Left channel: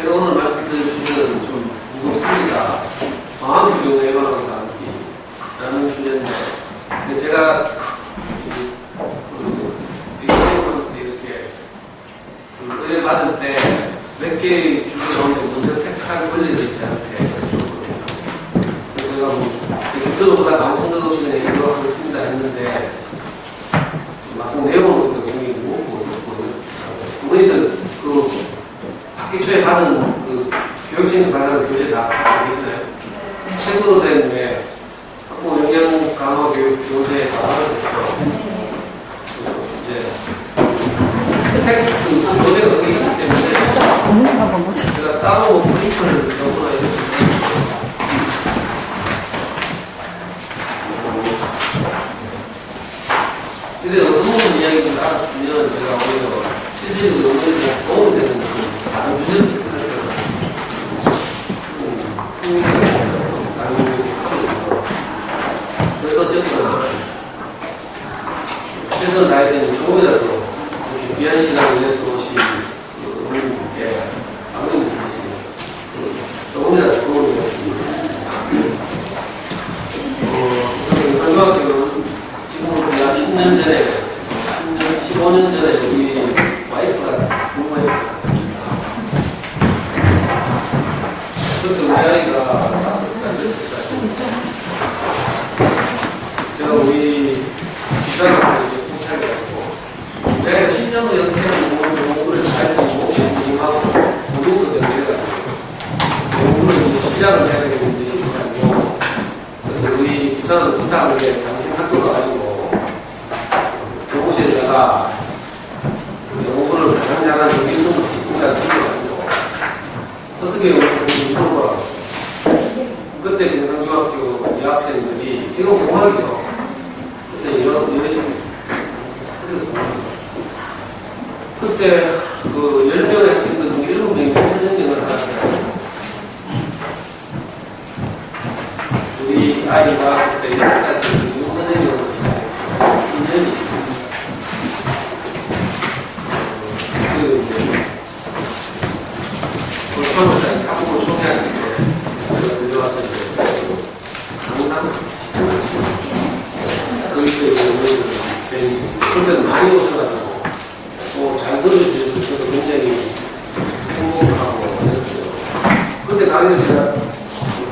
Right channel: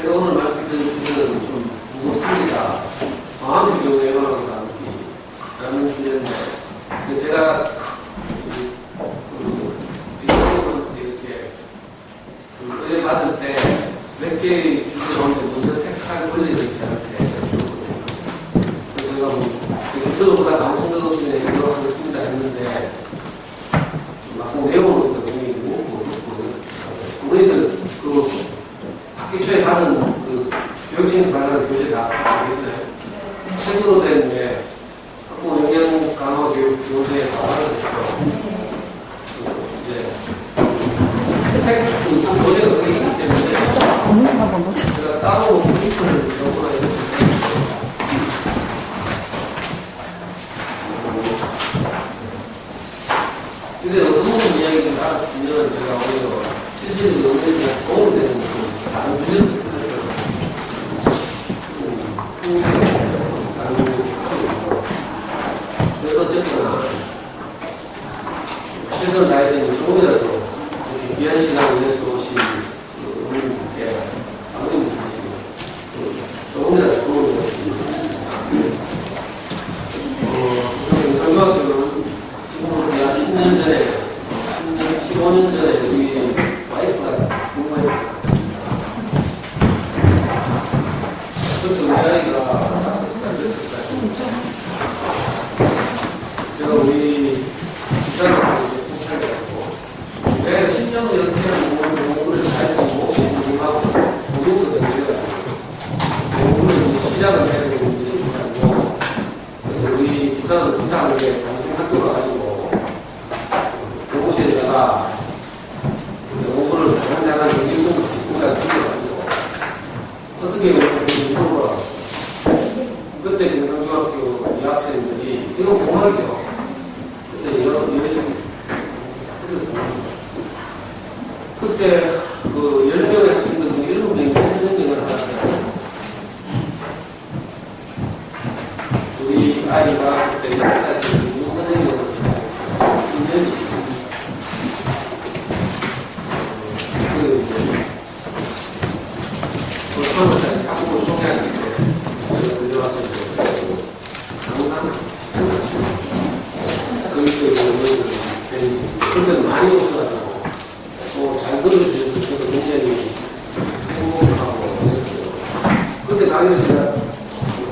제가 오늘 말씀드릴 주제는 좀 무겁습니다. 방학 교육 예방하는 사람들이라는 주제인데, 제가 이렇게 의뢰 받을 때 몇 개의 주제 가운데 문제를 택할 권리가 있지 않게 줬거든요. 그래서 제가 되게 들어보다가 엄청 더 시간에 이러도록 하겠습니다 했는데, 막상 내용은 굉장히 무겁고, 어머니들 학기 초에 받은 교육청에서 발간한 교재 다 갖고 계시나요? 책으로 된 학부 영양 강화 교육 교재에 다 받으셨죠? 이제 텍스트 교재가 거기 있기 때문에 제가 따로 프린터를 넣거나 이렇게 근데 어떤 이야기를 알았으면 제가 오히려 실질적으로 어머니들한테 도움이 되는 다른 주제를 그래서 어쨌거나 최선을 다해서 조금이라도 이렇게 귀한 시간을 위해서 오신 어머님께 아버님께서 조금이라도 도움이 되었습니다. 상교학교는 지금부터 약 10년 전에 15년 전에 우리 와이프가 부모님이 그때 우리 아이가 5살 제가 우리 집사람한테 이제 부탁을 했고, 내가 10년도 연습하는 공부를 잘 하고, 공부하고, 공부도 연습해가지고, 공부를 시작을 해야 되는데 쉽지 않고, 그래서 우리 집사람 부탁을 해, 당신 학교 가가지고, 교무실에다가, 공부를 가장 잘하는 그 1등급 직구가 챙겨가지고, 어떻게 공부를 하고 그때 경상중학교 여학생들이 지금 공학이죠. 그때 그때 그 10명의 학생들 중에 7명이 선생님을 하는데 우리 아이가 그때 10살 때 선생님으로 인연이 있습니다. 그 이제 처음에 학부모 소개할 때 들려와서 강남 그때는 많이 오셔가지고 잘 들어주셔서 저도 굉장히 행복하고 그랬어요. 그때 강의를 제가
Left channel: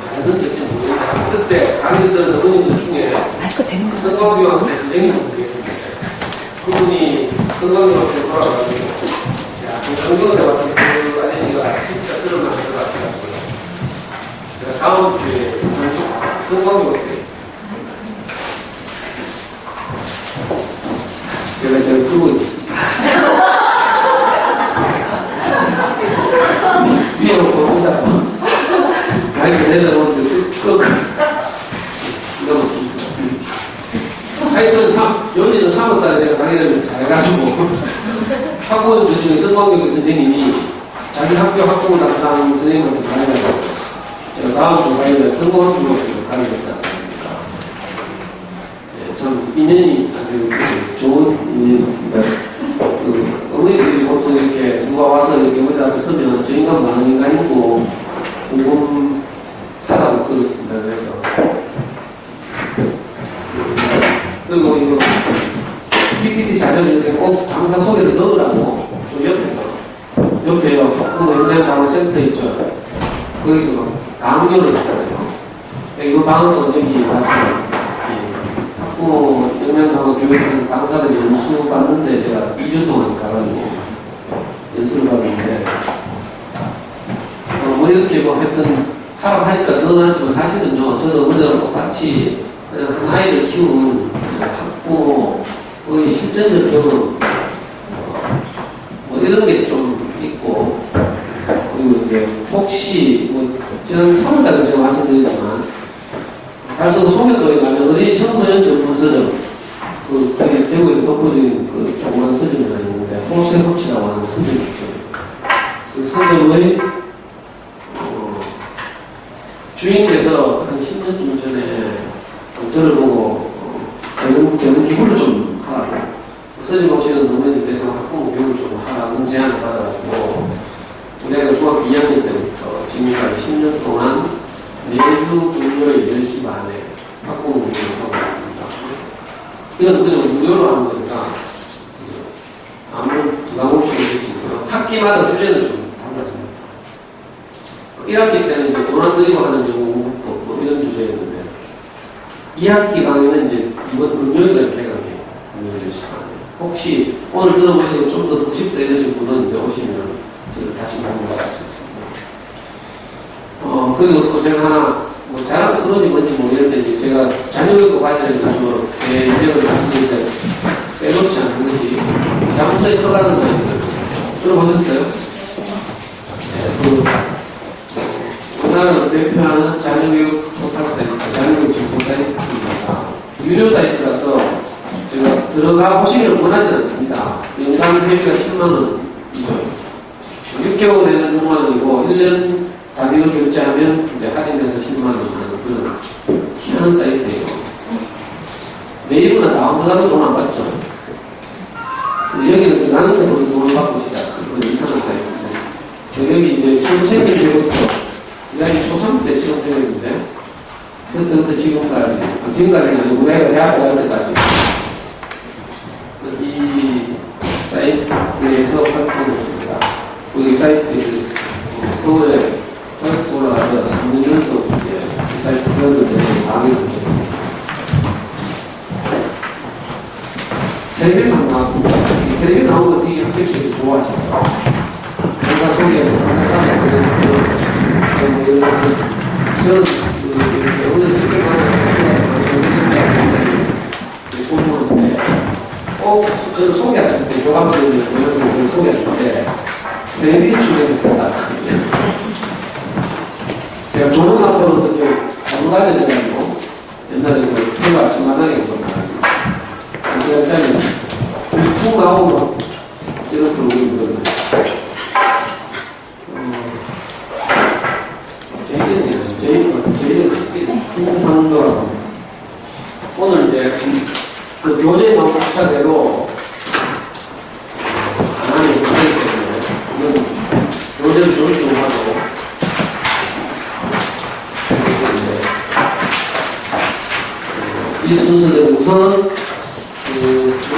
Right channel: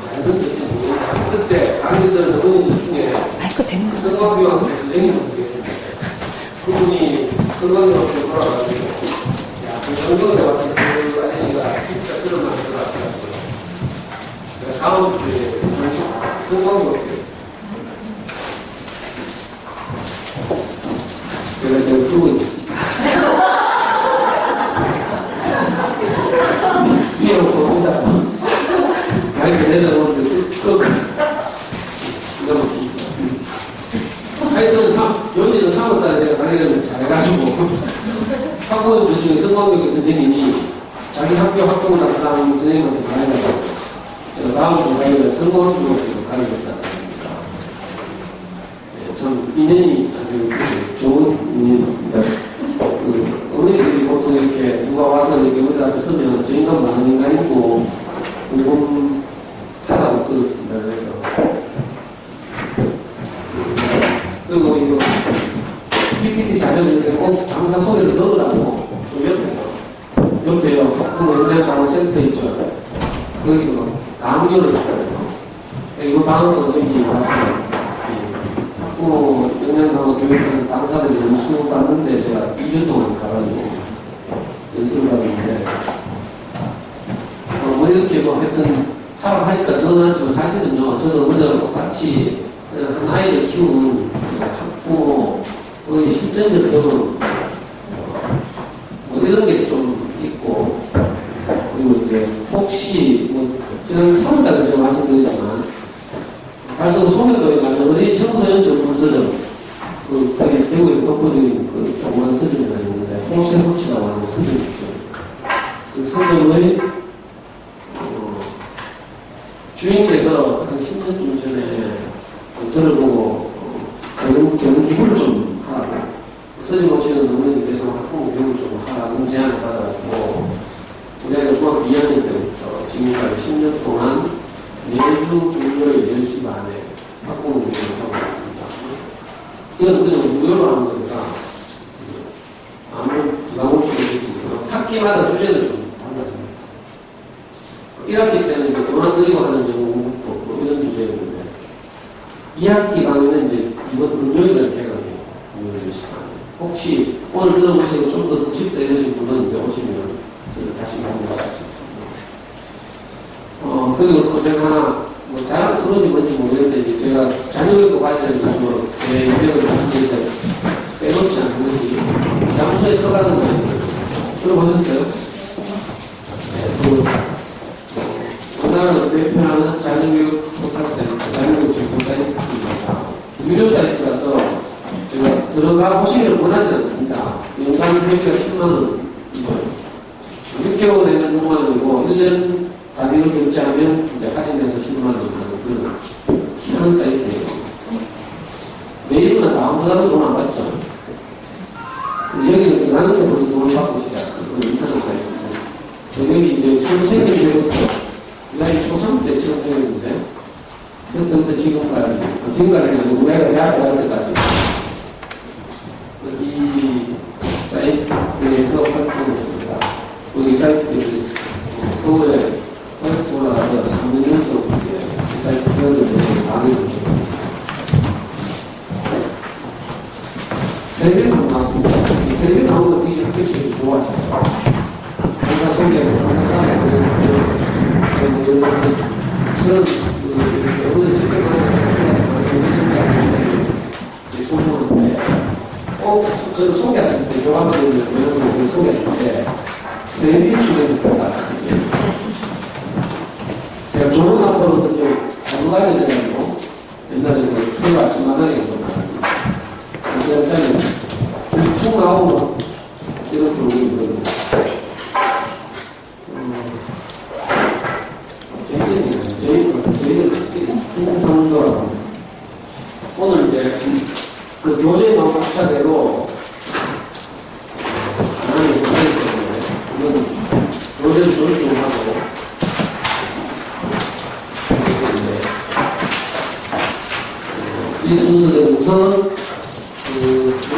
잘 들었을지 모르겠는데 그때 강의 들은 어머님들 중에 성광교학교 선생님분들 계셨는데 그분이 성광교학교 돌아가지고 야, 성경에 왔던 그 아저씨가 진짜 그런 말을 들어가지고 제가 다음 주에 성광교학교 제가 이제 풀고 있습니다. 위에 놓고 혼자 가이드 내려놓는데 하여튼 연지는 3월달에 제가 강의를 잘해가지고 학부모님들 중에 성광교육 선생님이 자기 학교 학부모 담당 선생님한테 강의를 제가 다음 주 강의를 성광교육으로 강의를 했다. 참 인연이 아주 좋은 인연이었습니다. 어머니들이 보통 이렇게 누가 와서 이렇게 우리 앞에 서면 저 인간 많은 인간이고 궁금하다고 들었습니다. 그래서 그리고 이거 PPT 자료를 이렇게 꼭 강사 소개를 넣으라고 좀 옆에 학부모 영양강화센터 있죠. 거기서 강요를 했어요. 이거 방은 여기 왔습니다. 학부모 영양강화 교육하는 강사들이 연수 받는데 제가 2주 동안 가가지고 연수를 받는데 뭐 이렇게 뭐 하여튼 하라고 하니까 너는 하지만 사실은요 저도 어머니랑 똑같이 그냥 한 아이를 키우는 학부모의 실전적 경험 뭐 이런 게 좀 있고 그리고 이제 혹시 뭐 지난 3월달에 제가 말씀드렸지만 달성 송년도에 가면 어린이 청소년 전문서점 그게 대구에서 돋보이는 그 조그만 서점이 하나 있는데 홀세호치라고 하는 서점이 있죠. 그 서점의 주인께서 한 10년쯤 전에 저를 보고 저는 기부를 좀 하라고 서점 오시는 어머니들 대상 학부모 교육을 좀 하라는 제안을 받아가지고 우리 아이가 중학교 2학년 매주 금요일 10시 반에 학부모 교육을 하고 있습니다. 이건 그냥 무료로 하는 거니까 아무 부담 없이 할 수 있고요. 학기마다 주제는 좀 달라집니다. 1학기 때는 이제 돈 안 들이고 하는 영어 뭐 이런 주제였는데 2학기 강의는 이제 이번 금요일날 개강해요. 금요일 10시 반에. 혹시 오늘 들어보시고 좀 더 듣고 싶다 이러신 분은 이제 오시면 저를 다시 만나실 수 있습니다. 그리고 또 제가 하나 뭐 자랑스러운지 뭔지 모르겠는데 이제 제가 자녀교육과 관련해서 제 인력을 말씀드릴 때 빼놓지 않은 것이 장소에 떠가는 거 있어요. 들어보셨어요? 네, 우리나라를 대표하는 자녀교육 포털 사이트, 자녀교육 정보 사이트입니다. 유료 사이트라서 제가 들어가 보시기를 원하지 않습니다. 연간 회비가 10만원이죠. 6개월 내는 6만원이고 1년 가격을 결제하면 이제 할인돼서 10만원 하는 그런 희한한 사이트예요. 네이버나 다운로드하면 돈 안 받죠. 여기는 나는 데서 돈을 받고 시작한 그런 이상한 사이트죠. 여기 이제 선생님 때부터 여기 초3 때 처음 생겼는데 그때부터 지금까지는 아니고 내가 대학 갈 때까지 이 사이트에서 활동했습니다. 이 사이트 서울에 토익스 올라가서 3년 연속 이 사이트 회원들을 많이 보죠. 텔레비전 나왔습니다. 텔레비전 나오는 거 되게 학교들이 좋아하시죠. 항상 소개하고 저는 오늘 직접 소개하는데 저는 소개하실 때 교감들을 보여서 소개하실 때 텔레비전 중에 나왔거든요. 제가 조론학교로 어떻게 잘못 알려져가지고 옛날에 태교 아침 만나게 온 거 제가 짜리 툭 나오고 이런 프로그램이 있거든요. 제일은 충상도라고 오늘 이제 그 교재 나온 차대로 하나님 교재를 때문에 이건 교재를 조립을 하고 이 순서대로 우선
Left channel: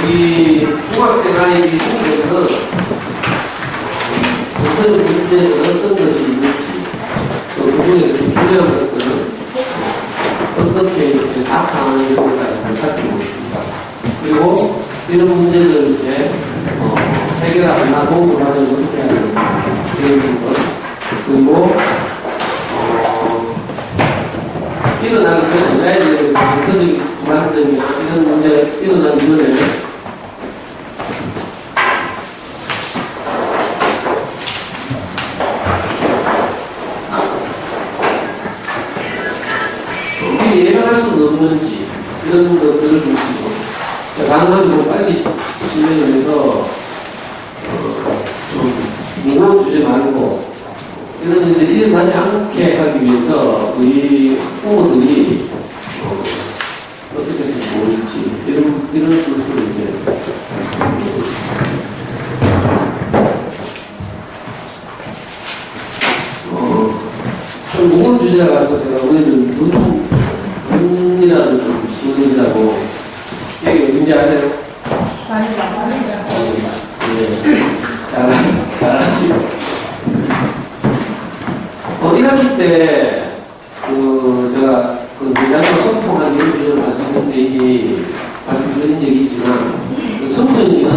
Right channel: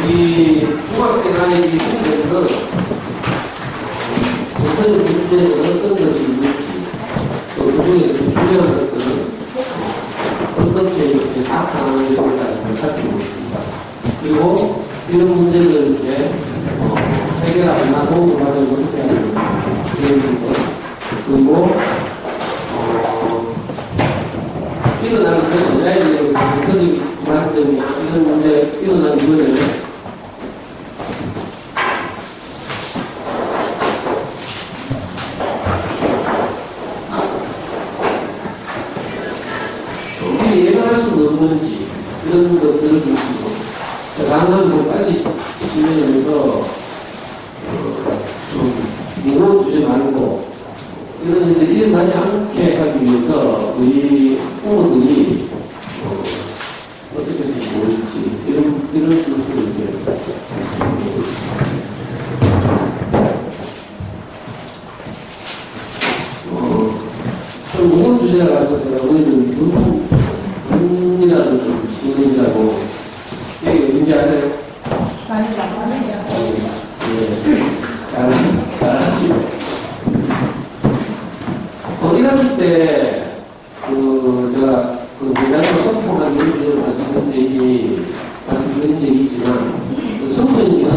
우리 중학생 아이들이 생기는 우선 문제는 어떤 것이 있는지 또 그중에서 중요한 것들은 어떻게 이렇게 나타나는 것까지 살펴보겠습니다. 그리고 이런 문제들을 이제 해결하거나 도움을 받으려면 어떻게 해야 되는지 이런 것 그리고 일어나기 전에 아이들에 대해서 정서적인 불안증이나 이런 문제 일어나기 전에 미리 예방할 수는 없는지 이런 것들을 보시고 가능하면 빨리 진행을 해서 좀 무거운 주제 말고 이런 일들이 일어나지 않게 하기 위해서 우리 부모들이 어떻게 해서 모일지 이런 순서로 이제 좀 무거운 주제라 가지고 제가 오늘은 눈이라도 좀 지원이라고 여기 어딘지 아세요? 많이 봤습니다. 네, 잘하시고 1학기 때 제가 대장과 소통하기 위해서 말씀드린 적이 있지만 청소년기는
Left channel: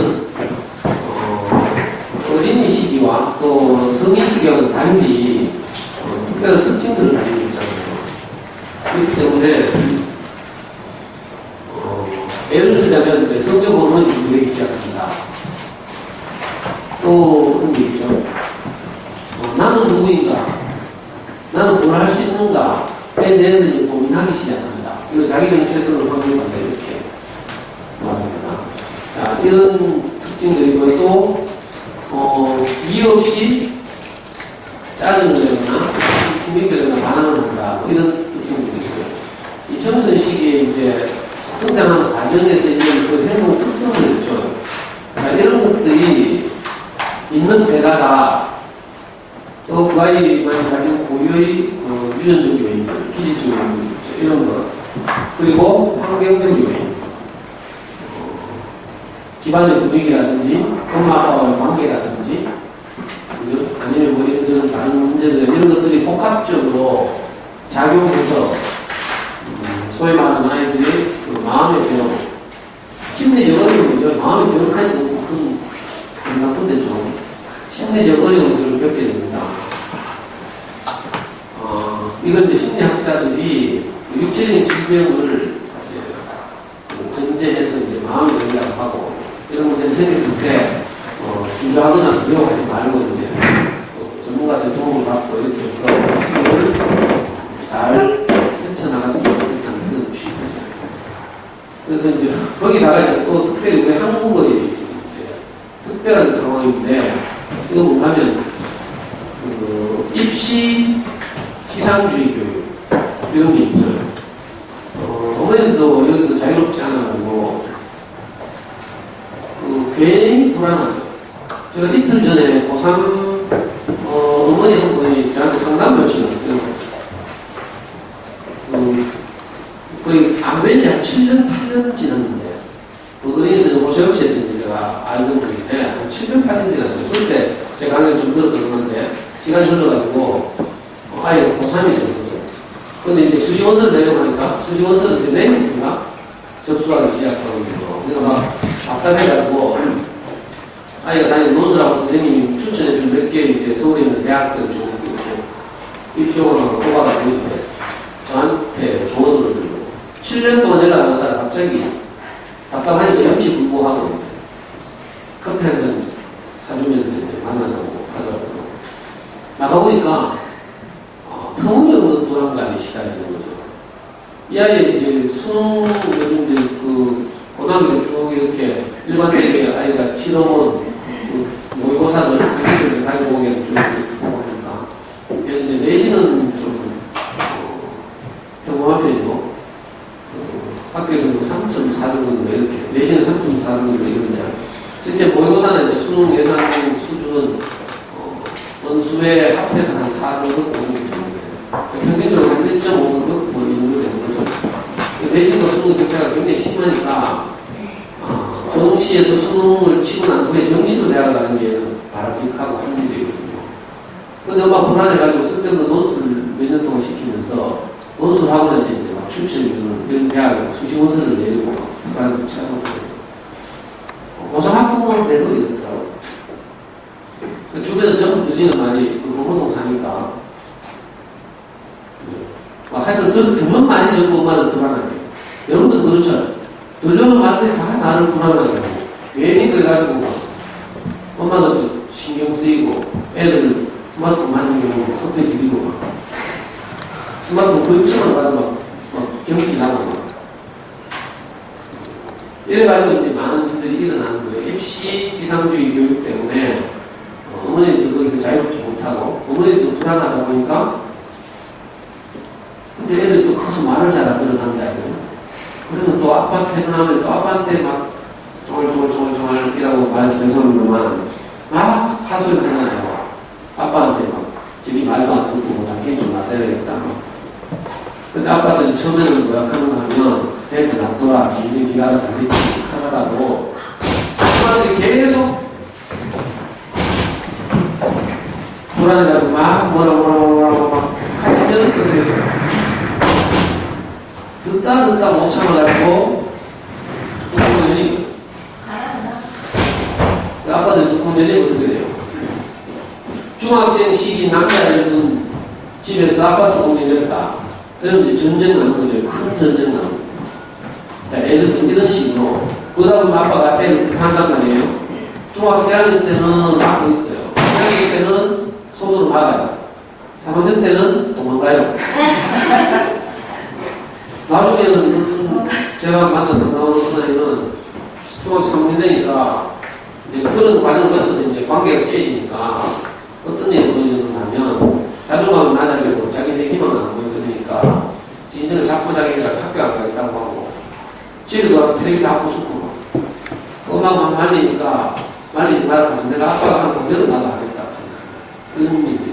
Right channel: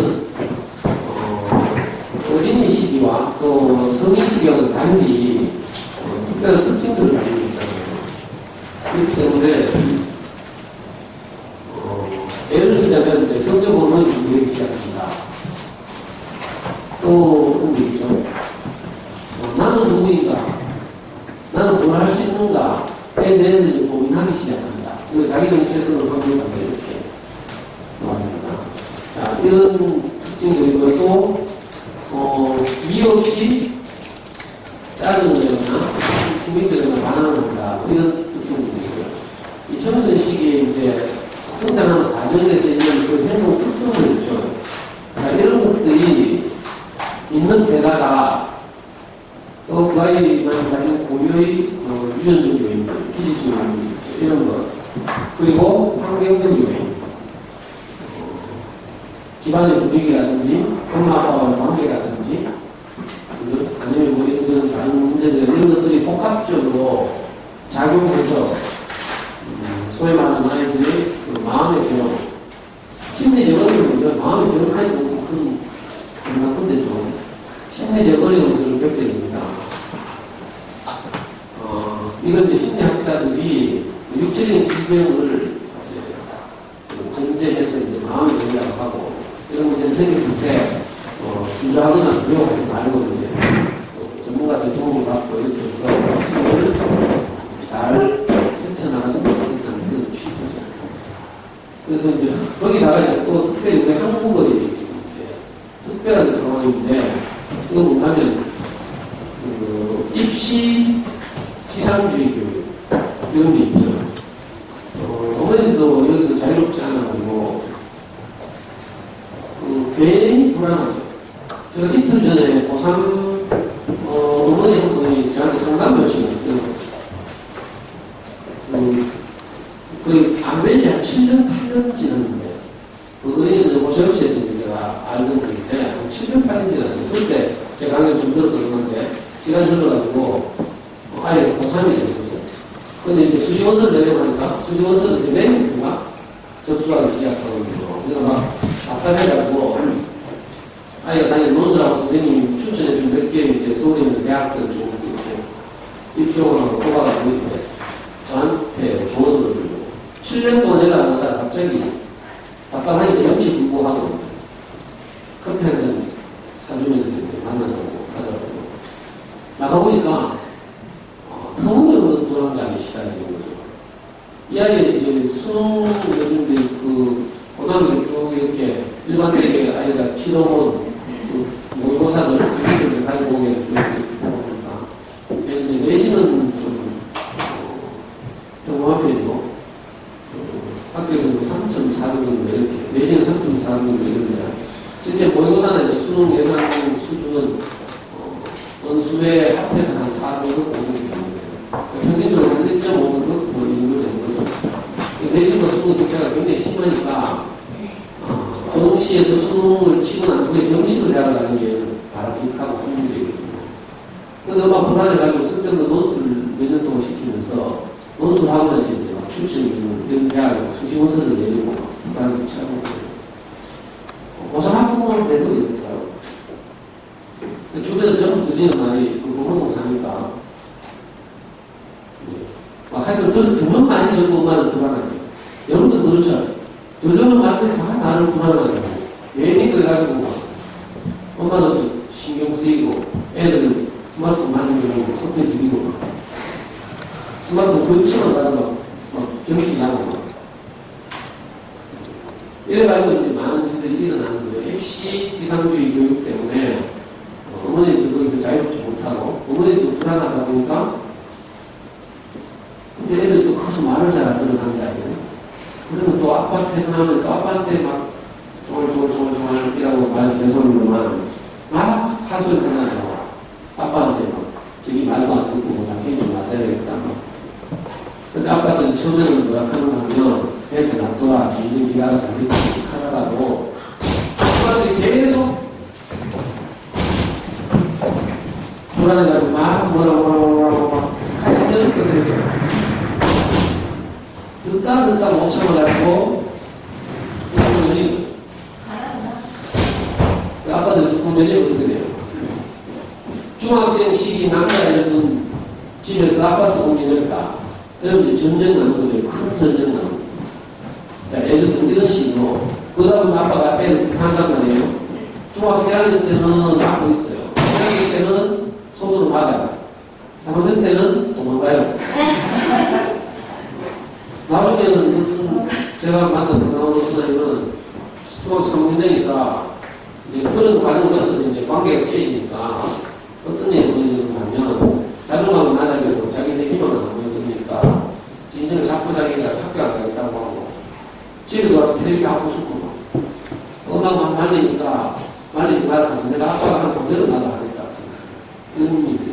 어린이 시기와 또 성인 시기와는 달리 특별한 특징들을 가지고 있잖아요. 그렇기 때문에 예를 들자면 성적 호르몬이 분비되기 시작합니다. 또 어떤 게 있죠? 나는 누구인가? 나는 뭘 할 수 있는가에 대해서 이제 고민하기 시작합니다. 이거 자기 정체성을 확인한다 이렇게 말합니다. 자, 이런 특징들이고 또 이유 없이 짜증을 내거나 심리적으로 반항을 한다 이런 특징들이 있고요. 이 청소년 시기에 이제 성장하는 과정에서 있는 그 행동 특성들 있죠. 자, 이런 것들이 있는 데다가 그 아이만 가진 고유의 유전적 요인, 기질적 요인, 이런 것. 그리고 환경적 요인. 집안의 분위기라든지, 엄마 아빠와의 관계라든지, 아니면 뭐 이런저런 다른 문제들, 이런 것들이 복합적으로 작용해서, 소위 말하는 아이들이 그 마음의 변화, 심리적 어려움이죠. 마음의 변화까지 무슨 큰 나쁜데 좀, 심리적 어려움들을 겪게 됩니다. 이건 이제 심리학자들이 육체적인 질병을 전제해서 이제 마음의 변화를 하고, 이런 문제를 생겼을 때, 주저하거나 두려워하지 말고, 이제, 전문가들 도움을 받고, 이렇게 해서 시기를 잘 헤쳐나갔으면 좋겠다는 그런 취지죠. 그래서 이제, 거기다가 이제 또 특별히 우리 한국어에 이제 특별한 상황인데, 이거 뭐냐면, 입시 지상주의 교육, 이런 게 있죠. 어머니도 여기서 자유롭지 않아가지고, 괜히 불안하죠. 제가 이틀 전에 고3 어머니 한 분이 저한테 상담 요청했어요. 거의 안 뵌 지 한 7년, 8년 지났는데, 어린이에서 호세우치에서 제가 알던 분인데, 한 7년, 8년 지났어요. 그때 제가 강의를 좀 들었던 건데, 시간이 흘러가지고, 아이가 고3이죠. 근데 이제 수시원서를 내려가니까, 수시원서를 이제 내일인가 접수하기 시작하거든요. 그래서 막 답답해가지고, 아이가 다니는 논술하고 선생님이 추천해준 몇 개 이제 서울에 있는 대학들 중 이렇게 입시용으로 뽑아가지고 이렇게 저한테 조언을 드리고, 7년 동안 연락 안 하다가 갑자기 답답하니까 염치불구하고 커피 한 잔 사주면서 이제 만나자고 하더라고요. 나가보니까 터무니없는 불안감이 시달리는 거죠. 이 아이의 이제 수능 요즘 이제 그 고등학교 쭉 이렇게 일반적인 아이가 치러본 그 모의고사를 선생님들 가지고 오게 해서 쭉 이렇게 보니까 이제 내신은 좀 평범한 편이고 학교에서는 3.4 정도 이렇게 내신은 3.4 정도 이런데 실제 모의고사는 이제 수능 예상 수준은 원수에 합해서 한 4 정도 보는 게 평균적으로 한 1.5 정도? 뭐 이 정도 되는 거죠. 내신과 수능 격차가 굉장히 심하니까, 정시에서 수능을 치고 난 후에 정시로 대학을 가는 게 바람직하고 한 문제거든요. 근데 엄마 불안해가지고 쓸데없는 논술을 몇 년 동안 시키면서, 논술하고 나서 이제 막 추천해주는 이런 대학에 수시 원서를 내리고, 그러면서 찾아보고. 고3 학부모는 내도 이렇더라고요. 주변에서 전부 들리는 말이, 보통 사니까, 하여튼 듣는 많이 적고 엄마는 불안하게. 여러분도 그렇죠. 들려는 말들이 다 나를 불안하게. 괜히 그래가지고 엄마도 신경 쓰이고 애들은 스마트폰 만든 경우 커피 디비고 스마트폰 근처만 가도 막 경기 나고 이래가지고 이제 많은 일들이 일어나는 거예요. 입시 지상주의 교육 때문에 어머니들도 거기서 자유롭지 못하고 어머니들도 불안하다 보니까 근데 애들이 또 커서 말을 잘 안 들어간다. 그러면 또 아빠 퇴근하면 또 아빠한테 막 이라고 말해서 죄송합니다만 막 하소연 하잖아요. 아빠한테 막 저기 말도 안 듣고 뭐 당신이 좀 맞아야겠다. 근데 아빠들이 처음에는 뭐라 하는가 하면 애한테 놔둬라. 지가 알아서 안 되지. 하나라도 아빠들이 계속 불안해가지고 막 뭐라고 막 하시는 것들이 듣다 못 참아가지고 뚜껑 열리고 아빠들 뚜껑 열리면 어떻게 돼요? 중학생 시기 남자애들 둔 집에서 아빠 뚜껑 열렸다. 그러면 이제 전쟁 나는 거죠. 큰 전쟁 나는 거죠. 애들 좀 이런 식으로 그러다 보면 아빠가 애를 부탁한단 말이에요. 중학교 1학년 때는 막고 있어요. 1학년 때는 손으로 막아요. 3학년 때는 도망가요. 나중에는 제가 만난 상담하는 사람은 중학교 3학년 되니까 이제 그런 과정을 거쳐서 이제 관계가 깨지니까 어떤 일이 보여주냐면 자존감은 낮아지고 자기 책임은 안 보여주니까 인생을 자꾸 자기가 학교 안 가겠다고 하고 집에 들어가서 텔레비전 하고 싶고 엄마가 말리니까 말리지 말라고 내가 아빠가 한 공대로 나도 하겠다 이런 일이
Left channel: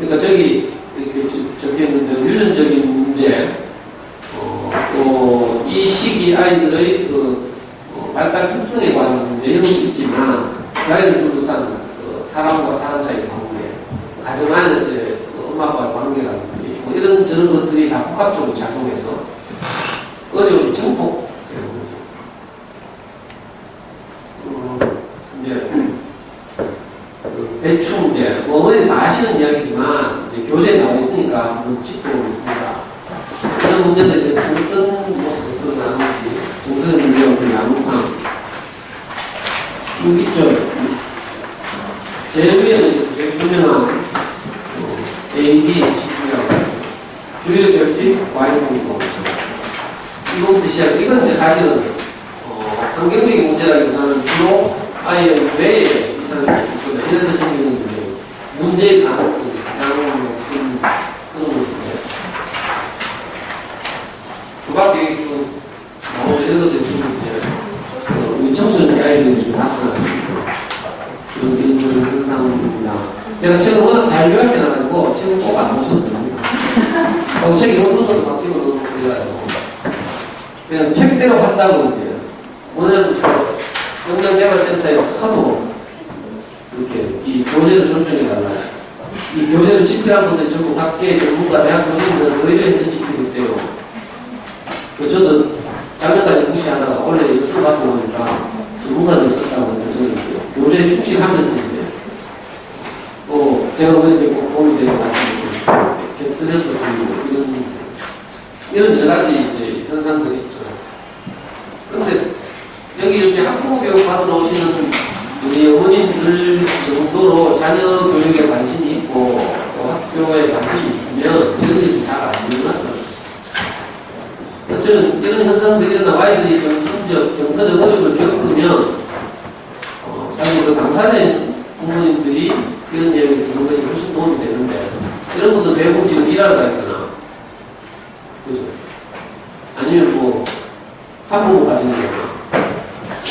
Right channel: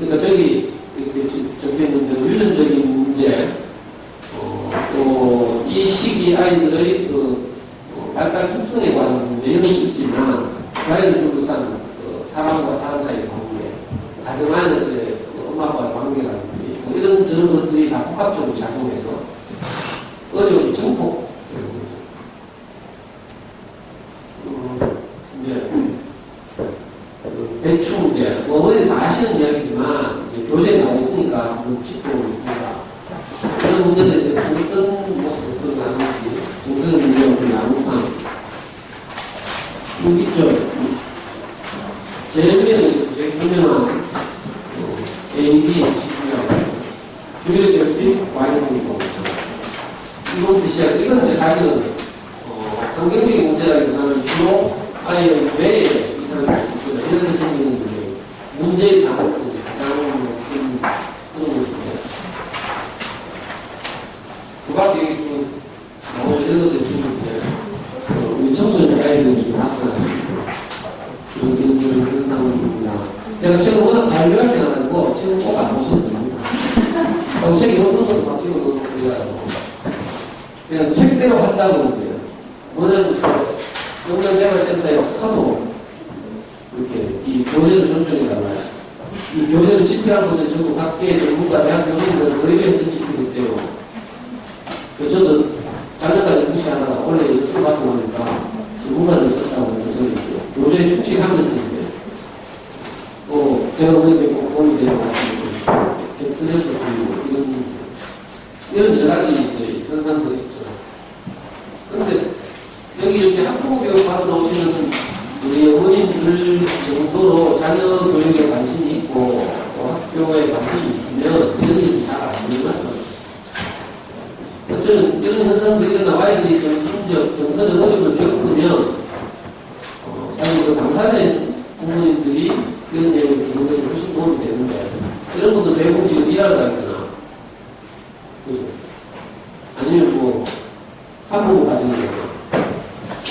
그러니까 저기 이렇게 적혀 있는 유전적인 문제, 또 이 시기 아이들의 발달 특성에 관한 문제 이런 것도 있지만 그 아이를 둘러싼 사람과 사람 사이의 관계, 가정 안에서의 엄마 아빠의 관계라든지 뭐 이런 저런 것들이 다 복합적으로 작용해서 어려움이 증폭되는 거죠. 이제 대충 이제 어머니 다 아시는 이야기지만 이제 교재에 나와 있으니까 한번 짚어보겠습니다. 이런 문제들에 대해서 어떤 모습으로 나누는지 정선 문제와 양상 쭉 있죠. 제일 위에는 제일 유명한 A, B, C라고 주요 결핍 Y형이고 이거부터 시작. 이건 이제 사실은 환경적인 문제라기보다는 주로 아이의 뇌에 이상이 있습니다. 이래서 생기는 문제의 가능성이 가장 큰 그런 것인데 그 밖에 좀 이런 것들이 좀 우리 청소년 아이들이 좀 나타나는 이런 현상입니다. 제가 책을 워낙 잘 요약해놔가지고 책을 꼭 안 보거든요. 책이 없는 것도 막 찍어놓고 그래가지고 그냥 책대로 한다고 이제 뭐냐면 영양개발센터에서 하도 이렇게 이 교재를 존중해달라. 이 교재를 집필한 분들 전부 각계의 전문가 대학 교수님들 의뢰해서 집필했대요. 저도 작년까지 무시하다가 원래 연수를 받고 나니까 전문가들 썼다고 해서 저는 교재에 충실하면서 이제 또 제가 오늘 꼭 도움이 되는 말씀을 곁들여서 드리고 이런 여러 가지 이제 현상들이 있죠. 그런데 여기 이렇게 학부교육 받으러 오시는 우리 어머님들 정도로 자녀 교육에 관심이 있고 또 학교에 관심이 있으면 이런 잘 안 일어나요. 저는 이런 현상들이 일어나 아이들이 정서적 어려움을 겪으면 사실 그 당사자인 부모님들이 이런 얘기를 듣는 것이 훨씬 도움이 되는데 이런 분들 대부분 지금 일하러 가 있거나 그죠? 아니면 뭐 한부모 가지는 거나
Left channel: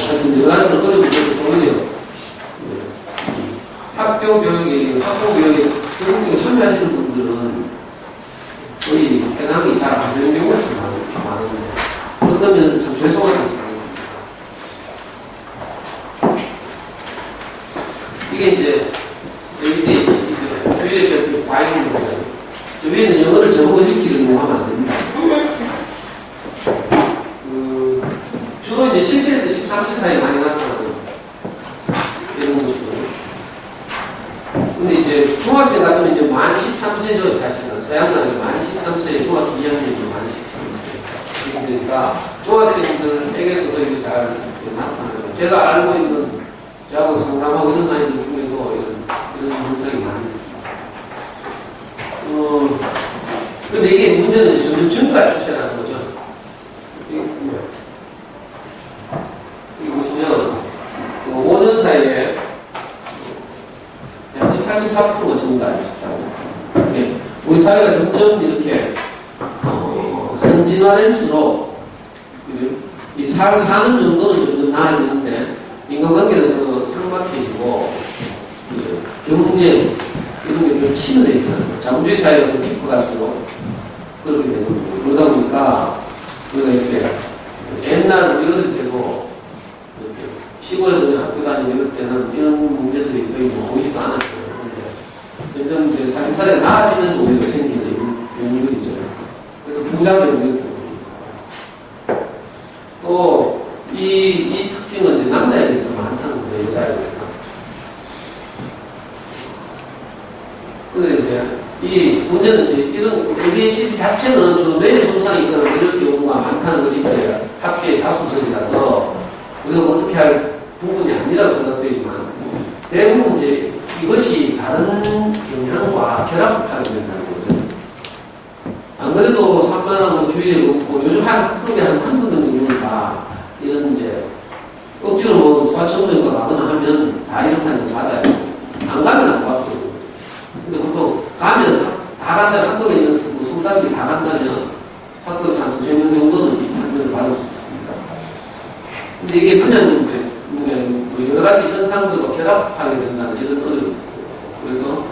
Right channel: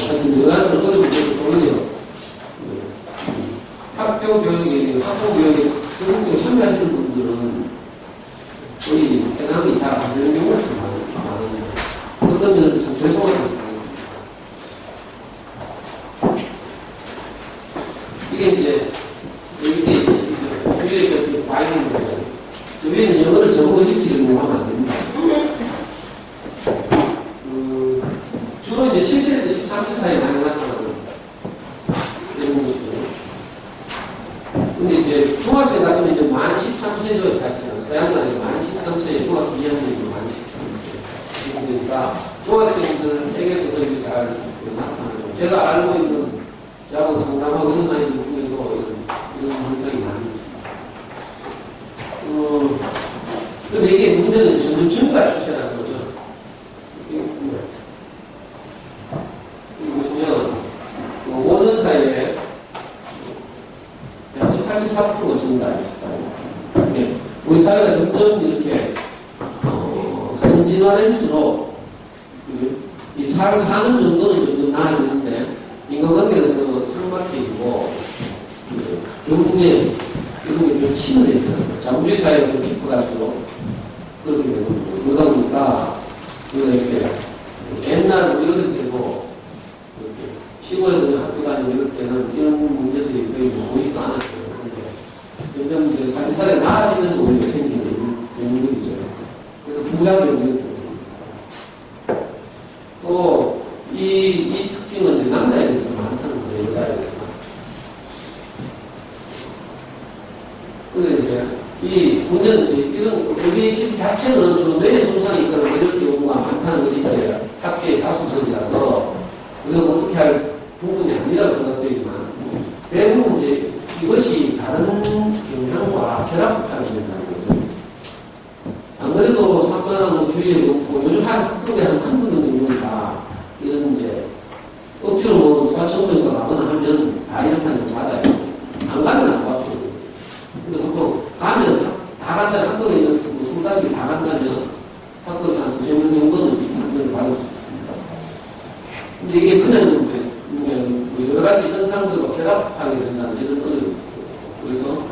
하여튼 여러 가지로 어려움을 겪어서 오히려 학교 교육에 적극적으로 참여하시는 분들은 거의 해당이 잘 안 되는 경우가 좀 많은데 그런 면에서 참 죄송합니다. 이게 이제 여기 주위에 과잉인 거죠. 저 위에는 영어를 제목을 읽기를 하면 안 됩니다. 주로 이제 7세에서 13세 사이 많이 나타나는 이런 모습이거든요. 근데 이제 중학생 같으면 이제 만 13세죠, 사실은. 서양은 만 13세에 중학교 2학년이죠, 만 13세. 그러니까 중학생들에게서도 이게 잘 나타나죠. 제가 알고 있는, 저하고 상담하고 있는 아이들 중에도 이런 현상이 많이 있습니다. 근데 이게 문제는 점점 증가 추세라는 거죠. 여기 보시면, 5년 사이에 약 84%가 증가했다고. 우리 사회가 점점 이렇게, 선진화될수록, 이 사는 정도는 점점 나아지는데, 인간관계는 더 상막해지고, 경제, 이런 게 더 치밀해 있잖아요. 자본주의 사회가 더 깊어갈수록 그렇게 되는 거고. 그러다 보니까, 우리가 이렇게, 옛날 우리 어릴 때도, 이렇게 시골에서 학교 다니고 이럴 때는 이런 문제들이 거의 보이지도 않았어요. 근데 점점 이제 삶살이가 나아지면서 오히려 생기는 경우들이죠. 그래서 부작용이 이렇게 옵니다. 또, 이 특징은 이제 남자애들이 좀 많다는 거예요, 여자애들보다. 근데 이제, 이 문제는 이제 이런 ADHD 자체는 주로 뇌에 손상이 있거나 이런 경우가 많다는 것이 이제 학계의 다수설이라서 우리가 뭐 어떻게 할 부분이 아니라고 생각되지만 대부분 이제 이것이 다른 경향과 결합하게 된다는 거죠. 안 그래도 산만하고 주의에 없고 요즘 학급에 한두 명 정도가 이런 이제 억지로 뭐 소아청소년과 가거나 하면 다 이런 판정을 받아요. 안 가면 안 받고. 근데 보통 가면 다 간다면 학급에 있는 25개 다 간다면 학급에서 한 2~3명 정도는 이 판정을 받을 수 있습니다. 근데 이게 그냥 여러 가지 현상들과 결합하게 된다는 이런 어려움이 있어요. 그래서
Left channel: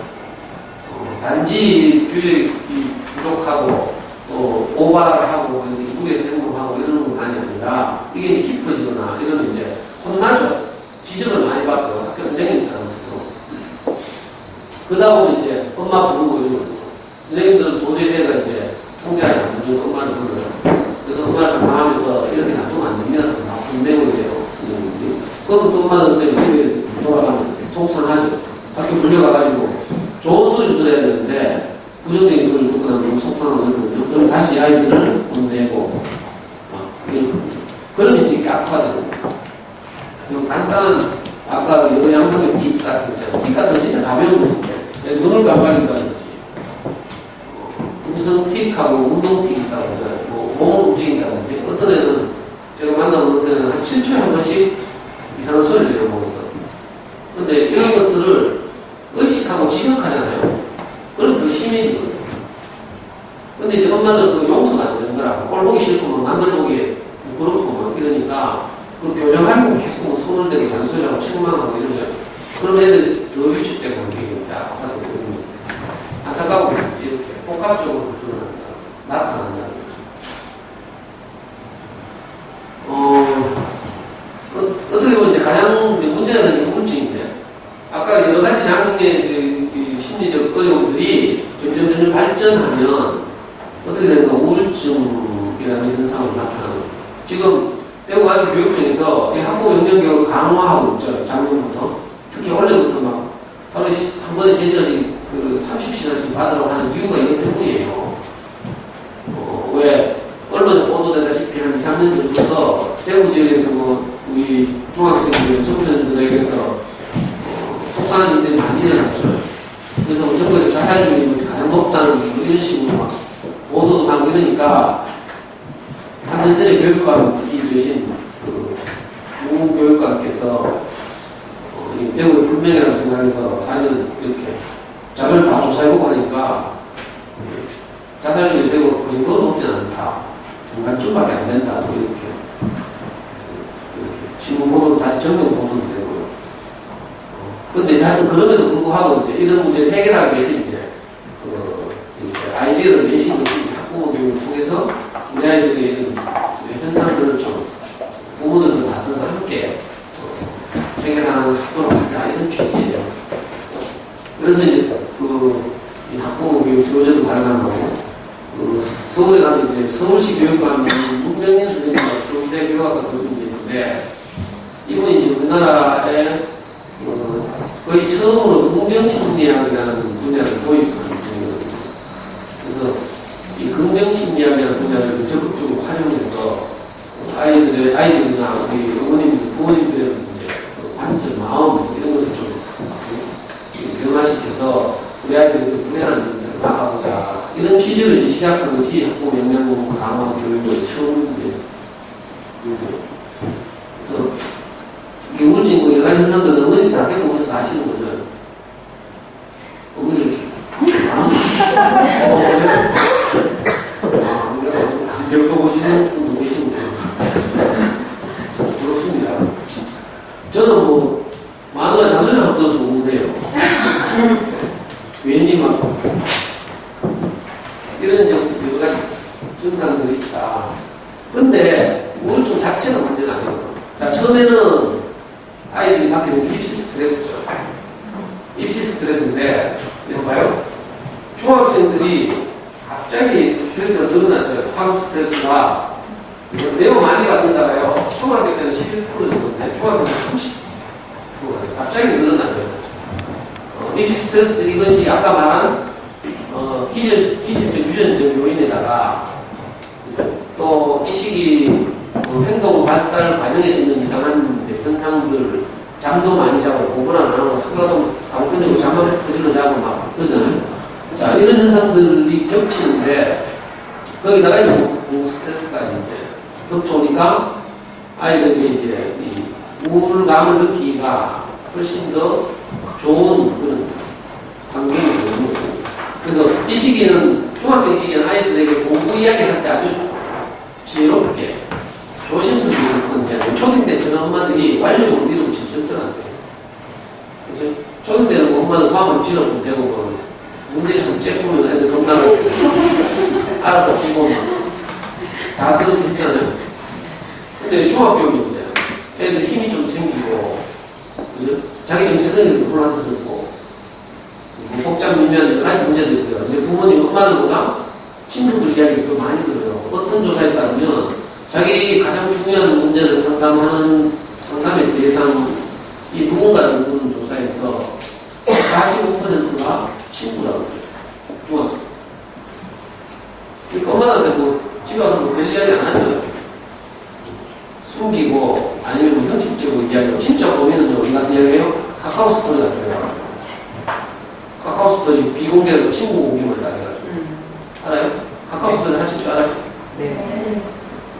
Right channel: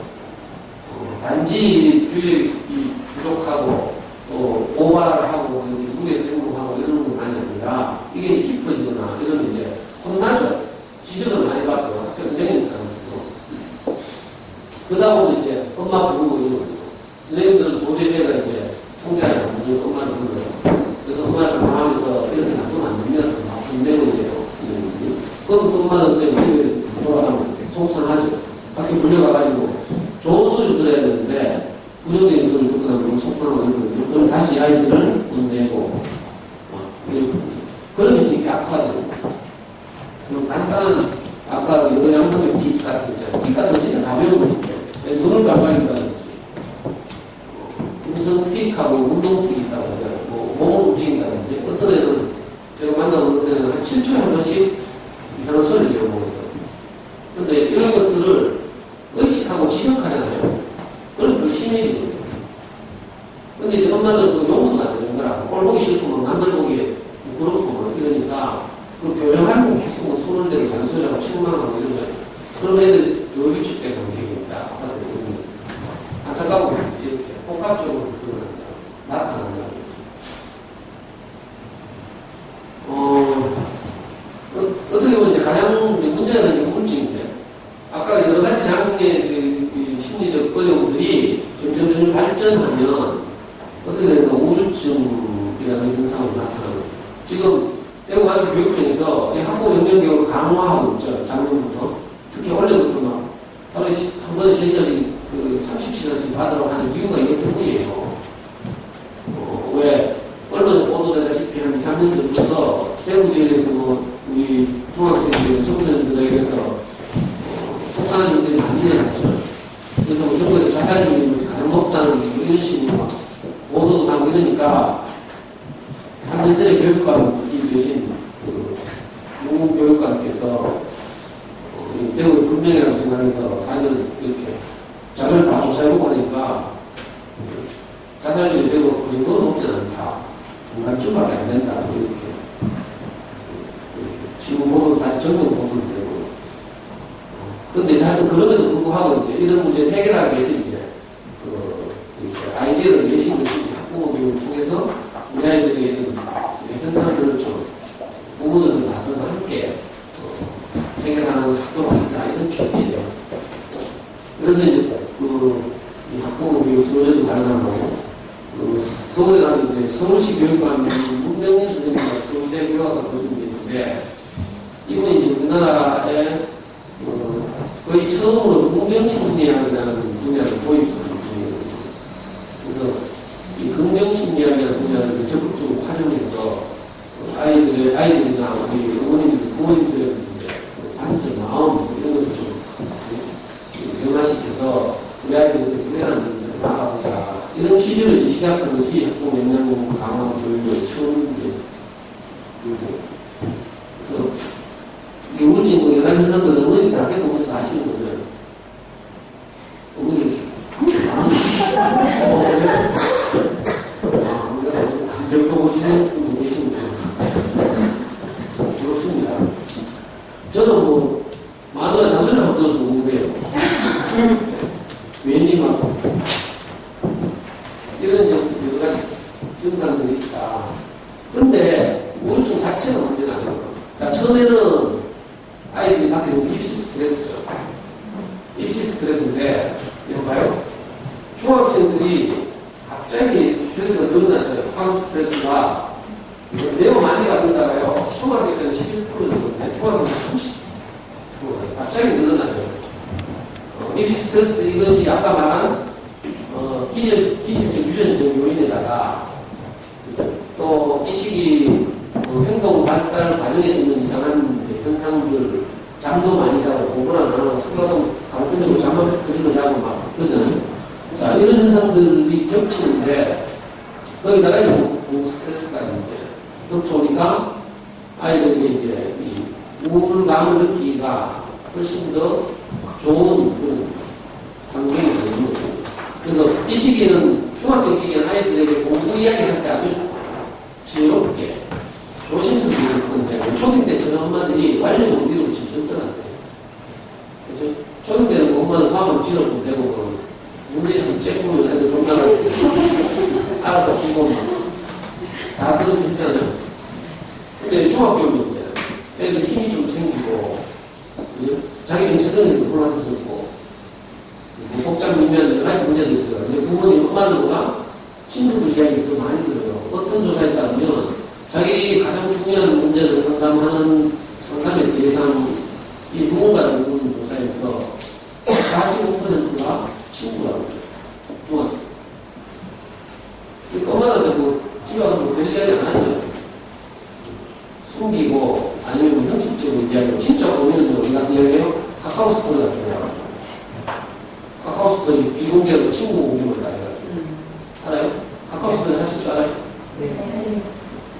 단지 주의 부족하고 또 오바하고 미국에서 행동하고 이러는 것만이 아니라 이게 깊어지거나 이러면 이제 혼나죠. 지적을 많이 받고 학교 선생님들한테도. 그러다 보면 이제 엄마 부르고 이런 거죠. 선생님들은 도저히 내가 이제 통제하지 않는 엄마를 불러요. 그래서 엄마를 강화하면서 이렇게 놔두면 안 됩니다. 혼내고 이래요. 그럼 또 엄마는 집에 돌아가면 속상하죠. 학교 불려가가지고 좋은 소리를 들어야 되는데 부정적인 소리를 듣고 나면 너무 속상하고 이러거든요. 그럼 다시 아이들을 혼내고 그러면 이렇게 악화되는 거예요. 간단한 아까 여러 양성의 팁 같은 거 있잖아요. 팁 같은 거 진짜 가벼운 것인데 눈을 깜빡인다든지 음성틱하고 운동틱이 있다고 하잖아요. 몸을 움직인다든지 어떤 애는 제가 만나본 때는 한 7초에 한 번씩 이상한 소리를 내어보면서 근데 이런 것들을 의식하고 지적하잖아요. 그럼 더 심해지거든요. 근데 이제 엄마들 그 용서가 안 되는 거라 꼴 보기 싫고 막 남들 보기에 부끄럽고 막 이러니까 그 교정하려고 계속 뭐 손을 대고 잔소리하고 책망하고 이러죠. 그럼 애들 더 위축되고 굉장히 아파하거든요. 안타까워 이렇게 복합적으로 나타난다는 거죠. 어떻게 보면 이제 가장 문제가 되는 게 우울증인데 아까 여러 가지 장애의 심리적 어려움들이 점점 발전하면 어떻게 되는가 우울증이라는 현상으로 나타나는 거죠. 지금 대구가지 교육청에서 학부모 영양 교육을 강화하고 있죠. 작년부터 특히 원래부터 막 하루에 한 번에 3시간씩 30시간씩 받으라고 하는 이유가 이것 때문이에요. 왜 언론에 보도되다시피 한 2, 3년 전부터 대구 지역에서 우리 중학생들, 청소년들에게서 속상한 일들이 많이 일어났죠. 그래서 전국에서 자살률이 가장 높다는 이런 식으로 막 보도도 나고 이러니까 3년 전에 교육감이 되신 우 교육감께서 대구의 불명이라고 생각해서 사실은 이렇게 자료를 다 조사해보고 하니까 자살률이 되고 그 정도는 높지 않다. 중간쯤밖에 안 된다. 이렇게 신문 보도도 다시 전문 보도도 되고요. 근데 하여튼 그럼에도 불구하고 이제 이런 문제를 해결하기 위해서 이제 아이디어를 내신 것이 학부모 교육을 통해서 우리 아이들의 이런 현상들을 좀 부모들도 나서서 함께 해결하는 학교로 가자 이런 취지예요. 그래서 이제 이 학부모 교육 교재도 발간하고 서울에 가면 이제 서울시 교육감 문명인 선생님과 서울대 교육학과 교수님이신데 이분이 이제 우리나라에 거의 처음으로 긍정심리학이라는 분야를 도입한 분이거든요. 그래서 이 긍정심리학이라는 분야를 적극적으로 활용해서 아이들이나 우리 부모님들의 관점, 마음 이런 것을 좀 변화시켜서 우리 아이들이 불행한 일들을 막아보자 이런 취지를 이제 시작한 것이 학부모 영양공 강화 교육의 처음인데 그래서 이 우울증 여러 가지 현상들은 어머니들이 다 겪어보셔서 아시는 거죠. 어머니들 겪어보시는 분도 계신데 그렇습니다. 저는 마누라 잔소리 한번 들어서 웃는데요. 괜히 막 이런 여러 가지 증상들이 있다. 근데 우울증 자체가 문제는 아니거든요. 자, 처음에는 아이들이 받게 되는 입시 스트레스죠. 입시 스트레스인데, 이거 봐요. 중학생들이 갑자기 스트레스가 늘어났죠. 학업 스트레스가 매우 많이 받는다고요. 초등학교 때는 11%였는데, 중학교 때는 30%. 갑자기 늘어났죠. 입시 스트레스 이것이 아까 말한 기질적 유전적 요인에다가 또 이 시기 행동 발달 과정에서 있는 이상한 현상들 잠도 많이 자고 공부를 안 하고 학교도 가고 끊이고 잠만 그대로 자고 막 그러잖아요. 자, 이런 현상들이 겹치는데 거기다가 이제 공부 스트레스까지 이제 겹쳐오니까 아이들이 이제 이 우울감을 느끼기가 훨씬 더 좋은 그런 환경이 되는 거고. 그래서 이 시기에는 중학생 시기에는 아이들에게 공부 이야기할 때 아주 지혜롭게 조심스럽게 건데 초딩 때처럼 엄마들이 완료로 밀어붙이면 절대 안 돼요. 그래서 초딩 때는 엄마는 과목 지어도 되고 문제 잘 쬐꾸면 애들 건강하게 알아서 끼고 다 그렇게 했잖아요. 근데 중학교는 이제 애들 힘이 좀 생기고 그죠? 자기 정체성에도 혼란스럽고 복잡미묘한 여러 가지 문제도 있어요. 근데 부모님 엄마들보다 친구들 이야기를 더 많이 들어요. 어떤 조사에 따르면 자기 가장 중요한 문제를 상담하는 상담의 대상 이 누군가를 묻는 조사에서 45%가 친구라고 했어요. 중학생. 그러니까 엄마한테 뭐 집에 와서 뭐 별 이야기 안 하죠. 숨기고 아니면 뭐 형식적으로 이야기하고 진짜 보면은요 우리 가서 이야기해요. 카카오 스토리 같은 거. 카카오 스토리 비공개하고 친구 공개만 다 해가지고. 알아요? 카카오 스토리 하실 줄 알아요? 네.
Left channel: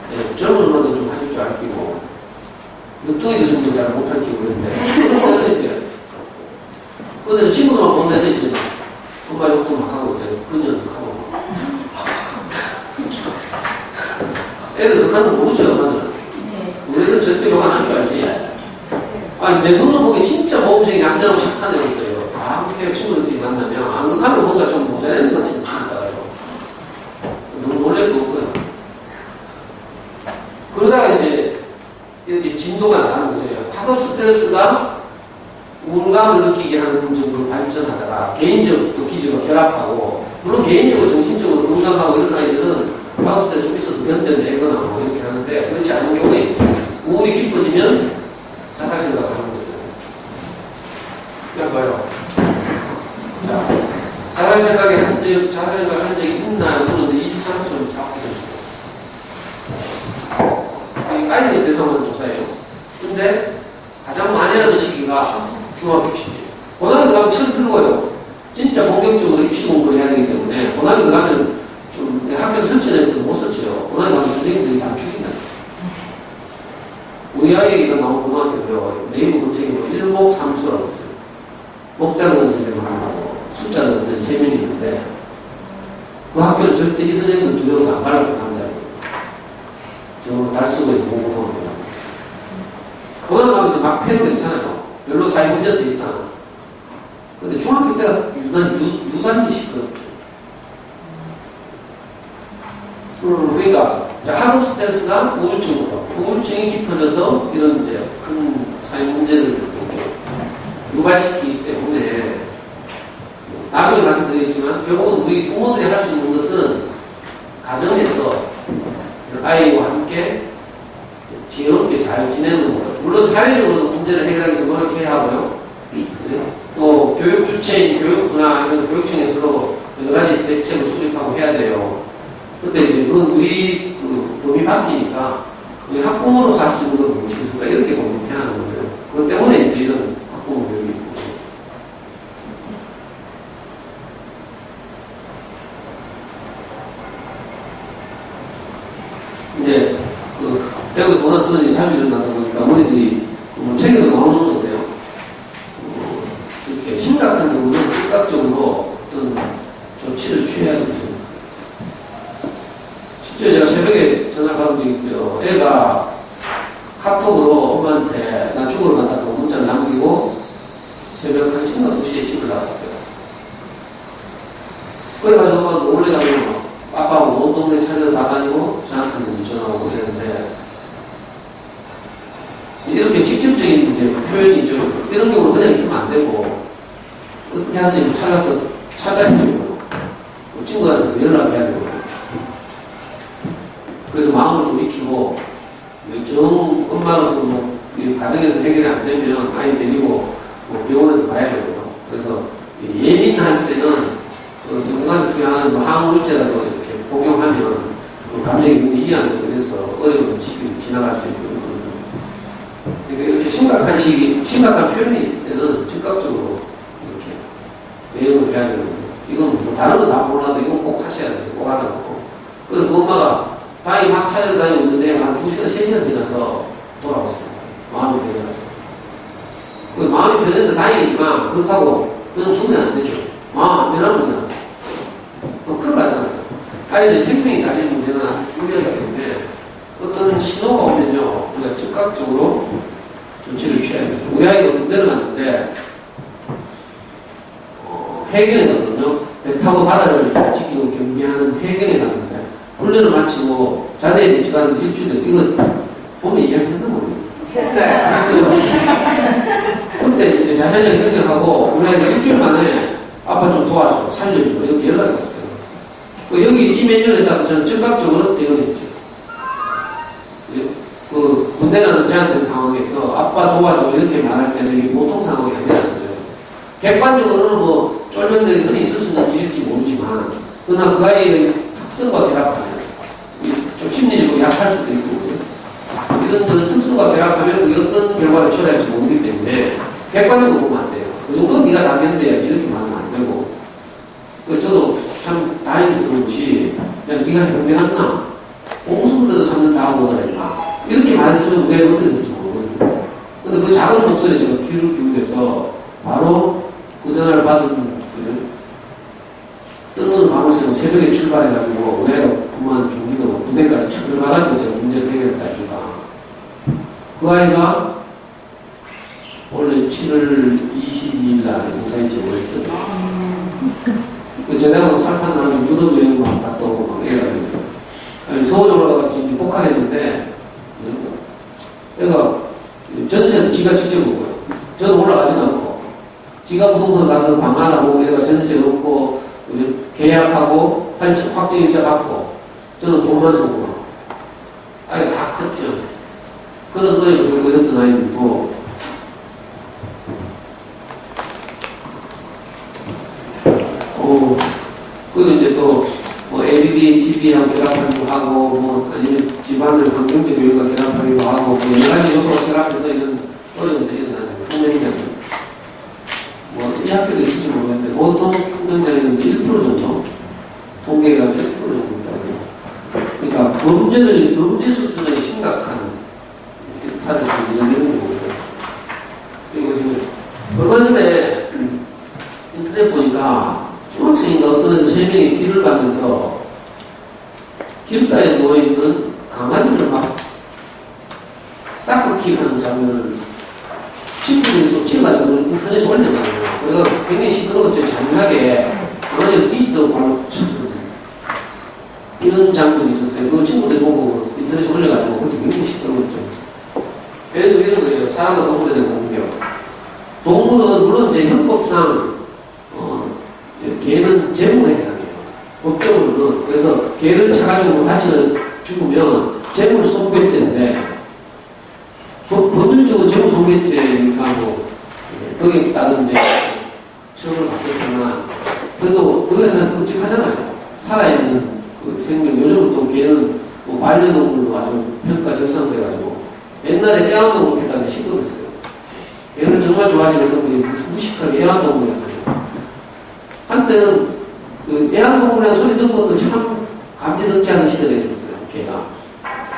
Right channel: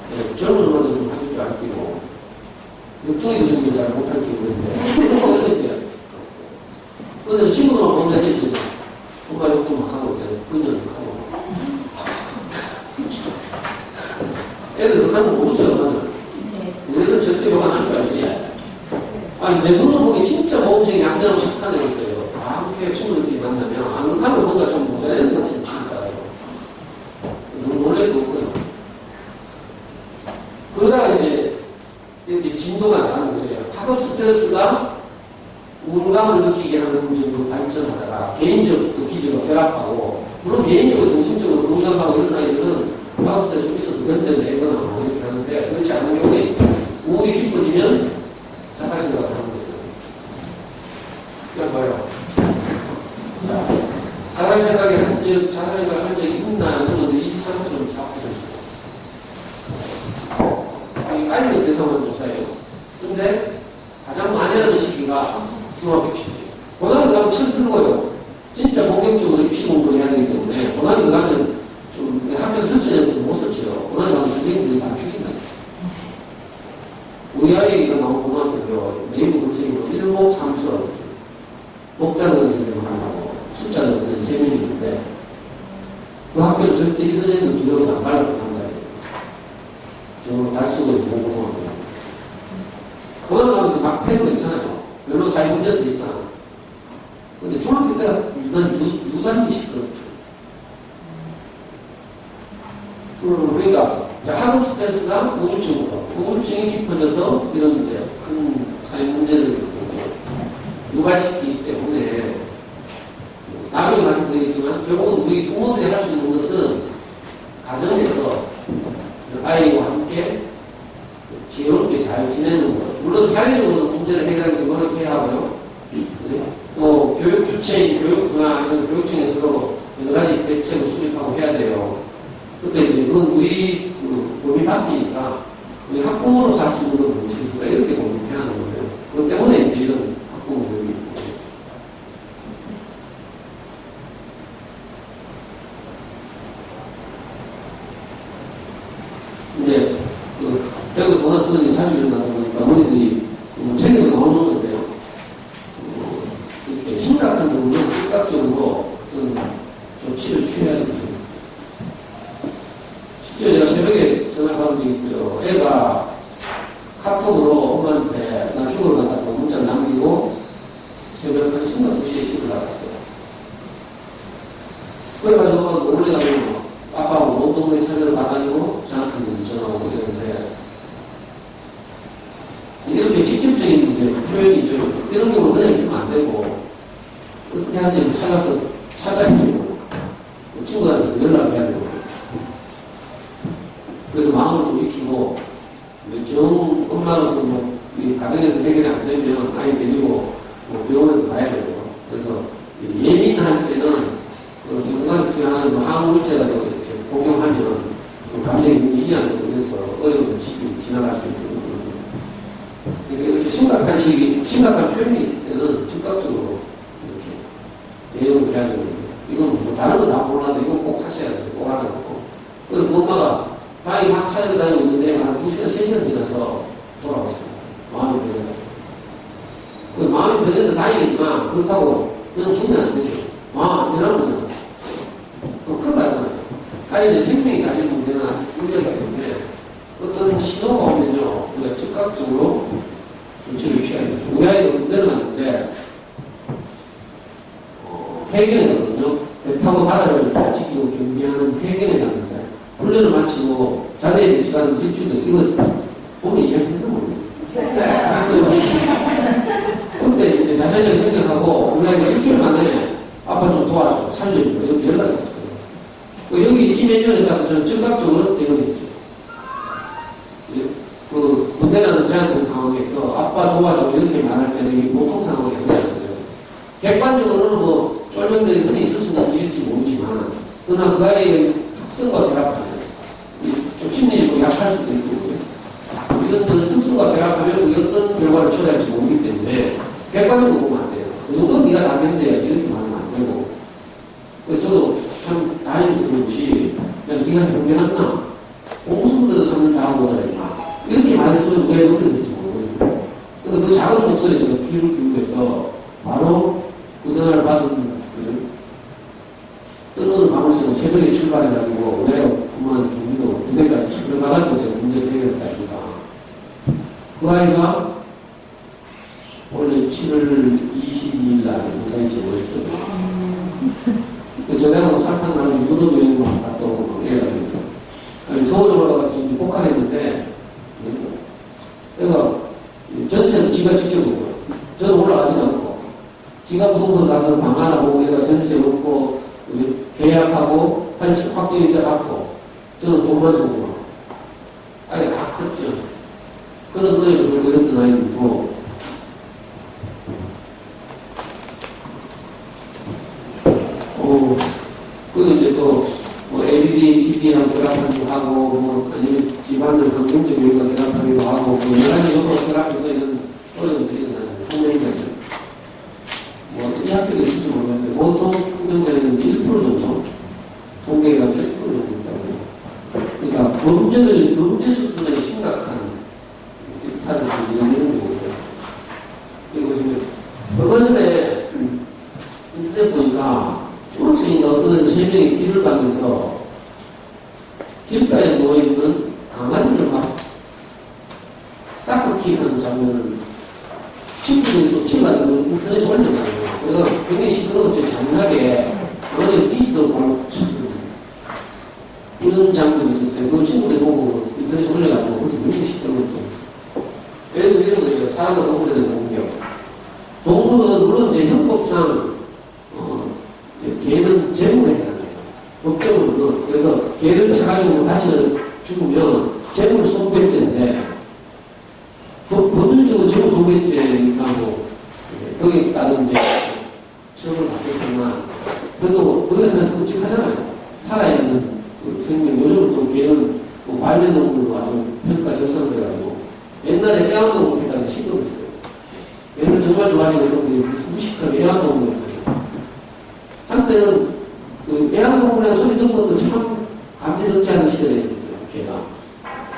네, 젊은 엄마도 좀 하실 줄 알기고 늦둥이도 정도 잘 못할 끼고 그랬는데 그래서 이제 그래서 친구들만 본 데서 이제 엄마 욕도 막 하고 이제 근전도 하고 애들 그하는 거 모르죠 엄마는. 우리는 절대 욕 안 할 줄 알지. 아니 내 눈을 보기 진짜 모범생이 얌전하고 착한 애가 있어요. 아 그렇게 친구들끼리 만나면 안 그렇다면 뭔가 좀 모자라는 것처럼 친구다요. 너무 놀랄 거 없고요. 그러다가 이제 이렇게 진도가 나가는 거죠. 학업 스트레스가 우울감을 느끼게 하는 정도로 발전하다가 개인적, 도기적으로 결합하고 물론 개인적으로 정신적으로 건강하고 이런 아이들은 학업 스트레스 좀 있어도 견뎌내거나 뭐 이렇게 하는데 그렇지 않은 경우에 우울이 깊어지면 자살 생각을 하는 거죠. 그냥 봐요. 자, 자살 생각을 한 적이 있나 물었는데 23%는 사업해졌어요. 깔리는 대상은 조사예요. 근데 가장 많이 하는 시기가 중학교 시기예요. 고등학교 가면 처음 들고요. 진짜 본격적으로 입시 공부를 해야 되기 때문에 고등학교 가면 좀 학교 설치내면 못 썼죠. 고등학교 가면 선생님들이 다 죽인다. 우리 아이가 나온 고등학교도요. 네이버 검색에 뭐 일목삼수라고 있어요. 목자는 선생님 하나하고 숫자는 선생님 3명이 있는데 그 학교는 절대 이 선생님은 두려워서 안 가려고 남자예요. 저 달수고에 공부하고 고등학교 가면 막 패도 괜찮아요. 별로 사회 문제도 있지 않아. 근데 중학교 때가 유단기 시끄럽죠. 그러니까 학업 스트레스가 우울증이 깊어져서 이런 이제 큰 사회 문제를 유발시키기 때문에 나중에 말씀드리겠지만 결국은 우리 부모들이 할 수 있는 것은 가정에서 아이와 함께 지혜롭게 잘 지내는 거예요. 물론 사회적으로 문제를 해결하기 위해서 노력해야 하고요. 또 교육 주체인 교육부나 이런 교육청에서도 여러 가지 대책을 수립하고 해야 돼요. 근데 이제 그건 우리 그 법이 바뀌니까 우리 학부모로서 할 수 있는 건 무엇이겠습니까? 이렇게 공부해야 하는 거예요. 그것 때문에 이제 이런 학부모 교육이 있고. 이제 대구에서 워낙 그런 일이 자주 일어나다 보니까 어머니들이 책에도 나오는 건데요. 이렇게 심각한 경우는 즉각적으로 어떤 조치를 취해야 되죠. 실제 제가 새벽에 전화를 받은 적이 있어요. 애가 카톡으로 엄마한테 나 죽으러 간다고 문자를 남기고 새벽 한 2시에 집을 나갔어요. 그래가지고 엄마가 놀래가지고 아빠하고 온 동네 찾아서 나다니고 저한테는 전화 오고 그랬는데 이렇게 직접적인 이제 표현이죠. 이런 경우는 그냥 있으면 안 되고 어떻게 하는지 찾아있어요. 친구한테 연락해야 되고 그래서 마음을 좀 익히고 정 엄마로서 뭐 가정에서 해결이 안 되면 아이 데리고 뭐 병원에도 가야 되고요. 그래서 예민할 때는 건강에 투여하는 뭐 항우울제라도 이렇게 복용하면 감정이 이해하는 거 그래서 어려운 시기를 지나갈 수 있는 거거든요. 그러니까 이렇게 심각한 표현이 있을 때는 즉각적으로 이렇게 대응을 해야 되는 거예요. 이건 뭐 다른 건 다 몰라도 이건 꼭 하셔야 돼요. 꼭 하라고. 그리고 엄마가 다이 막 찾아다니고 있는데 한 2시간, 3시간 지나서 돌아왔어요. 마음이 변해가지고. 그 마음이 변해서 다행이지만 그렇다고 그냥 죽으면 안 되죠. 마음 안 변하면 그냥. 그럼 큰일 나잖아요. 아이들 생명이 달린 문제는 아주 중요하기 때문에 어떤 신호가 오면요. 우리가 즉각적으로 조치를 취해야 되죠. 우리 아이가 군대를 갔는데 해결했거든요. 배 타고 바다를 지키고 경비하는 해경에 갔는데, 훈련을 마치고 자대에 배치가는 일주일 됐어. 이거 보면 이야기했나 모르겠어요. 했어요. 그때 이제 자신있게 생각하고, 우리가 이제 일주일 만에 아빠 좀 도와줘, 살려줘. 이렇게 연락이 왔어요. 여기 이 메뉴에 따라서 저는 즉각적으로 대응했죠. 그 군대라는 제한된 상황에서 아빠 도와줘 이렇게 말할 때는 이게 보통 상황이 아니라는 거죠. 객관적으로는 뭐 쫄병들이 흔히 있을 수 있는 일일지 모르지만, 그러나 그 아이의 특성과 결합하면 좀 심리적으로 약할 수도 있고, 이런 특성과 결합하면 그게 어떤 결과를 초래할지 모르기 때문에 객관적으로 보면 안 돼요. 그 정도 네가 다 견뎌야지 이렇게 말하면 안 되고. 저도 참 다행스러운 것이, 야, 네가 변명했나? 공수부대도 3년 다 하고 오라 임마. 이렇게 말했으면 왜 어떻게 될지 모르거든요. 근데 그 작은 목소리에 제가 귀를 기울여서 바로 그 전화를 받은 뜨거운 밤을 새고 새벽에 출발해가지고 내가 그만 경기도 부대까지 쭉 들어가가지고 제가 문제를 해결했다니까. 그 아이가 원래 7월 22일 날 무사히 제보했거든요. 그 제대로 살판 나면 유럽 여행만 갔다 오고 막 이래가지고 서울에 올라가서 지금 복학했는데 내가 전세도 지가 직접 오고요. 저는 올라가지도 않고 지가 부동산 가서 방 하나 보고 내가 전세 얻고 계약하고 확정일자 받고 저는 돈만 쓰고 아이가 다 컸죠. 그런 거에 그러고 이랬던 아이들도 그리고 이제 또 뭐 LED, TV하고 결합하기도 하고 뭐 아니면 집안을 환경적 요인과 결합하기도 하고 뭐 여러 가지 요소가 결합해서 이런 어려움들이 일어나는 풍경장애는 뭐 이 학교도 있을지 모르겠는데 보통 풍경장애는 1% 정도 통계가 1% 정도입니다. 그러니까 범죄 수준의 심각한 일탈을 이야기하는 거고요. 그리고 지금 얼마 전에 인터넷 보니까 중학생인가 어떤 애들 3명이 길을 가면서 길가에 누워있는 강아지를 막 싹둑킥하는 장면을 친구들이 또 찍어가지고 인터넷에 올렸잖아요. 그래서 굉장히 시끄러웠죠. 잔인하게 강아지를 뒤지도록 발로 쳤거든요. 이런 장면이 있었어요. 그 친구들이 보고 인터넷에 올려가지고 그렇게 굉장히 시끄러웠죠. 예를 들면 이런 거예요. 사람과 동물에 대한 공격. 동물은 물론 이제 형법상 개는 재물에 해당해요. 법적으로는. 그래서 개를 차가지고 다치는 죽으면 재물 손괴죄인데 법률적으로 재물 손괴죄니까 뭐 거기에 따른 이제 처벌을 받겠지만 그래도 우리가 생각하면 끔찍하잖아요. 살아있는 그 생명. 요즘은 또 개는 뭐 반려동물로 아주 평가 절상돼가지고 옛날에 애완동물 했다는데 시끄럽었어요. 개를 정말 좋아하시는 분들이 무식하게 애완동물이었어요. 한때는 그 애완동물이라는 소리 듣는 것도 참 감지듣지 않은 시대가 있었어요, 걔가.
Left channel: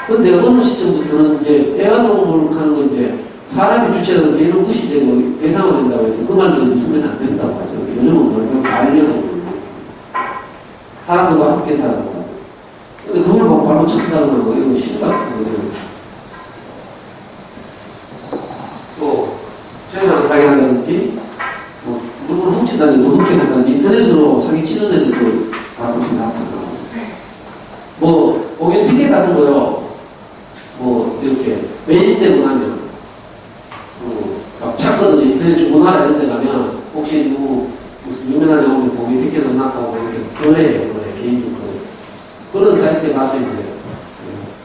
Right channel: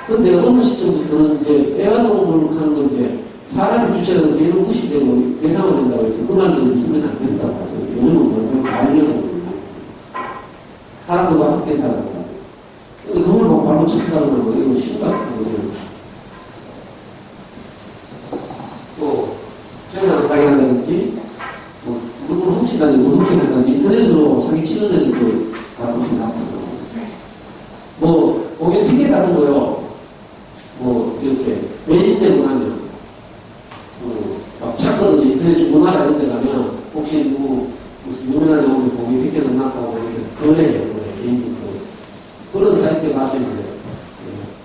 근데 어느 시점부터는 이제 애완동물 하는 건 이제 사람이 주체라는 개는 무시되고 대상화 된다고 해서 그 말도 있으면 안 된다고 하죠. 요즘은 결국 반려동물. 사람들과 함께 사는 거. 근데 그걸 막 발로 쳤다고 하고 이건 심각한 거예요. 또, 세상을 발견한다든지, 물건 훔친다든지, 돈 훔친다든지, 인터넷으로 사기치는 애들도 가끔씩 나타나고. 뭐, 공연 티켓 같은 거요. 뭐, 이렇게, 매진되고 나면, 막 찾거든요. 인터넷 주문하라 이런 데 가면, 혹시 누구, 무슨 유명한 영웅이 공연 티켓 없나고 이렇게 거래해요. 개인적으로. 그런 사이트에 가서 이제,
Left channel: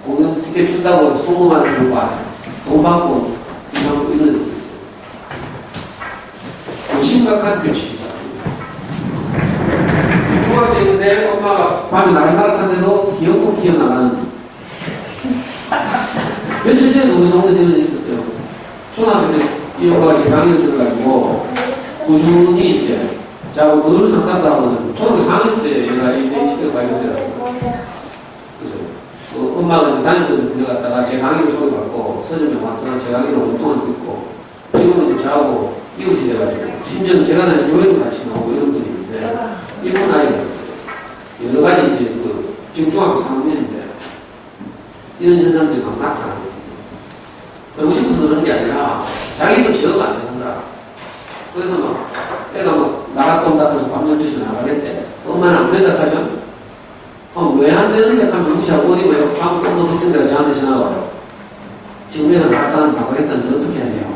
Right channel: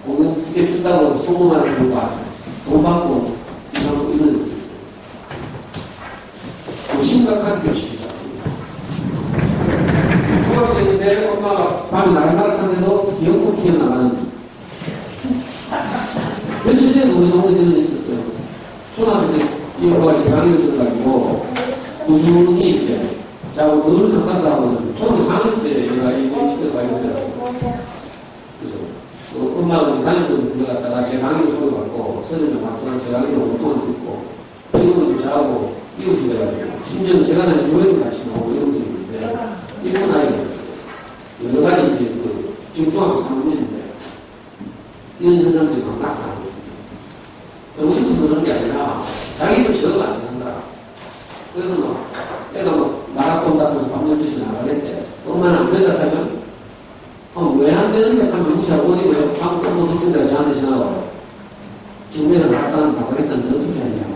공연 티켓 준다고 소문하는 경우가 돈 받고, 이런 애들. 심각한 규칙이다. 중학생인데 엄마가 밤에 나가다가 타는데도 기어코 기어나가는. 며칠 전에 우리 동네에서 이런 일이 있었어요. 초등학교 때 이 엄마가 제 강의를 들어가지고 꾸준히 이제 자고 늘 상담도 하거든요. 초등학교 4학년 때 얘가 ADHD가 발견되더라고요. 그죠? 엄마가 담임선생님 불려갔다가 제 강의를 소개받고 서점에 와서 제 강의를 오랫동안 듣고 지금은 이제 저하고 이웃이 돼가지고 심지어 제가 다니는 교회도 같이 나오고 이런 분이 있는데 일본 아이가 있어요. 여러 가지 이제 지금 중학교 3학년인데 이런 현상들이 막 나타나거든요. 그러고 싶어서 그러는 게 아니라 자기도 제어가 안 된다. 그래서 막 애가 막 나갔다 온다 해서 밤 12시에 나가겠대. 엄마는 안 된다 하죠? 왜 안 되는데 하면 무시하고 어디 뭐요? 다음 또뭐 특정 데가 저한테 전화가 와요. 지금 애들 갖다 바꿔겠다는데 어떻게 해야 돼요?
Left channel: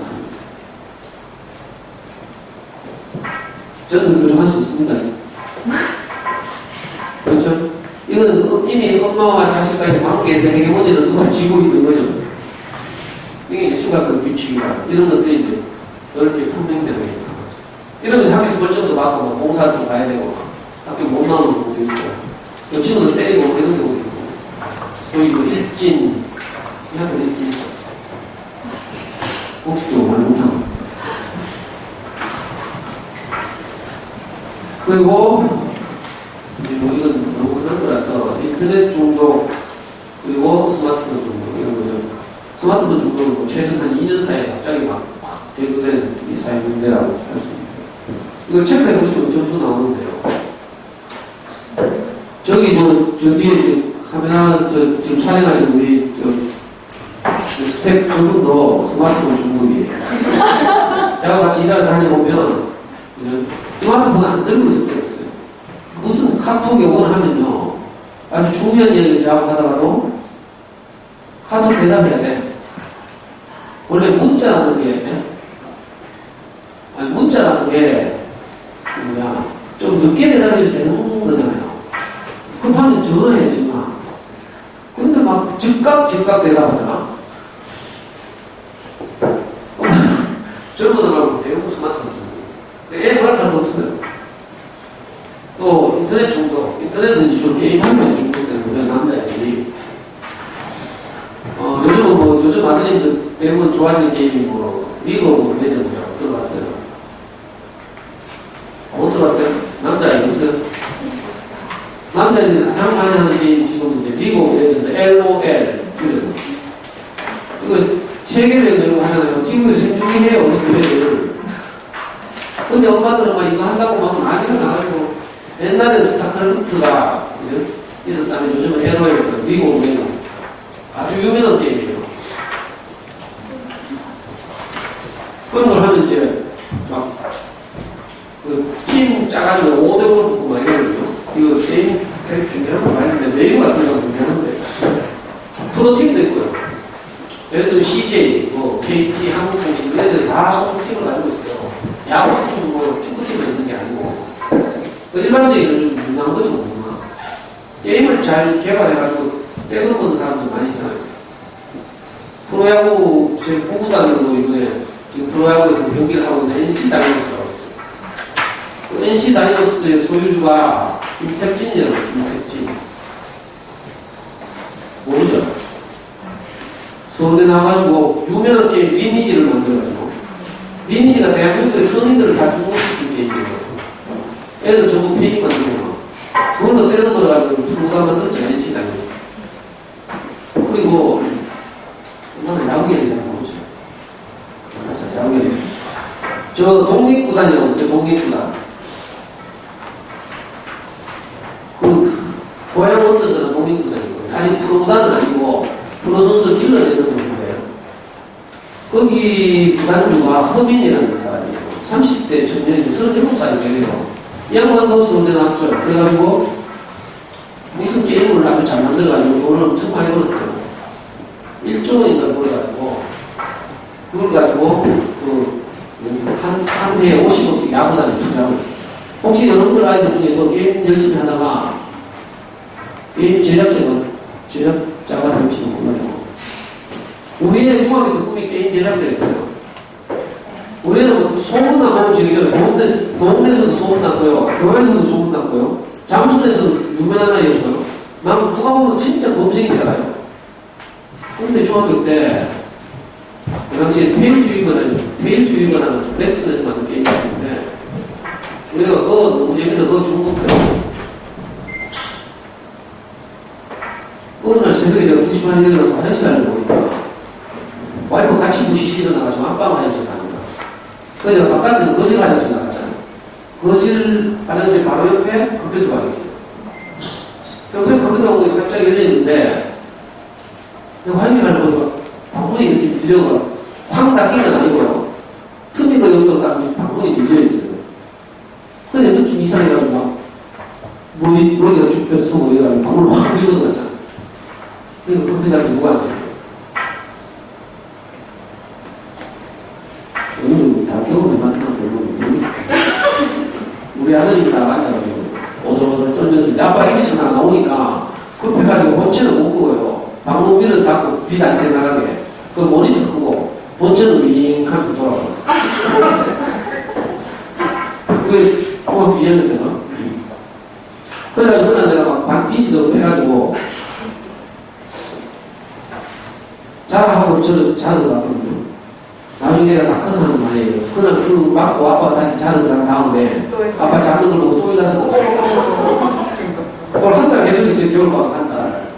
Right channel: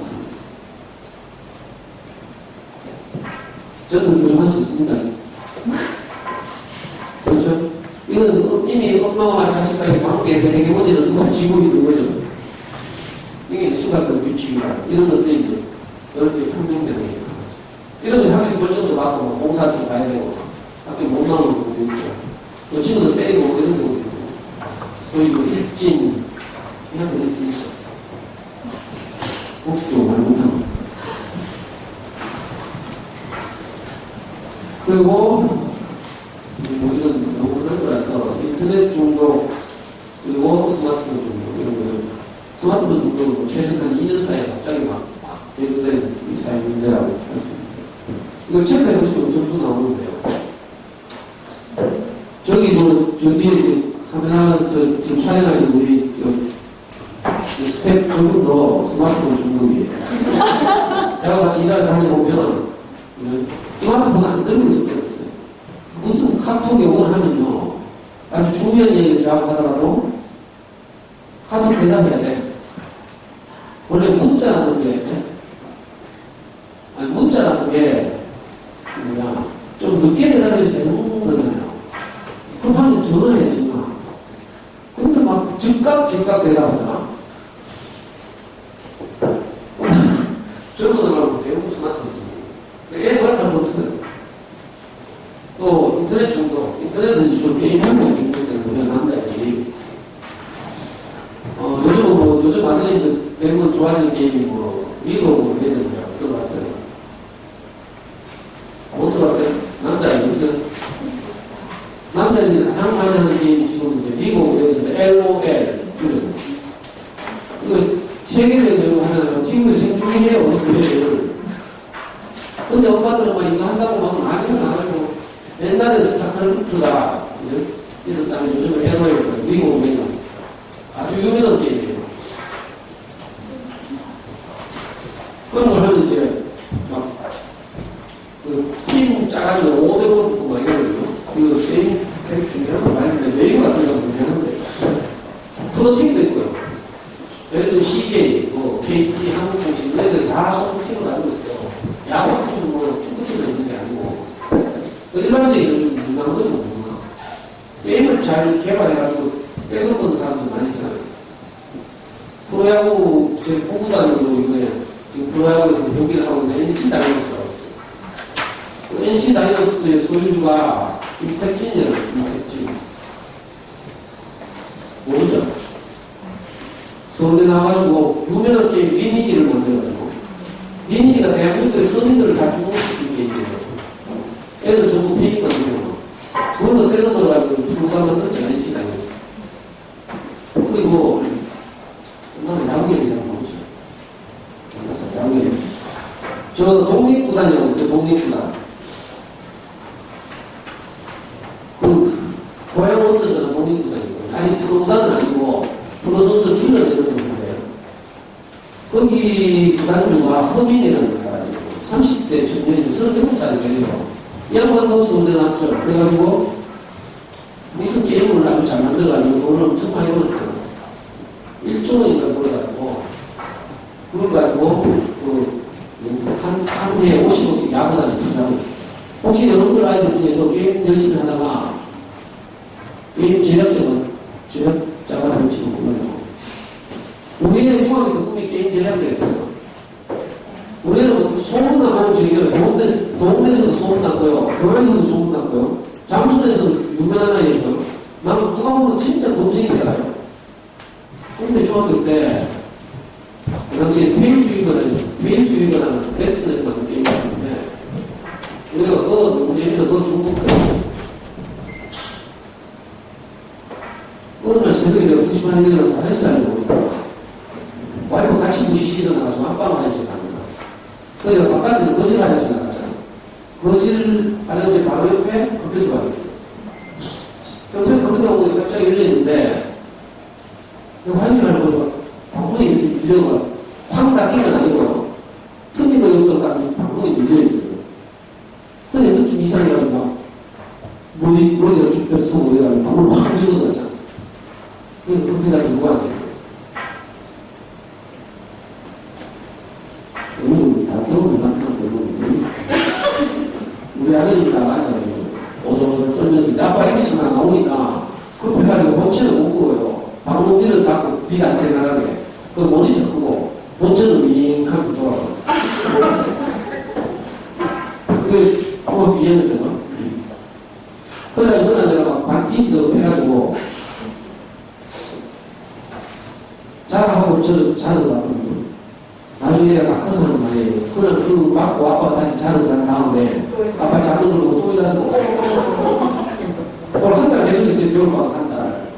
저는 교정할 수 있습니다. 그렇죠? 이건 이미 엄마와 자식과의 관계에서 헤게모니를 누가 쥐고 있는 거죠. 이게 심각한 규칙이다. 이런 것들이 이제 넓게 분명되고 있는 거죠. 이러면 학교에서 벌점도 받고, 뭐 봉사도 가야 되고, 학교 못 나오는 경우도 있고, 친구들 때리고 이런 경우도 있고, 소위 뭐 일진, 이 학교 일진 있어. 공식적으로 말 못하고. 그리고, 이제 뭐 이건 너무 그런 거라서, 인터넷 중독, 그리고 스마트폰 중독, 이런 거죠. 스마트폰 중독은 최근 한 2년 사이에 갑자기 막 대두된 이 사회 문제라고 할 수 있습니다. 이걸 체크해 보시면 점수 나오는데요. 저기 저 뒤에 카메라 지금 촬영하신 우리 스텝 저분도 스마트폰 중독이에요. 제가 같이 일하다 다녀보면 스마트폰 안 들고 있을 때가 있어요. 무슨 카톡에 오거나 하면요. 아주 중요한 얘기를 작업하다가도 카톡 대답해야 돼. 원래 문자라는 게 좀 늦게 대답해도 되는 거잖아요. 급하면 전화해야지만. 근데 막 즉각 대답하잖아. 젊은이들하고 대부분 스마트폰 중독. 애 말할 거 없어요. 또 인터넷 중독. 인터넷은 이제 주로 게임하면서 중독되는 남자애들이. 요즘 아들님들 대부분 좋아하시는 게임이 리그 오브 레전드라고 들어봤어요. 못 들어봤어요? 남자애들 없어요? 남자애들이 가장 많이 하는 게임이 지금 이제 리그 오브 레전드, LOL, 줄여서. 이거 세계를 배우고 하잖아요. 친구들 생중계해요, 우리 근데 엄마들은 막 이거 한다고 막 난리가 나가지고, 옛날에 스타크래프트가 있었다면 요즘은 LOL, 리그 오브 레전드. 아주 유명한 게임이에요. 그런 걸 하면 이제, 팀 짜가지고 5대5로 붙고 막 이러거든요. 이거 게임 캐릭터 한번 봤는데, 메인 같은 거 하는데, 프로팀도 있고요. 예를 들면 CJ, KT, 한국공식, 얘네들이 다 소속팀을 가지고 있어요. 야구팀도 축구팀만 있는 게 아니고, 일반적인 유명한 거죠, 뭐. 게임을 잘 개발해가지고, 떼돈 버는 사람들 많이 있잖아요. 프로야구, 제 부구단으로 이번에 지금 프로야구에서 경기를 하고 있는 NC 다이노스라고 있어요. 그 NC 다이노스의 소유주가 김택진이라고 해요, 김택진. 모르죠? 서울대 나와가지고 유명한 게임 리니지를 만들어가지고, 리니지가 대한민국의 서민들을 다 주목시킨 게임이에요. 애들 전부 페이만 들고, 그걸로 떼돈 벌어가지고 프로가 만들었잖아요, NC 다이노스. 그리고 엄마는 야구계를 잘 모르죠. 맞아, 야구계. 저 독립구단이라고 있어요. 독립구단. 고향 원더스는 독립구단이고 아직 프로구단은 아니고 프로 선수를 길러내는 건데요. 거기 구단주가 허민이라는 사람이에요. 30대 청년인데 37살이 되네요. 이 양반도 서울대 나왔죠. 그래가지고 무슨 게임을 아주 잘 만들어가지고 돈을 엄청 많이 벌었어요. 1조 원인가 벌어가지고, 그걸 가지고, 한 해에 50억씩 야구단에 투자하고, 혹시 여러분들 아이들 중에도 게임 열심히 하다가, 게임 제작자가 될지도 몰라요. 우리의 중학교 때 꿈이 게임 제작자였어요. 우리는 소문나고, 동네에서도 소문났고요, 교회에서도 소문났고요, 장순에서도 유명한 아이였어요. 누가 보면 진짜 범생이 되어요. 근데 중학교 때, 그 당시에 페일주의거라는 넥슨에서 만든 게임이 있는데, 우리가 그거 너무 재밌어, 그거 중독돼요. 어느 날 새벽에 내가 2시 반에 일어나서 화장실 가려고 보니까, 와이프 같이 2시 일어나가지고 안방 화장실 가는 거야. 그래서 내가 바깥에는 거실 화장실 나갔잖아. 거실 화장실 바로 옆에 컴퓨터가 있어요. 평소에 컴퓨터가 보니 갑자기 열려있는데, 화장실 가는 거가 방문이 이렇게 밀려가 확 닫힌 건 아니고요. 틈이 거의 없다가 방문이 밀려있어요. 근데 느낌 이상해가지고 머리가 쭉 펴서 얘가 방울 확 밀고 갔잖아. 그러니까 컴퓨터를 누가 하지? 오늘 다 경험을 만나고 우리 아들이 다 앉아가지고 오돌오돌 떨면서 내 아빠 이미지가 나오니까 급해가지고 본체는 못 끄고요. 방문 위를 닫고 빛 안 새나가게 그 모니터 끄고 본체는 윙하게 돌아가고 그게 중학교 2학년 때나 그래가지고 그날 내가 막 반 뒤지도록 해가지고 자라하고 저를 자르러 갔거든요. 나중에 내가 다 커서 하는 말이에요. 그날 그 맞고 아빠가 다시 자르러 간 다음에 아빠 자르러 그러고 또 일어나서 오늘 한 달 계속 있어요. 겨울방학 한 달.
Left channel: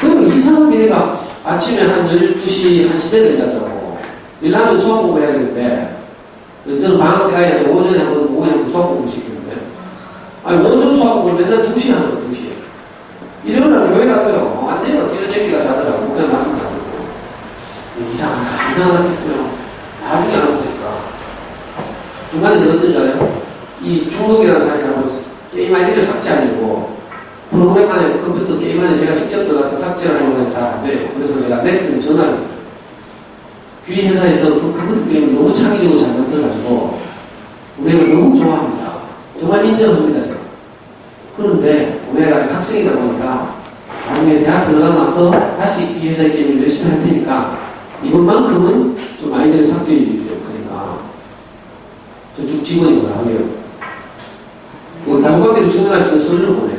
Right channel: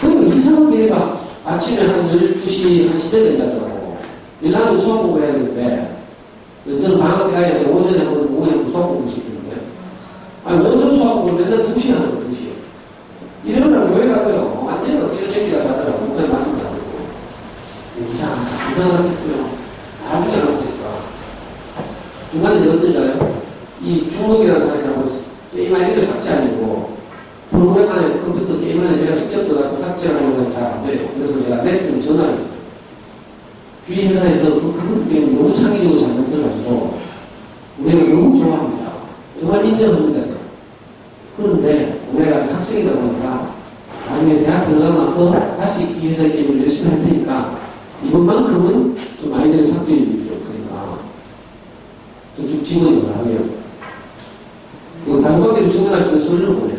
그러니까 이상하게 얘가 아침에 한 12시, 1시 되게 일하더라고. 일하면 수학 공부해야 되는데 저는 방학 때 가야 되는데 오전에 한 번, 오후에 한 번 수학 공부 시키는데 아니 오전 수학 공부를 맨날 2시에 하거든. 2시에. 일요일날 교회 가고요. 완전히 뒤로 챙기가 자더라고. 목사님 말씀드리고. 이상하게 했어요. 나중에 알아보니까. 중간에 제가 어떤지 알아요? 이 중독이라는 사실하고 게임 아이디를 삭제하려고 프로그램 안에 컴퓨터 게임 안에 제가 직접 들어가서 삭제를 하려고 잘 안 돼요. 그래서 제가 넥슨에 전화를 했어요. 귀 회사에서 그 컴퓨터 게임을 너무 창의적으로 잘 만들어가지고 우리가 너무 좋아합니다. 정말 인정합니다. 제가. 그런데 우리가 아직 학생이다 보니까 나중에 대학 들어가고 나서 다시 이 회사의 게임을 열심히 할 테니까 이번만큼은 좀 아이들을 삭제해 주십시오. 그러니까 저쪽 직원이 뭐라 하면 가족관계를 증명할 수 있는 서류를 보내요.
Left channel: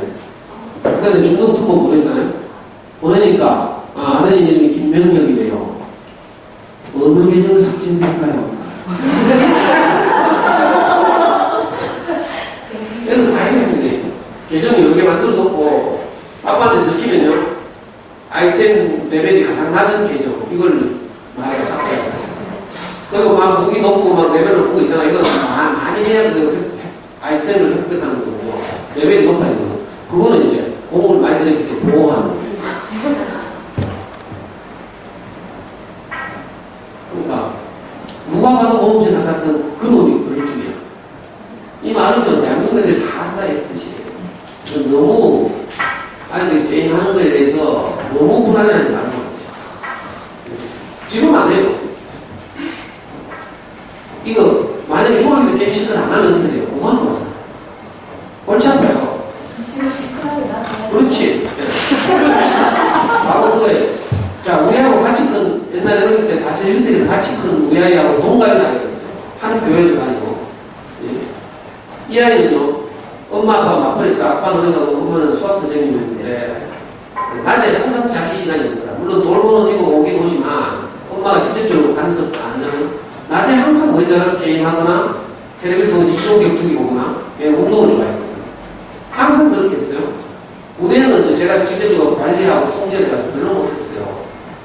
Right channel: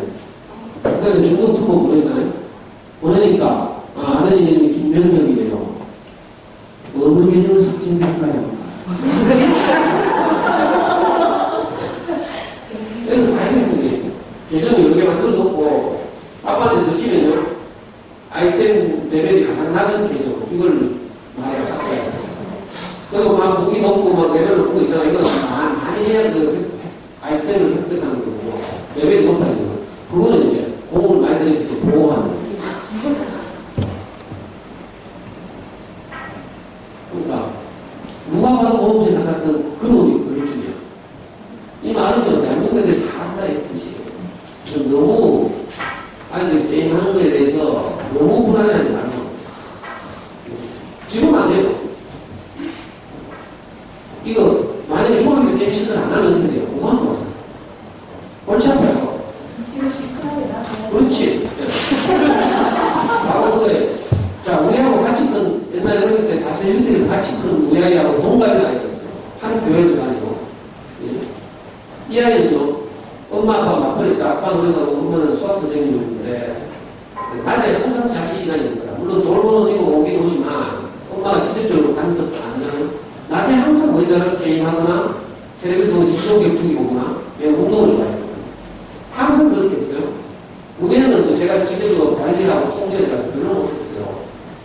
그때는 중동 특보 보냈잖아요. 보내니까 아드님 이름이 김명혁이래요. 어느 계정을 삭제해줄까요? 그래서 다 해봤는데 계정 여러 개 만들어 놓고 아빠한테 들키면요 아이템 레벨이 가장 낮은 계정 이걸 말해서 삭제해요. 그리고 막 무기 높고 막 레벨 높은 거 있잖아요. 이거 많이 해야 그 아이템을 획득하는 거고 레벨이 높아야 되는 거. 그거는 이제 공을 많이 들였기 때문에 보호하는 거예요. 그러니까 누가 봐도 보험세 같았던 그 놈이 그럴 줄이야. 이 말은 대한민국 애들이 다 한다 했듯이 너무 아이들이 게임하는 거에 대해서 너무 불안해하는 말인 거예요. 지금 안 해요. 이거 만약에 중학교 때 게임 실컷 안 하면 어떻게 돼요? 못하는 거잖아. 골치 아파요. 지금 시끄러워요. 그렇지. 바로 그거예요. 자, 우리하고 같이 큰, 옛날에 어릴 때 다시 휴대에서 같이 큰 우리 아이하고 동갑이 다녔어요. 한 교회를 다니고. 예. 이 아이는요, 엄마, 아빠 맞벌이에서 아빠는 의사고 엄마는 수학 선생님이었는데, 낮에 항상 자기 시간이 있는 거야. 물론 돌보는 이고 오긴 오지만, 엄마가 직접적으로 간섭 안 하잖아요. 낮에 항상 뭐이잖아 게임하거나, 텔레비를 통해서 이종격투기 보거나, 운동을 좋아해요. 항상 그렇게 했어요. 우리는 제가 직접적으로 관리하고 통제를 해가지고 별로 못했어요.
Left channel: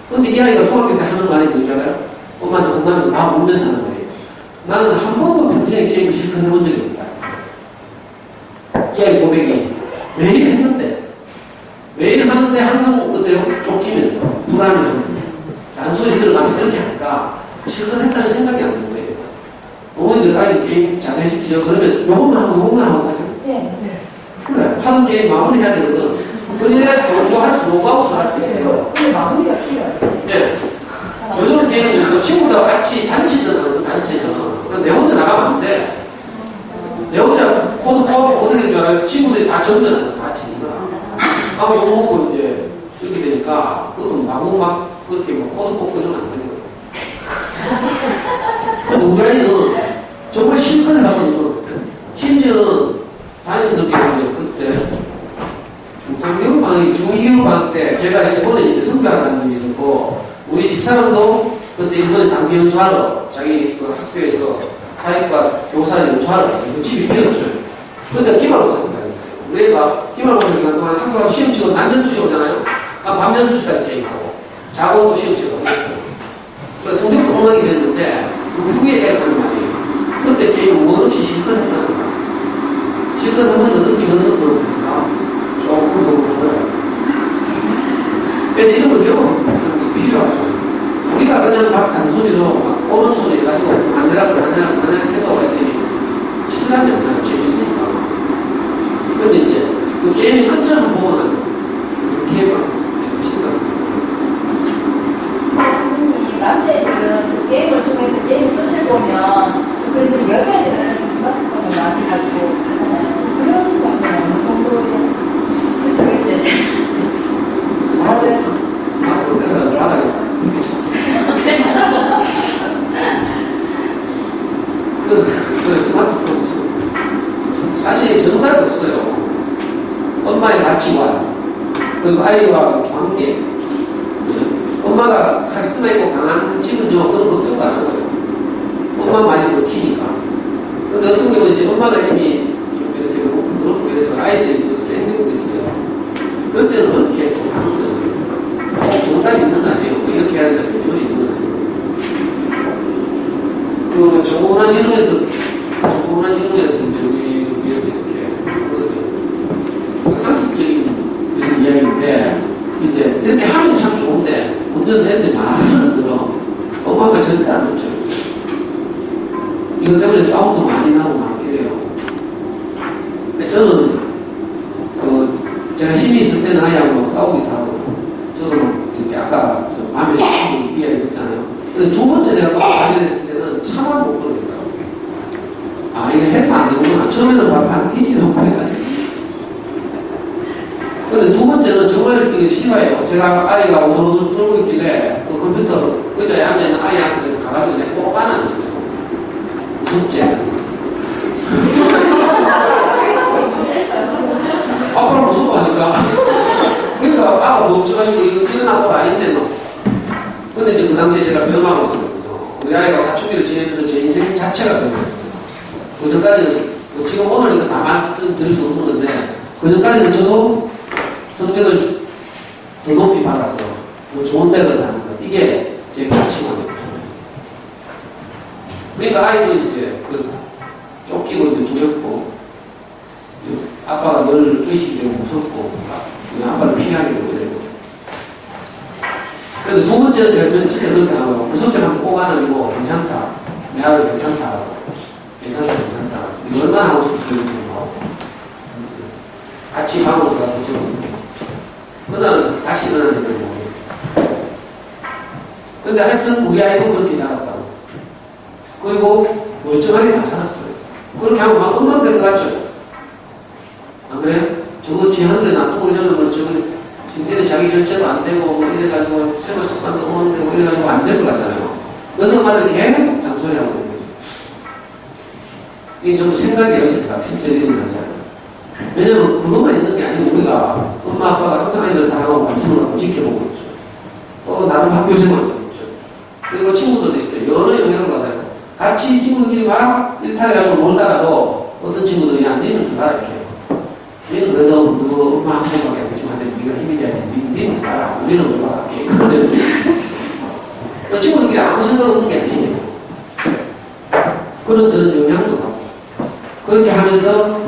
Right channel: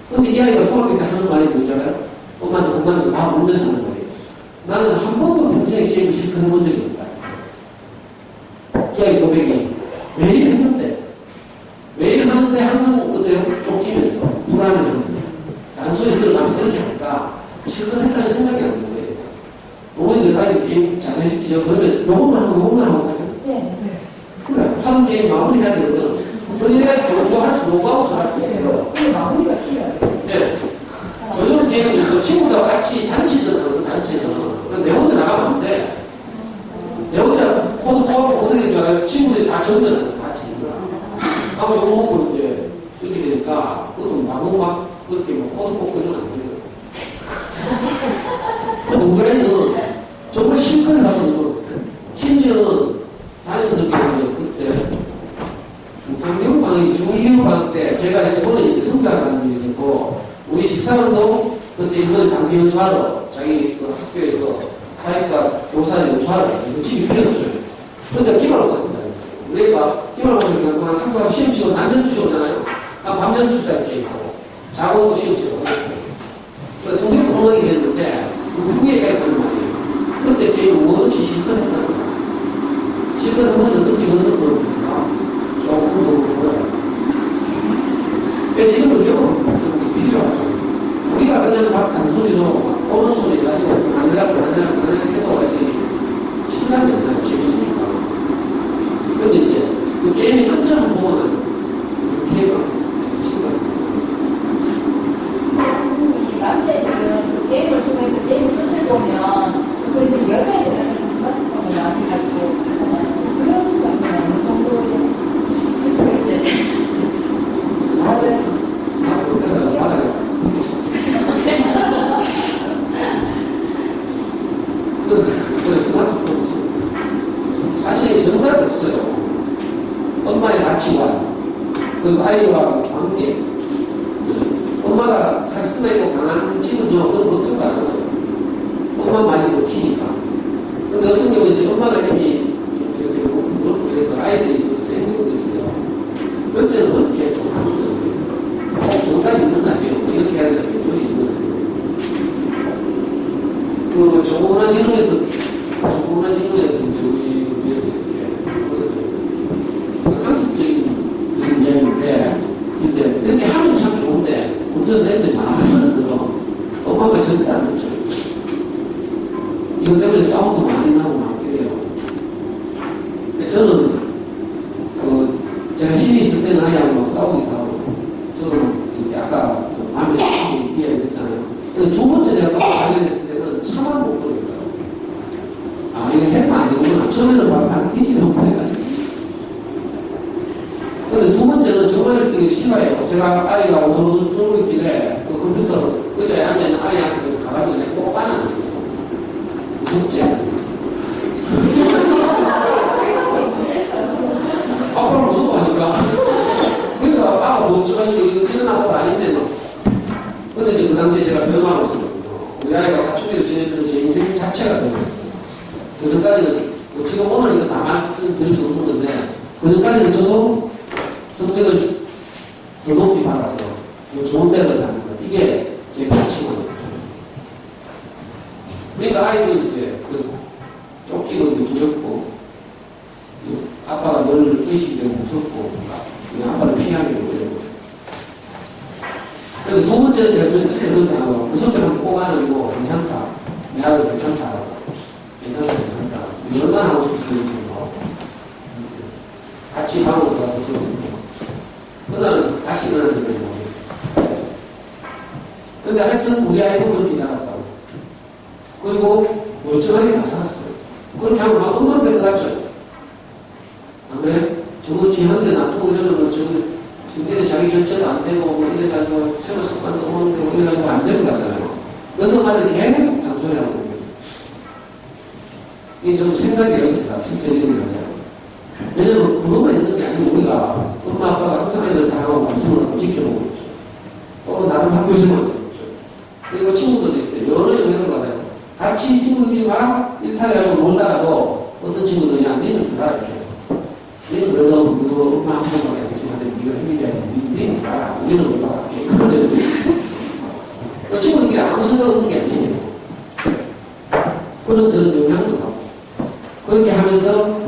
근데 이 아이가 중학교 때 하는 말이 뭐 있잖아요. 엄마한테 혼나면서 막 울면서 하는 말이에요. 나는 한 번도 평생에 게임을 실컷 해본 적이 없다. 이 아이 고백이 매일 했는데, 매일 하는데 항상 그때 쫓기면서, 불안해하면서, 잔소리 들어가면서 이렇게 하니까 실컷 했다는 생각이 안 드는 거예요. 어머니들 아이들 게임 자세히 시키죠. 그러면 요것만 하고 하잖아요. 네. 그래, 하는 게임 마무리해야 되거든. 그러니까 종료할 수, 로그아웃을 할 수 있어요. 근데 마무리가 필요해요. 네. 요즘 게임은 그 친구들하고 같이 단체전, 내 혼자 나가면 안 돼. 내 혼자 코드 뽑아보면 어떻게 된 줄 알아요? 친구들이 다 적으면 다 지니까. 하고 욕먹고 이제 이렇게 되니까 그것도 나무 막 그렇게 뭐 코드 뽑고 이러면 안 되는 거예요. 근데 우리 아이는 정말 실컷 해가지고 심지어는 다니면서 배우는 그때 중상교육 방학이 중2교육 방학 때 제가 일본에 이제 선교하는 분이 있었고 우리 집사람도 그때 일본에 단기 연수하러 자기 그 학교에서 사회과 교사를 연수하러 갔어요. 집이 비었어요. 근데 기말고사를 다녔어요. 우리가 기말고사 기간 동안 학교 가서 시험 치고 난연 주시 오잖아요. 밤 연수 시간 게임하고 자고 또 시험 치고 그랬어요. 그래서 성적이 동락이 됐는데 그 후에까지 가는 말이에요. 그때 게임은 뭐 없이 실컷 했다는 거예요. 실컷 하면 어떻게 연습 들어오니까 조금 더 그거예요. 이런 걸 배우는 게 필요하죠. 우리가 그냥 막 잔소리로 막 오른손에 가지고 만들라고 해도 이렇게 실감이 안 나요. 재밌으니까. 근데 이제 그 게임의 끝을 보고는 이렇게 친구가 이 남자애들은 그 게임을 통해서 게임 끝을 보면 그래도 여자애들은 사실 스마트폰을 많이 가지고 하잖아요. 그런 점은 어느 정도 그쪽에 있어야 돼. 스마트폰 뺏어 나가요. 그 스마트폰 사실 정답이 없어요. 엄마의 가치관 그리고 아이와 관계 엄마가 카리스마 있고 강한 집은 저 그런 걱정 안 하고요. 엄마 많이 먹히니까. 근데 어떤 경우는 이제 엄마가 힘이 좀 이렇게 그렇고 해서 아이들이 더 센 경우도 있어요. 그럴 때는 그렇게 또 하는 거예요. 정답이 있는 거 아니에요. 이렇게 해야 되는 요리 있는 거 아니에요. 그 정보문화진흥에서 이제 우리 위해서 이렇게 하거든요. 상식적인 이런 이야기인데 이제 이렇게 하면 참 좋은데 문제는 애들이 말을 들어. 엄마가 절대 안 듣죠. 이것 때문에 싸움도 많이 나고 막 이래요. 근데 저는 제가 힘이 있을 때는 아이하고 막 싸우기도 하고 저도 이렇게 아까 마음에 드는 이야기했잖아요. 근데 두 번째 내가 또 발견했을 때는 차마 못 그러겠더라고요. 아, 이거 해면 안 되구나. 처음에는 막 반티지도 못해가지고. 근데 두 번째는 정말 되게 싫어요. 제가 아이가 오늘도 들고 있길래 그 컴퓨터 의자에 앉아있는 아이한테 가가지고 내가 꼭 안아줬어요. 무섭지? 아빠를 무서워하니까. 그러니까 아빠 무서워가지고 이거 일어나고 아닌데 너. 근데 이제 그 당시에 제가 병하고 있었거든요. 우리 아이가 사춘기를 지내면서 제 인생 자체가 변했어요. 그 전까지는 지금 오늘 이거 다 말씀드릴 수 없는 건데 그 전까지는 저도 성적을 더 높이 받아서 더 좋은 대를 하는 것. 이게 제 가치관이죠. 그러니까 아이도 이제 쫓기고 이제 두렵고 아빠가 늘 의식이 되고 무섭고 그냥 아빠를 피하게 되고 이러고. 그래서 두 번째는 제가 전체 그렇게 하고 그 성적 한번 꼭 안아주고 괜찮다. 내 아들 괜찮다. 괜찮다. 이거 얼마나 하고 싶은지 같이 방으로 들어가서 찍었습니다. 그날은 다시 일어나는 걸 모르겠어요. 근데 하여튼 우리 아이도 그렇게 자랐다고. 그리고 멀쩡하게 다 자랐어요. 그렇게 하면 막 엄마 될 것 같죠? 안 그래요? 저거 지하는데 놔두고 이러면 저거 진짜는 자기 절제도 안 되고 뭐 이래가지고 생활 습관도 없는데 뭐 이래가지고 안 될 것 같잖아요. 그래서 말을 계속 잔소리하고 있는 거죠. 이게 좀 생각이에요, 진짜. 실제 일어나지 않아요. 왜냐면 그것만 있는 게 아니고 우리가 엄마 아빠가 항상 아이들 사랑하고 관심을 갖고 지켜보고 있죠. 또 나름 학교 생활도 있죠. 그리고 친구들도 있어요. 여러 영향을 받아요. 같이 친구들끼리 막 일탈해가지고 놀다가도 어떤 친구들이 야 니는 그 사람 이렇게 해요. 니는 그래도 너 엄마 한 번밖에 안 되지만 네가 힘이 돼야지. 니는 나라. 우리는 왜 막할게. 그런 애들이 있어요. 친구들끼리 아무 생각 없는 게 아니에요. 그런 저런 영향도 받고 그렇게 하면서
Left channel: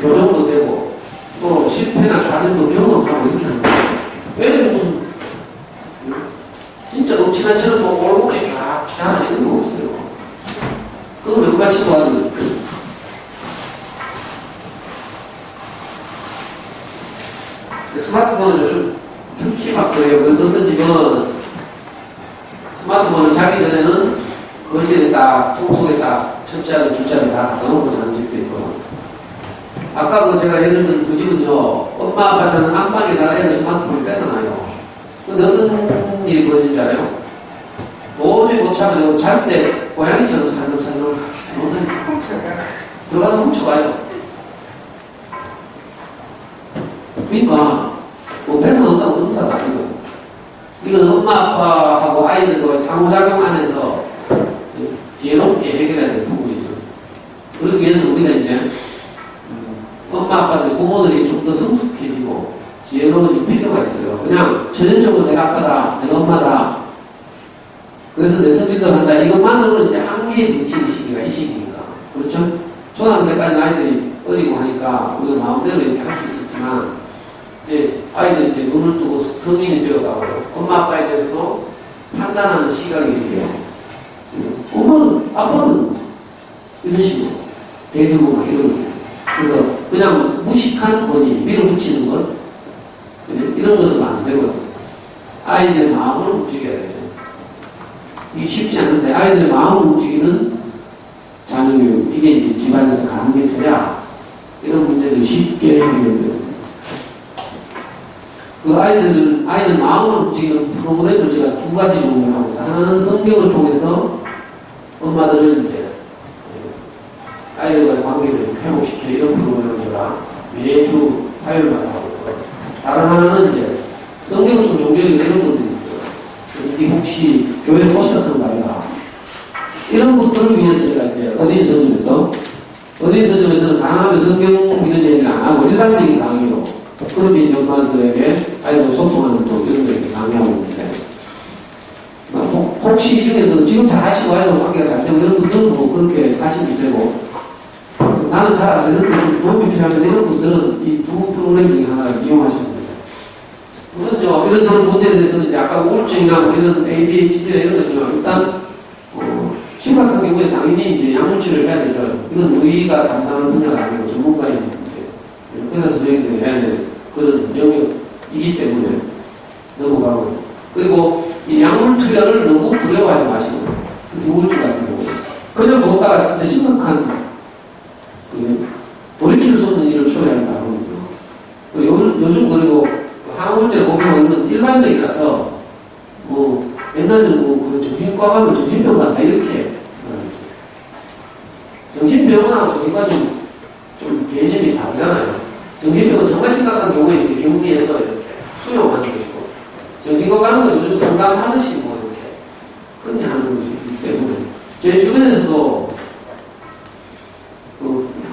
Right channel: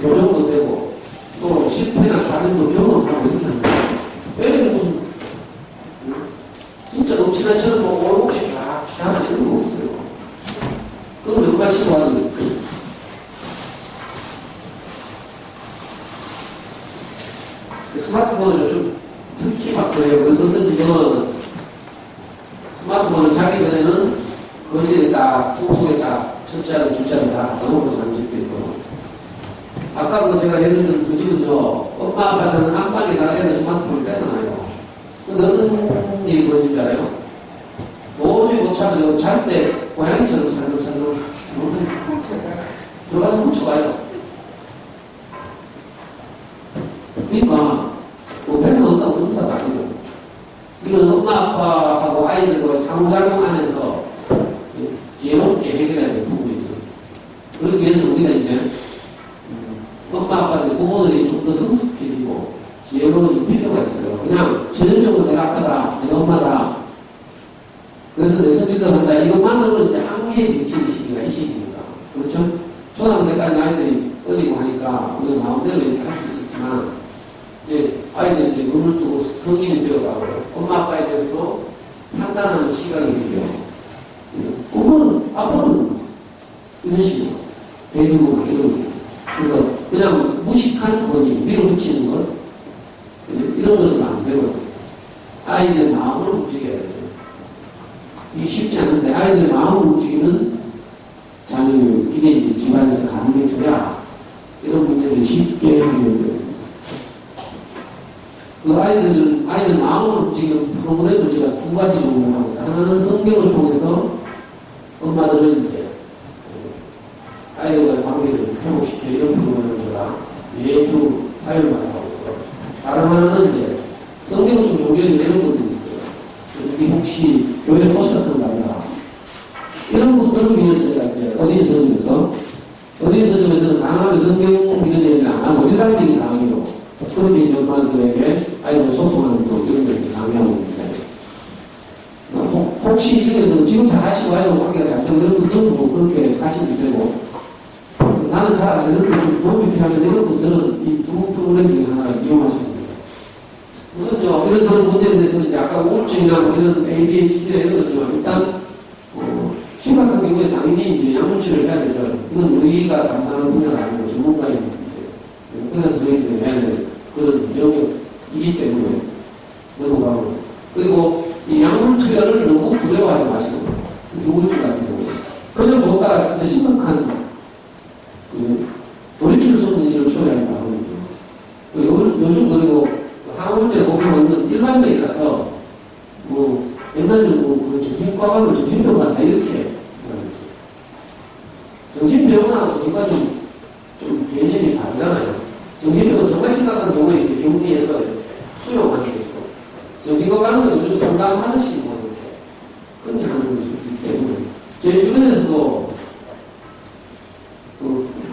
교정도 되고 또 실패나 좌절도 경험하고 이렇게 하는 거예요. 애들은 무슨 진짜 넘치나처럼 뭐 올곧게 쫙 자라는 거 없어요. 그건 몇 가지 도와주는 거예요. 스마트폰을 요즘 특히 막 그래요. 그래서 어떤 집은 스마트폰을 자기 전에는 거실에 딱 통속에 딱 첫자리 둘자리 다 넣어놓고 자는 집도 있고 아까 그 제가 예를 들어서 그 집은요, 엄마 아빠 자는 안방에다가 애들 스마트폰을 뺏어놔요. 근데 어떤 일이 벌어진지 알아요? 도저히 못 참아요. 잘 때 고양이처럼 살금살금 들어가서 훔쳐가요. 그러니까 뭐 뺏어놓았다고 의사가 아니고 이건 엄마 아빠하고 아이들과의 상호작용 안에서 지혜롭게 해결해야 될 부분이죠. 그러기 위해서 우리가 이제 엄마 아빠들, 부모들이 좀 더 성숙해지고 지혜로워질 필요가 있어요. 그냥 전형적으로 내가 아빠다, 내가 엄마다. 그래서 내 성질대로 한다. 이것만으로는 이제 한계에 미치는 시기가 이 시기니까. 그렇죠? 초등학교 때까지 아이들이 어리고 하니까 우리가 마음대로 이렇게 할 수 있었지만 이제 아이들이 이제 눈을 뜨고 성인이 되어가고 엄마 아빠에 대해서도 판단하는 시각이 생겨요. 엄마는, 아빠는 이런 식으로 대들고 막 이러는 거예요. 그래서 그냥 무식한 본인, 밀어붙이는 것, 이런 것은 안 되거든요. 아이들의 마음을 움직여야 되죠. 이게 쉽지 않은데, 아이들의 마음을 움직이는 자녀교육, 이게 이제 집안에서 가는 게 되냐, 이런 문제를 쉽게 해결해요. 그 아이들 마음을 움직이는 프로그램을 제가 두 가지 종류를 하고 있어요. 하나는 성경을 통해서 엄마들을 이제 아이들과의 관계를 회복시켜 이런 프로그램을 제가 매주 화요일마다 하고 있고요. 다른 하나는 이제 성경을 좀 종교에 이런 분들이 있어요. 이 혹시 교회를 오셨던 거 아니라 이런 분들을 위해서 제가 이제 어린이 서점에서는 강하면 성경 이런 얘기를 안 하고 일반적인 강의로 그렇게 이제 엄마들에게 아이들 소통하는 또 이런 데 강의하고 있는데 혹시 이 중에서 지금 잘 하시고 아이들 관계가 잘 되고 이런 분들은 뭐 그렇게 사시면 되고 나는 잘 안 되는데 좀 도움이 필요하면 이런 분들은 이 두 프로그램 중에 하나를 이용하시면 됩니다. 우선요, 이런 문제에 대해서는 이제 아까 우울증이나 뭐 이런 ADHD나 이런 것은 일단, 심각한 경우에 당연히 이제 약물치료를 해야 되죠. 이건 우리가 담당하는 분야가 아니고 전문가인 의사 선생님이 해야 되는 그런 영역이기 때문에 넘어가고. 그리고 이 약물 투여를 너무 두려워하지 마시고, 특히 우울증 같은 경우. 그냥 먹다가 진짜 심각한 돌이킬 수 없는 일을 초래하는 거거든요. 요즘 그리고 항우울제를 복용하는 건 일반적이라서 뭐 옛날에는 뭐 정신과 가면 정신병 간다 이렇게 정신병원하고 정신과 좀 개념이 다르잖아요. 정신병은 정말 심각한 경우에 이렇게 격리해서 이렇게 수용하는 것이고 정신과 가는 건 요즘 상담하듯이 뭐 이렇게 그냥 하는 것이기 때문에 제 주변에서도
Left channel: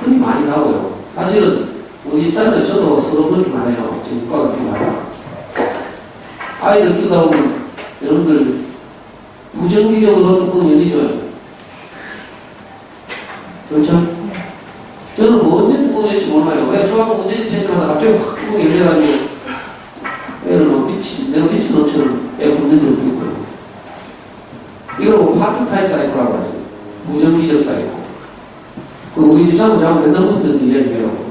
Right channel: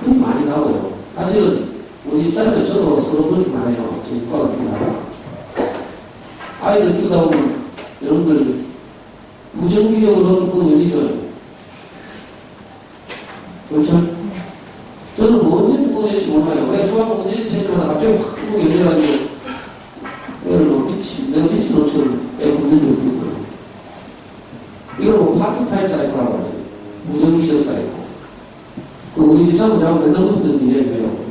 흔히 많이 가고요. 사실은 우리 집사람은 저도 서로 그렇게 말해요. 정신과가 그렇게 말해요. 아이들 키우다 보면 여러분들 부정기적으로 뚜껑 열리죠. 그렇죠? 저는 뭐 언제 뚜껑 열릴지 몰라요. 왜 수학은 문제 제출하다 갑자기 확 뚜껑 열려가지고 애를 막 내가 미친 것처럼 애가 묻는 적도 있고요. 이걸 뭐 파키타입 사이코라고 하죠. 부정기적 사이코. 우리 집사람은 저하고 맨날 웃으면서 이야기해요.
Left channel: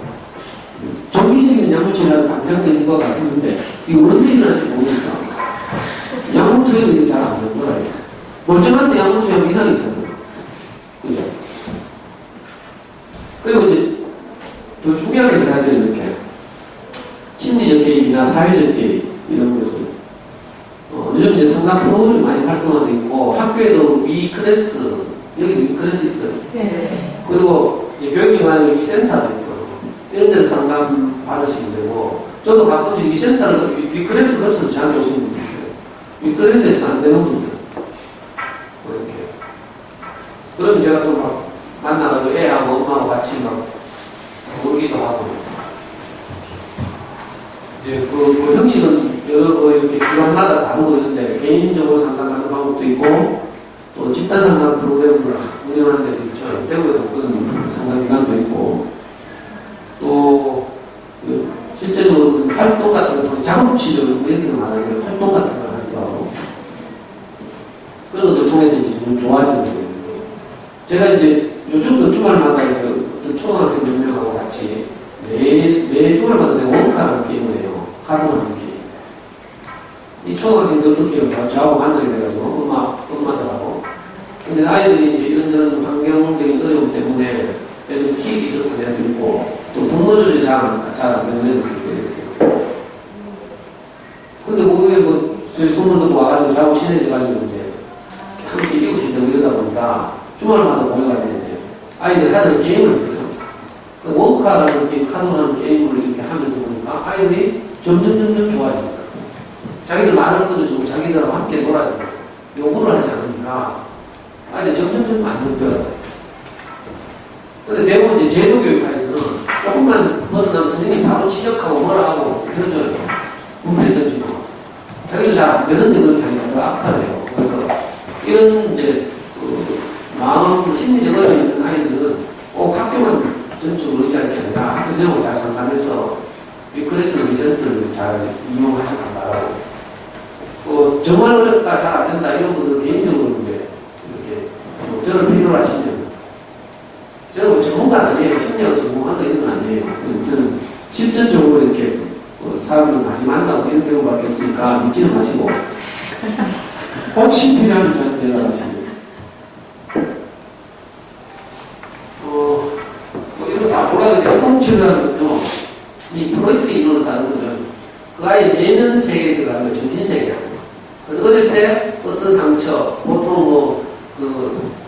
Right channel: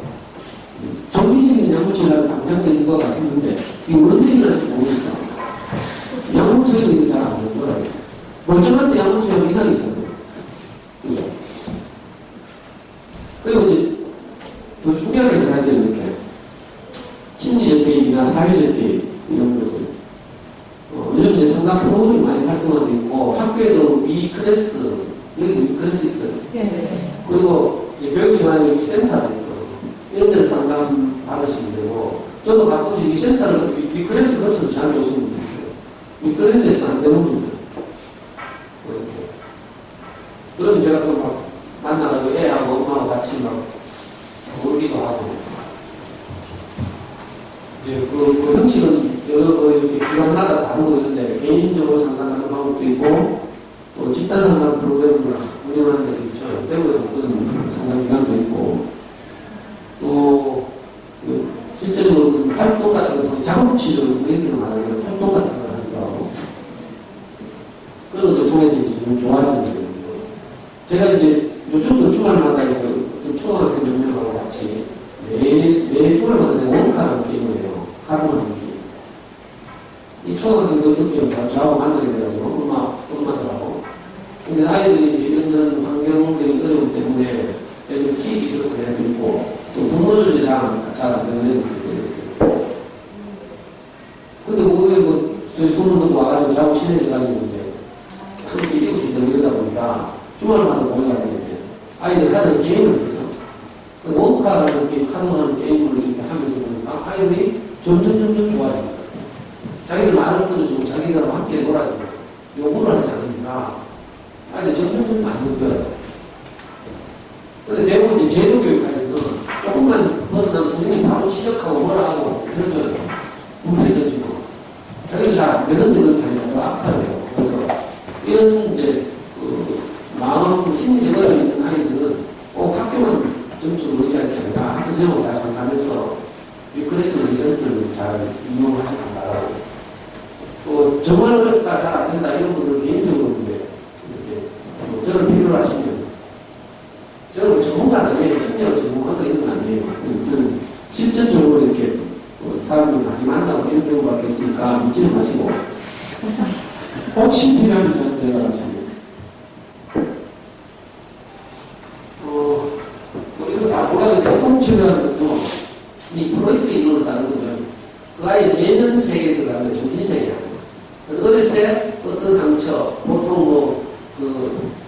정기적인 약물치료는 당장적인 것 같았는데, 이게 어떻게 일어날지 모르니까. 약물치료도 이게 잘 안 되는 거라요. 멀쩡한데 약물치료는 이상이잖아요. 그죠? 그리고 이제, 더 중요한 게 사실 이렇게, 심리적 개입이나 사회적 개입, 이런 것들. 요즘 이제 상담 프로그램이 많이 활성화되어 있고, 학교에도 위클래스, 여기도 위클래스 있어요. 네. 그리고 교육청안에 이 센터가 있거든요. 이런 데서 상담 받으시면 되고, 저도 가끔씩 이 센터를, 위클래스 거쳐서 저한테 오시는 분들 있어요. 위클래스에서는 안 되는 분들. 이렇게. 그러면 제가 또 막 만나가지고 애하고 엄마하고 같이 막 놀기도 하고. 이제 그 형식은 여러 이렇게 기관마다 다르고 있는데, 개인적으로 상담하는 방법도 있고, 또 집단 상담 프로그램을 운영하는 데도 있죠. 대구에도 그런 상담기관도 있고, 또, 실제적으로 무슨 활동 같은 거, 작업치료, 이렇게 말하기로 활동 같은 걸 하기도 하고, 그런 것들 통해서 이제 좀 좋아지는 거예요. 제가 이제 요즘도 주말마다 이제 초등학생 몇 명하고 같이 매 주말마다 내가 원카라는 게임을 해요. 카드를 하는 게임. 이 초등학생들 어떻게 해요? 저하고 만나게 돼가지고, 엄마들하고. 근데 아이들이 이제 이런저런 환경적인 어려움 때문에 예를 들어 킥이 있어서 애들도 있고 또 동물 조절이 잘 안 되는 애들도 있어요. 근데 뭐 그게 뭐 저희 소문 듣고 와가지고 자고 친해져가지고 이제 함께 이웃이 되고 이러다 보니까 주말마다 모여가지고 이제 아이들 하는 게임을 했어요. 원카라는 게임, 카드하는 게임을 이렇게 하면서 보니까 아이들이 점점 좋아집니다. 자기들 말을 들어주고 자기들하고 함께 놀아주고 요구를 하지 않으니까 아니, 점점 안 느껴요. 근데 대부분 이제 제도교육까지는 조금만 벗어나면 선생님이 바로 지적하고 뭐라 하고 그러죠. 문제를 던지고. 자기도 잘 안 되는데 그렇게 하니까 더 아파요. 그래서 이런 이제 마음, 심리적 어려움이 있는 아이들은 꼭 학교만 전적으로 의지할 게 아니라 학교 선생님하고 잘 상담해서 위클래스 리센터를 잘 이용하지 말라고. 또 정말 어렵다, 잘 안 된다 이런 분들은 개인적으로 저를 필요로 하시면 저는 전문가는 아니에요. 심리학 전문가도 이런 건 아니에요. 저는 실전적으로 이렇게 사람을 많이 만나고 이런 경우밖에 없으니까 믿지는 마시고 혹시 필요하면 저한테 연락하시면 됩니다. 이런 다 몰라도 교통치료라는 것도 이 프로이트 이론을 따른 거죠. 그 아이 내면 세계에 들어가는 정신세계야. 그래서 어릴 때 어떤 상처, 보통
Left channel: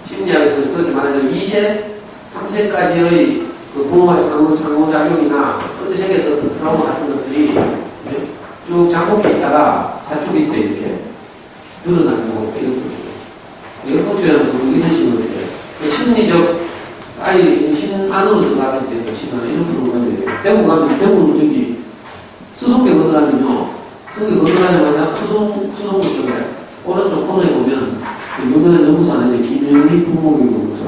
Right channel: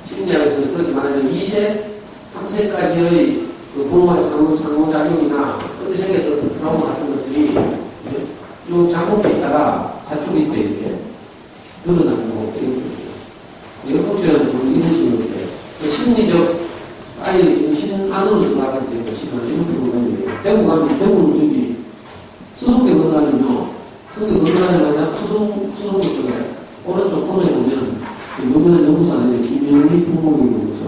심리학에서 그렇게 말하자면 2세, 3세까지의 그 부모와의 상호작용이나 어떤 세계에 어떤 트라우마 같은 것들이 쭉 잠복해 있다가 사춘기 때 이렇게 드러나는 거고, 이런 거죠. 교통치료라는 것도 이런 식으로 이렇게 심리적 아이의 정신 안으로 들어갔을 때 치료하는 이런 프로그램이에요. 대부분 저기 수송배 건너가면요. 수송배 건너가자마자 수송구 쪽에 오른쪽 코너에 보면 유명한 연구소 안에 김영리 부모교육 연구소.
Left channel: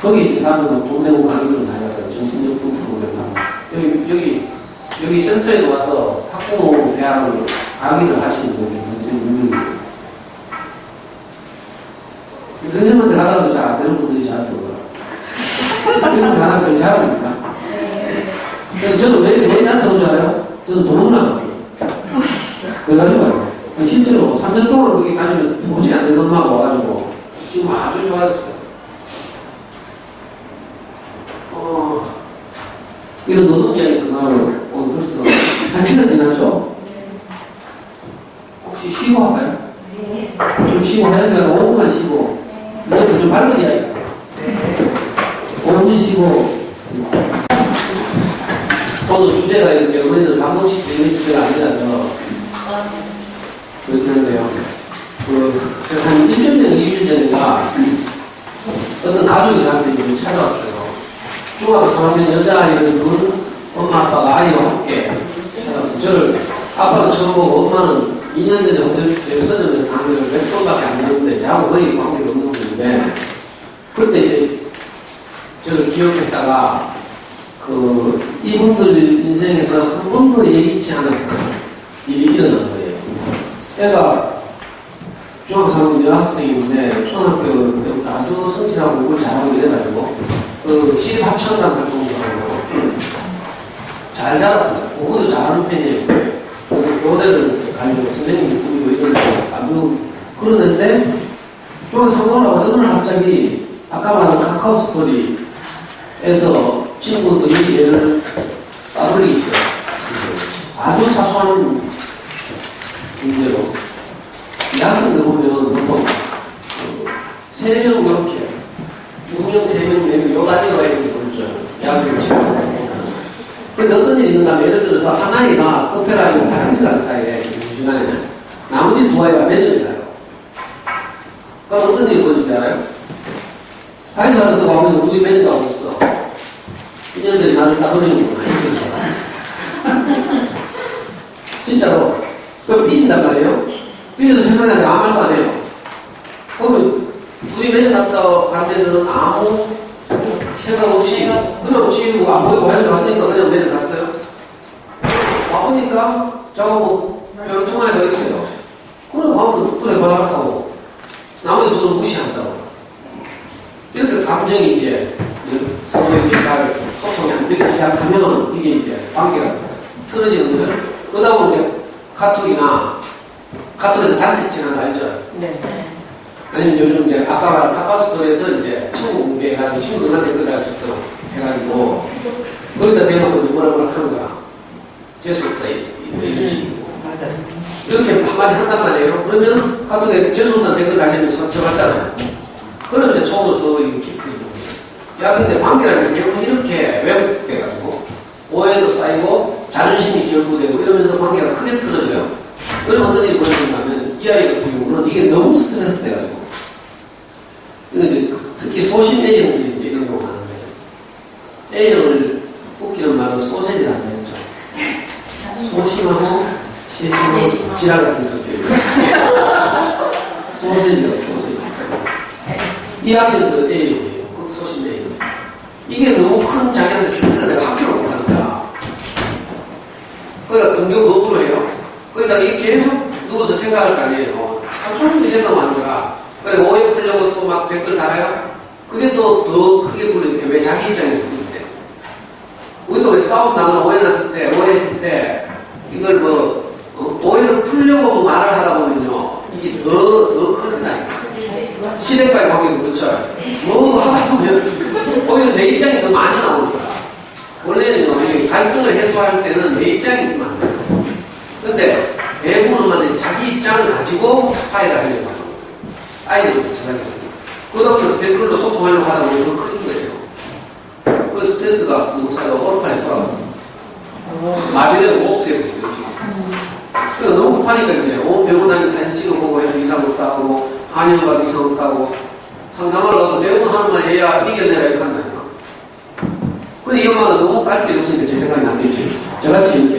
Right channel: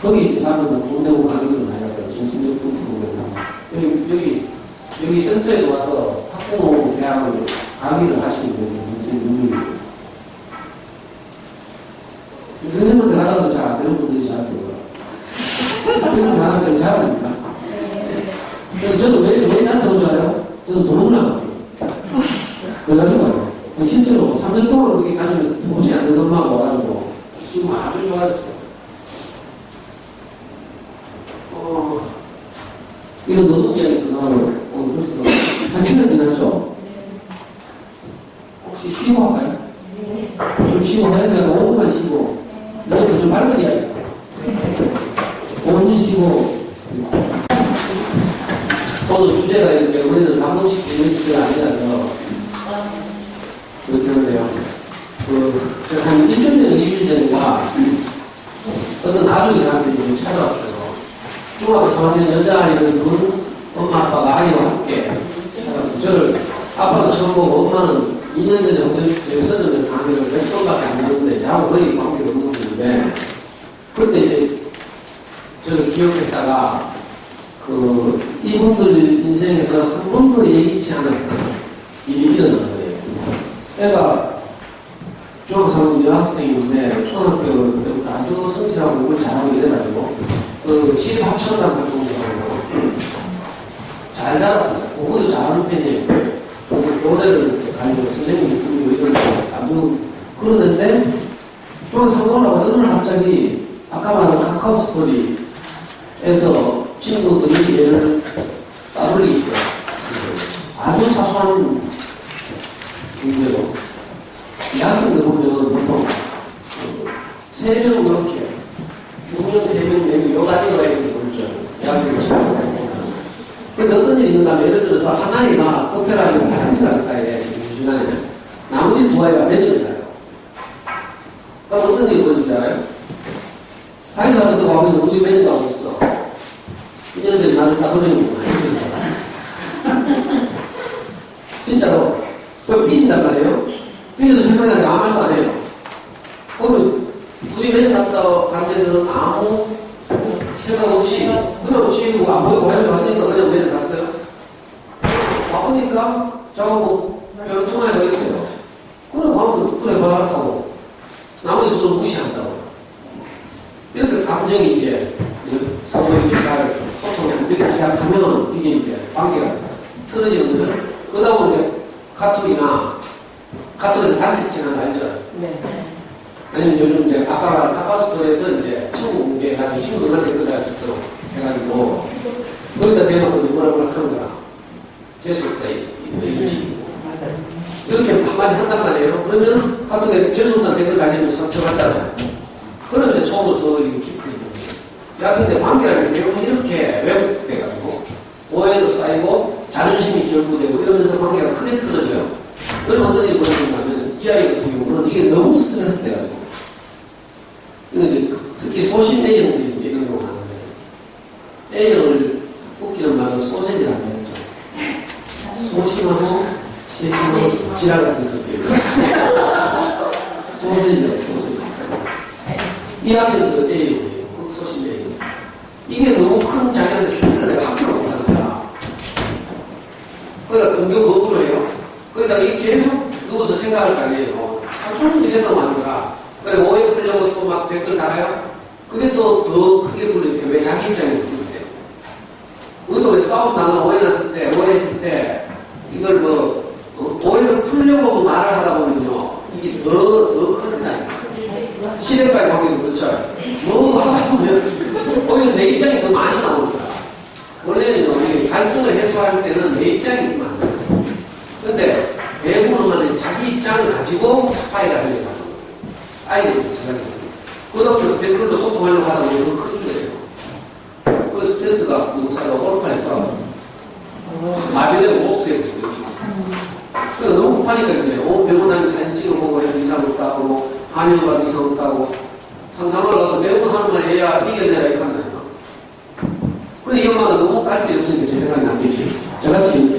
거기 이제 사람들은 돈 내고 강의를 많이 하더라고요. 정신적 프로그램. 여기 센터에 와서 학부모 대학을 강의를 하시는 분이 굉장히 유명해요. 선생님한테 가다가도 잘 안 되는 분들이 저한테 오더라고요. 선생님이 하나까지 잘합니까? 저는 왜 나한테 온 줄 알아요? 저는 돈을 나갔어요. 그래가지고 실제로 3년 동안 거기 다니면서 도저히 안 되는 엄마가 와가지고 지금 아주 좋아졌어요. 이런 노동 이야기 끝나면 오늘 벌써 1시간 지났죠? 혹시 쉬고 할까요? 좀 쉬고 해야지 5분만 쉬고 이제 좀 밝은 이야기 5분 쉬고 오늘 주제가 이렇게 우리는 한 번씩 되는 주제가 아니라서 그렇게 한데요. 한 1년 전, 2일 전인가 어떤 가족이 저한테 이제 찾아왔어요. 중학교 3학년 여자아이를 둔 엄마 아빠가 아이와 함께 찾아와서 저를 아빠도 처음 보고 엄마는 2년 전에 서점에서 강의를 몇 번밖에 안 했는데 저하고 거의 관계가 없는 분인데 그때 이제 저를 기억했다가 이분들 인생에서 한 번도 예기치 않았던 일이 일어난 거예요. 애가 중학교 3학년 여학생인데 초등학교 때부터 아주 성실하고 공부를 잘하고 이래가지고 시립 합창단 활동을 하고 잘 자랐어요. 공부도 잘하는 편이에요. 그래서 교대를 가지고 선생님이 꾸미고 이런 아주 그러는데 중학교 3학년하고 어느 날 갑자기 아까 말한 카카오 스토리에서 친구들이 얘를 따돌리기 시작해요. 아주 사소한 문제로. 이 학생들 보면 보통 3명 이렇게 2명, 3명, 4명 요 가지고 애들이 보죠. 이 학생들 친구. 근데 어떤 일이 있는가 하면 예를 들어서 한 아이가 급해가지고 화장실 간 사이에 이 시간에 나머지 2아이가 매점에 가요. 그럼 어떤 일이 벌어질지 알아요? 화장실 가서 가면 우리 매점가 없어. 이년들이 나를 따돌리는구나. 진짜로. 그럼 삐진단 말이에요. 삐져도 생각나는데 아무 말도 안 해요. 그러면 우리 매점 갔다 간 데들은 아무 생각 없이 그냥 지금 안 보이고 화장실 갔으니까 그냥 매점 갔어요. 와보니까 저하고 별로 통화가 있어요. 그래 가면 그래 바락하고 나머지 둘은 무시한다고. 이렇게 감정이 이제 서로에게 잘 소통이 안 되기 시작하면 이게 이제 관계가 틀어지는 거예요. 그러다 보면 이제 카톡에서 단체칭 하나 알죠? 네. 아니면 요즘 이제 아까 말한 카카오스토리에서 이제 친구 공개해가지고 친구들한테 댓글 수 있도록 해가지고 거기다 대놓고 뭐라 하는 거야. 재수없다 이런 식이고. 맞아요. 이렇게 한마디 한단 말이에요. 그러면 카톡에 재수없다는 댓글 달리면 상처받잖아요. 그러면 이제 속으로 더 깊이 야, 근데 관계라는 게 대부분 이렇게 왜곡돼가지고 오해도 쌓이고 자존심이 결부되고 이러면서 관계가 크게 틀어져요. 그러면 어떤 일이 벌어지냐면 이 아이 같은 경우는 이게 너무 스트레스 돼가지고 이제 특히 소심 A형들이 이제 이런 경우 하는데 A형을 웃기는 말로 소세지라고 했죠. 소심하고 시심하고 지랄 같은 스타일. 소세지라고 소세지. 이 학생들은 A형이에요. 소심 A형. 이게 너무 큰 자기한테 스트레스가 내가 학교를 못하는 거야. 그러니까 등교 거부를 해요. 그러니까 이게 계속 누워서 생각할 거 아니에요. 하루 생각만 하는 거야. 그래, 오해 풀려고 또 막 댓글 달아요? 그게 또 더 크게 불리게 왜 자기 입장에 있을 때. 우리도 우리가 왜 싸움 나거나 오해했을 때, 이걸 오해를 풀려고 말을 하다 보면요, 이게 더 커진다니까. 시대까지 관계도 그렇죠. 뭐 하다 보면, 오히려 내 입장이 더 많이 나오니까. 원래는 갈등을 해소할 때는 내 입장이 있으면 안 돼요. 근데 대부분 엄마들이 자기 입장을 가지고 화해를 하려고 하는 거예요. 아이들도 마찬가지예요. 그다음에 댓글로 소통하려고 하다 보면 더 커진 거예요. 그래서 스트레스가 누구 사이가 오르판에 돌아갔어요. 마비되고 목수되고 있어요, 지금. 그래서 너무 급하니까 이제 병원 다니면 사진 찍어보고 해도 이상 없다고, 한의원 가도 이상 없다고, 상담하러 가서 대부분 하는 말 얘야 이겨내라 이렇게 한다니까. 근데 이 엄마가 너무 깔게 없으니까 제 생각이 안 되지. 저같이 이렇게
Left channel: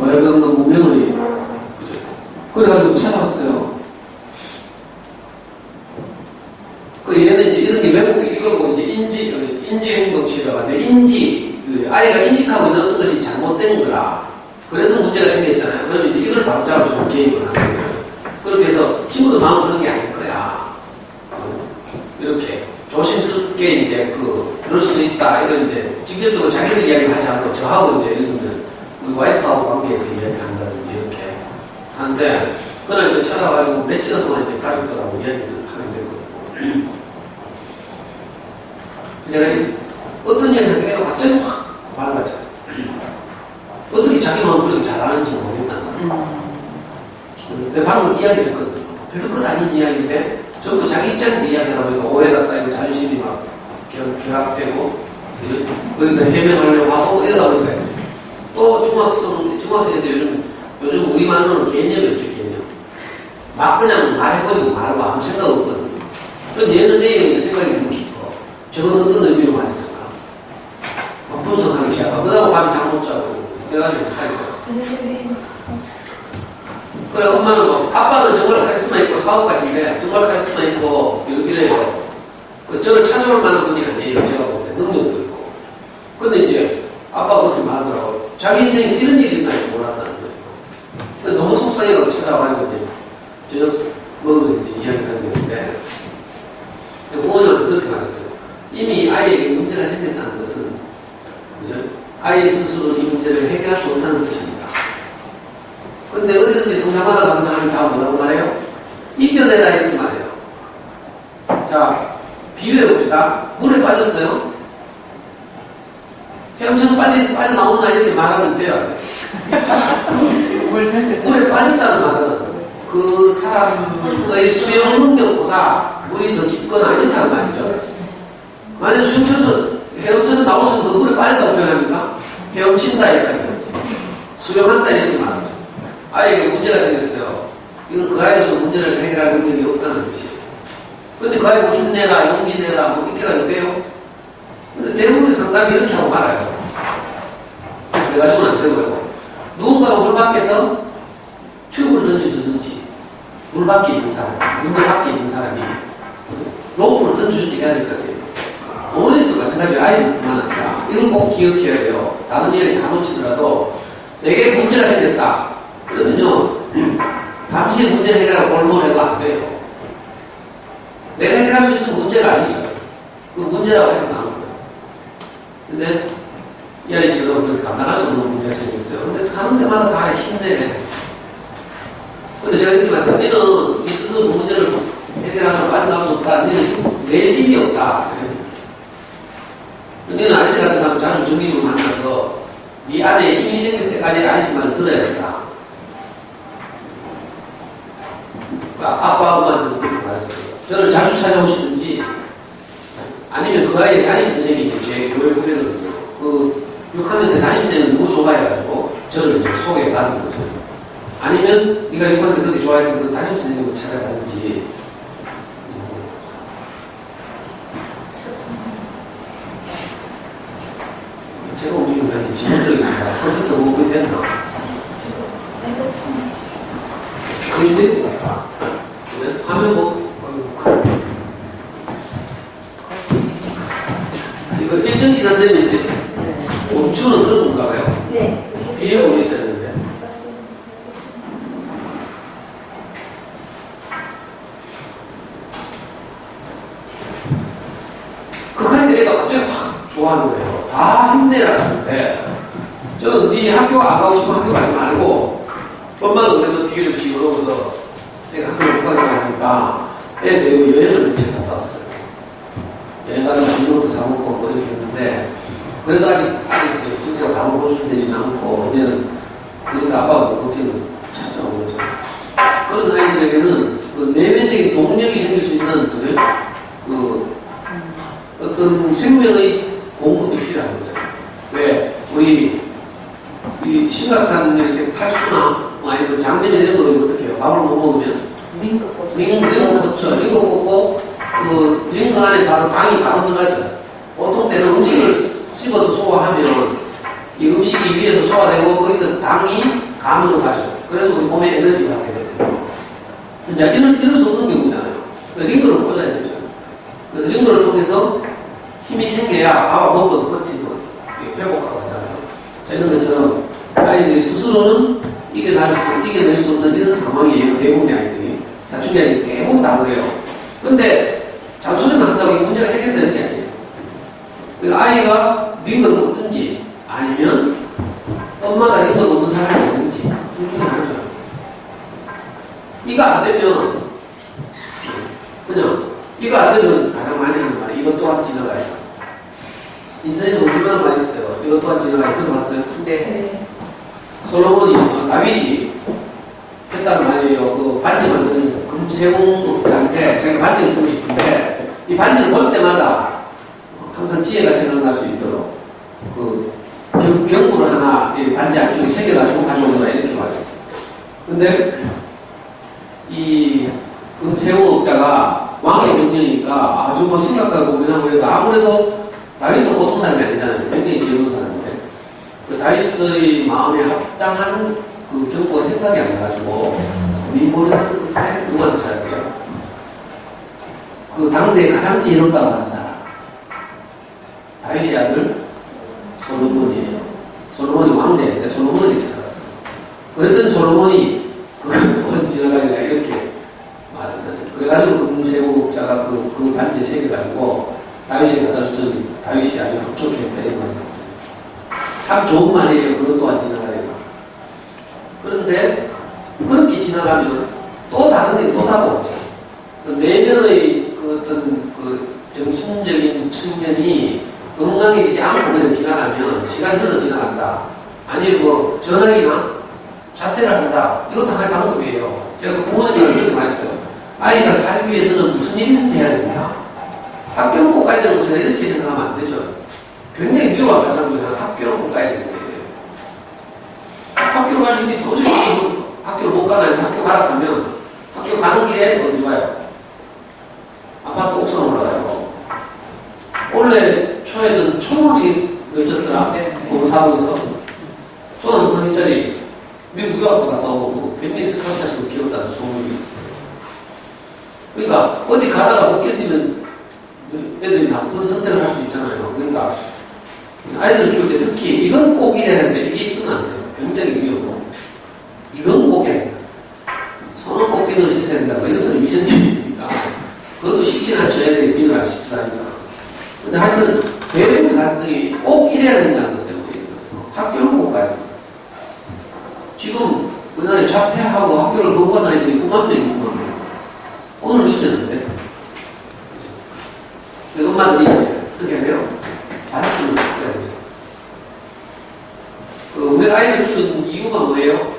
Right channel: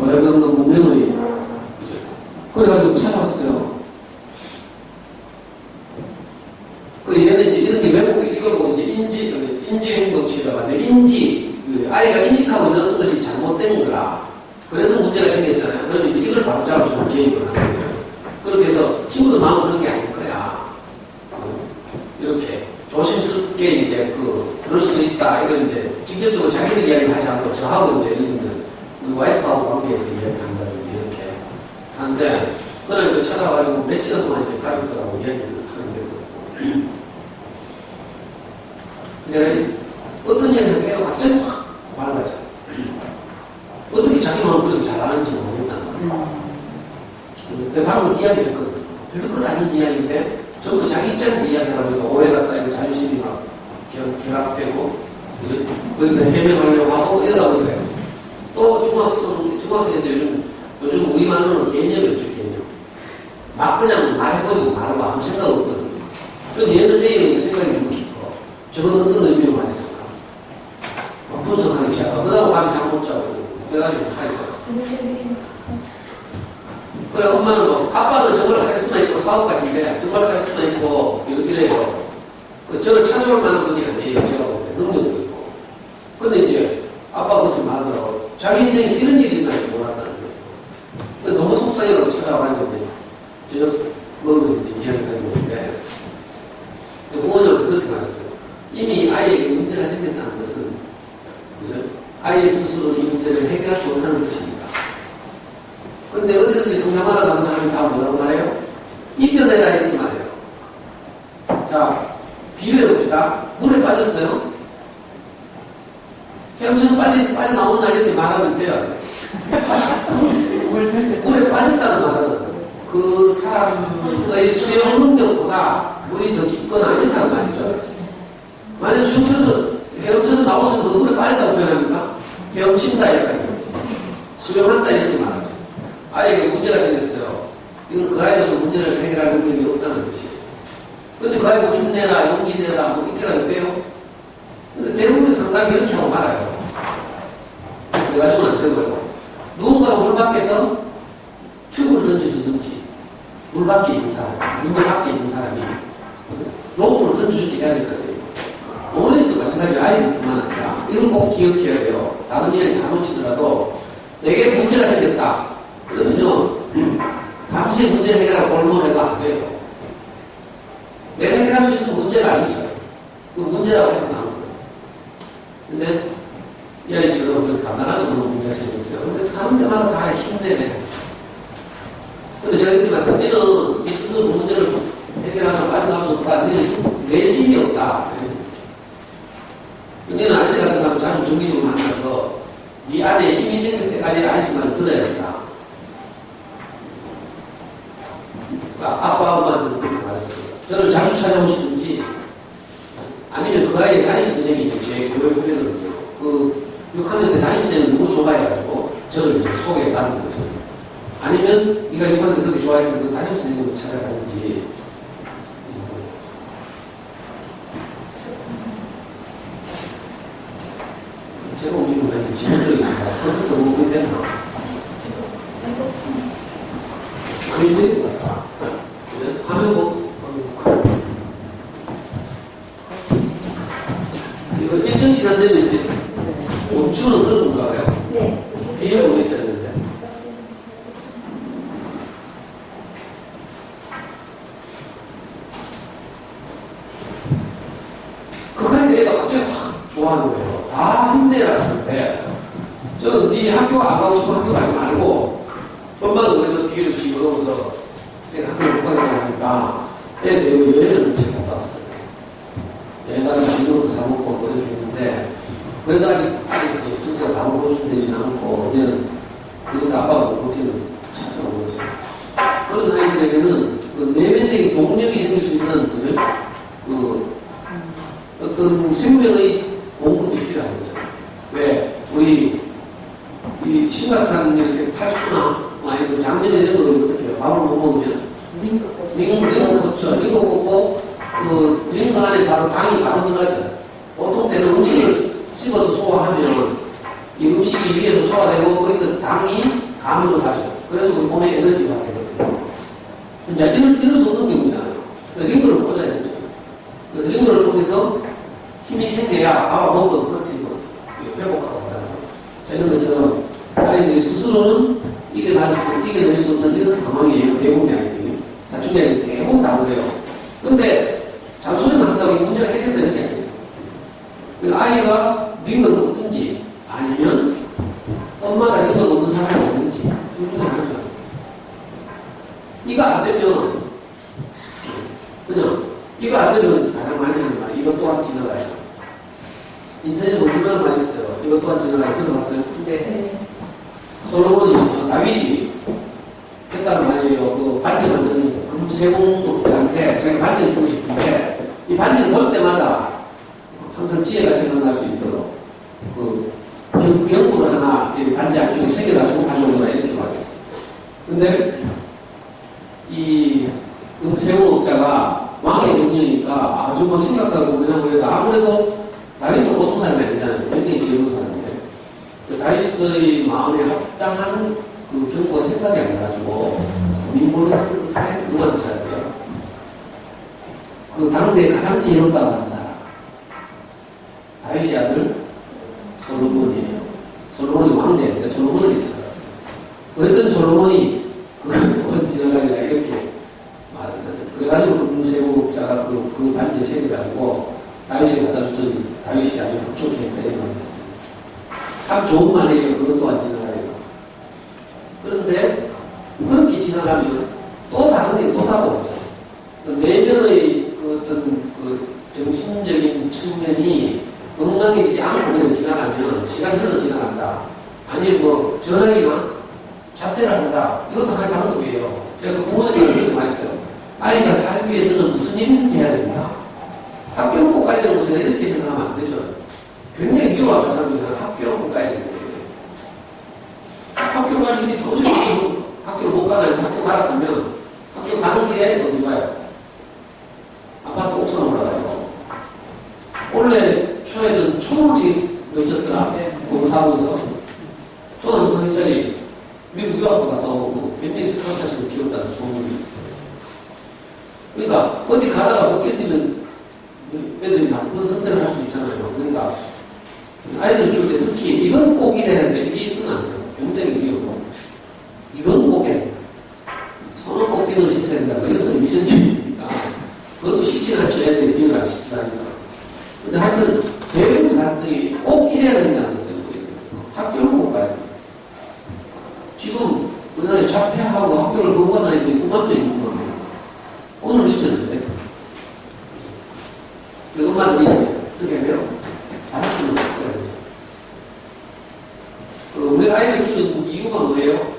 예를 들어 문명의 그죠? 그래가지고 찾아왔어요. 그리고 얘는 이제 이런 게 외국 이걸 보고 이제 인지행동 치료가 하는데 아이가 인식하고 있는 어떤 것이 잘못된 거라. 그래서 문제가 생겼잖아요. 그러면 이제 이걸 바로 잡아주는 개입을 하는 거예요. 그렇게 해서 친구들 마음 그런 게 아닐 거야. 이렇게 조심스럽게 이제 그럴 수도 있다. 이런 이제 직접적으로 자기들 이야기를 하지 않고 저하고 이제 이런 우리 와이프하고 관계에서 이야기를 한다든지 이렇게 하는데 그날 이제 찾아와가지고 몇 시간 동안 이제 가족들하고 이야기를 하게 되거든요. 내가 어떤 이야기를 하니까 애가 갑자기 확 말라져. 어떻게 자기 마음 그렇게 잘하는지 모르겠다는 거예요. 근데 방금 이야기를 했거든요. 별로 끝 아닌 이야기인데 전부 자기 입장에서 이야기하다 보니까 오해가 쌓이고 자존심이 막 결합되고 거기다 해명하려고 하고 이러다 보니까 또 중학생인데 요즘 우리말로는 개념이 없죠, 개념. 막 그냥 말해버리고 말하고 아무 생각 없거든요. 그런데 얘는 내용이 생각이 너무 깊어. 저건 어떤 의미로 말했을까? 막 분석하기 시작하고 그러다가 밤에 잠 못 자고 그래가지고 하니까. 그래, 엄마는 아빠는 정말 카리스마 있고 사업가신데 정말 카리스마 있고 이래요. 저를 찾아올 만한 분이 아니에요. 제가 볼 때 능력도 있고. 근데 이제 아빠가 그렇게 말하더라고요. 자기 인생에 이런 일이 있나 몰랐다는 거예요. 근데 너무 속상해가지고 찾아와가지고 이제 저녁 먹으면서 이제 이야기를 하는 건데 부모님은 그렇게 말했어요. 이미 아이에게 문제가 생겼다는 것은 그죠? 아이 스스로 이 문제를 해결할 수 없다는 뜻입니다. 근데 어디든지 상담하러 가는 사람이 다 뭐라고 말해요? 이겨내라 이렇게 말해요. 자, 비유해봅시다. 물에 빠졌어요. 헤엄쳐서 빨리 빠져나온다 이렇게 말하면 돼요. 물에 빠졌다는 말은 그 사람의 수영 능력보다 물이 더 깊거나 아니다는 말이죠. 만약 헤엄쳐서 나왔으면 그 물에 빠졌다고 표현합니까? 헤엄친다 이렇게 수영한다 이렇게 말하죠. 아이에게 문제가 생겼어요. 이건 그 아이로서 문제를 해결할 능력이 없다는 뜻이에요. 근데 그 아이가 힘내라, 용기 내라, 뭐 이렇게가 있대요. 근데 대부분의 상담이 이렇게 하고 말아요. 그래가지고는 안 되는 거예요. 누군가가 물 밖에서 튜브를 던져주든지, 물 밖에 있는 사람, 문제 밖에 있는 사람이 로프를 던져주든지 해야 될 것 같아요. 어머니도 마찬가지로 아이들뿐만 아니라 이걸 꼭 기억해야 돼요. 다른 이야기 다 놓치더라도 내게 문제가 생겼다. 그러면요, 잠시 문제를 해결하고 골몰해도 안 돼요. 내가 해결할 수 있는 문제가 아니죠. 그 문제라고 해서 나오는 거예요. 근데 이 아이처럼 감당할 수 없는 문제가 생겼어요. 근데 가는 데마다 다 힘내네. 근데 제가 이렇게 말씀드려요. 너는 이 스스로 문제를 해결하고 빠져나올 수 없다. 너는 낼 힘이 없다. 너는 아저씨 같은 사람 자주 정기적으로 만나서 네 안에 힘이 생길 때까지 아저씨 말을 들어야 된다. 아빠, 엄마한테 그렇게 말했어요. 저를 자주 찾아오시든지, 아니면 그 아이의 담임선생님이 제 교회 후배들은요, 그 6학년 때 담임선생님을 너무 좋아해가지고, 저를 이제 소개받은 거죠. 아니면, 네가 6학년 때 그렇게 좋아했던 그 담임선생님을 찾아가든지, 제가 움직이면 지문적인 컴퓨터 공부이 됐나? 스크린이 화면 보고 이거 일정 시간 되면 이제 멈추는 그런 건가 봐요. 네. 뒤에 보고 있어야 되는데. 극한인데 애가 갑자기 확 좋아하는 거예요. 다 힘내라 하는데 저는 네 학교 안 가고 싶으면 학교 가지 말고, 엄마도 그래도 뒤를 집어넣어서 내가 학교를 못 가게 하니까 애 데리고 여행을 며칠 갔다 왔어요. 여행 가서 맛있는 것도 사먹고 뭐 이렇게 했는데, 그래도 아직 정체가 다 보여주되지는 않고, 이제는, 그러니까 아빠가 걱정을 찾아오는 거죠. 그런 아이들에게는 그 내면적인 동력이 생길 수 있는, 그죠? 그, 어떤 생명의 공급이 필요한 거죠. 왜? 우리, 이 심각한 이렇게 탈수나, 아니면 장염이나 이런 거를 어떻게 해요? 밥을 못 먹으면? 링거 꽂죠. 링거 꽂고, 그, 링거 안에 바로 당이 바로 들어가죠. 보통 때는 음식을 씹어서 소화하면, 이 음식이 위에서 소화되고, 거기서 당이 간으로 가죠. 그래서 우리 몸에 에너지가 되거든요. 자, 이럴 수 없는 경우잖아요. 링거를 꽂아야 되죠. 그래서 링거를 통해서 힘이 생겨야 밥을 먹고 버티고 회복하고 하잖아요. 이런 것처럼 아이들이 스스로는 이겨낼 수 없는 이런 상황이에요. 대부분의 아이들이. 사춘기 아이들이 대부분 다 그래요. 근데 잔소리만 한다고 이 문제가 해결되는 게 아니에요. 그러니까 아이가 링거를 꽂든지 아니면 엄마가 링거 꽂는 사람이 있는지 둘 중에 하나죠. 이거 안 되면 그죠? 이거 안 되면 가장 많이 하는 말 이것 또한 지나가야. 인터넷에 얼마나 많이 있어요. 이것 또한 지나가야. 들어봤어요? 네. 솔로몬이 다윗이 했단 말이에요. 그 반지 만드는 금세공자한테 자기 반지를 주고 싶은데 이 반지를 볼 때마다 항상 지혜가 생각날 수 있도록 그 경부를 하나 이 반지 안쪽에 새겨가지고 가져오거나 이렇게 말했어요. 근데 이 금세공업자가 왕의 명령이니까 아주 막 심각하고 고민하고 해도 아무래도 다윗도 보통 사람이 아니잖아요. 굉장히 지혜로운 사람인데 그 다윗의 마음에 합당한 그 경고가 생각이 안 나가지고 민보를 하는 것에 누구한테 잘할게요? 그 당대에 가장 지혜롭다고 하는 사람 다윗의 아들 솔로몬이에요. 솔로몬이 왕자인데 솔로몬이 찾아갔어요. 그랬더니 솔로몬이 그걸 또한 지나가리라 이렇게 말을 하죠. 그래가지고 그 금세공업자가 그 반지에 새겨가지고 다윗이 갖다 줬더니 다윗이 아주 흡족해 배려만 했어요. 참 좋은 말이에요. 그것 또한 지나가리라. 그런데 그렇게 지나가면 또 다른 게 또 나고 내면의 그 어떤 그 정신적인 측면이 건강해지지 않고 그냥 지나가면 시간이 흘러 지나간다. 아니면 뭐 전화기나 자퇴를 한다. 이것도 하나의 방법이에요. 제가 그 부모님한테 그렇게 말했어요. 아이가 살기 위해서는 무슨 일인지 해야 됩니다. 학교는 꼭 가야 되는 것이다. 이렇게 생각하면 안 되죠. 굉장히 위험한 발상이잖아요. 학교는 꼭 가야 되는데. 학교 갈 일이 도저히 학교를 못 가나요? 학교 가라 하면 학교 가는 길에 어디 가요? 아파트 옥상 올라가요. 원래 초에는 초등학생 늦었더라. 공사하면서 초등학생 1짜리 미국 유학도 갔다 오고 굉장히 스카우트하시고 키웠다는 소문이 있어요. 그러니까 어디 가다가 못 견디면 애들이 나쁜 선택을 할 수 있잖아요. 그러니까 아이들 키울 때 특히 이건 꼭 이래야 되는데 이게 있으면 안 돼요. 굉장히 위험하고 이건 꼭 해야 돼요. 손은 꼭 비늘을 씻어야 된다. 이런 건 미션주의입니다. 그것도 쉽지는 않죠. 애들이 비늘 안 씻으라니까. 근데 하여튼 대부분의 가족들이 꼭 이래야 된다는 것 때문에 학교는 꼭 가야 돼요. 지금 우리나라에 자퇴하고 학교를 거부한 아이들이 9만 명이 있는 겁니다. 오늘 뉴스였는데 그 엄마들이 이제 어떻게 해요? 받아치는 거예요. 그 우리가 아이를 키우는 이유가 뭐예요?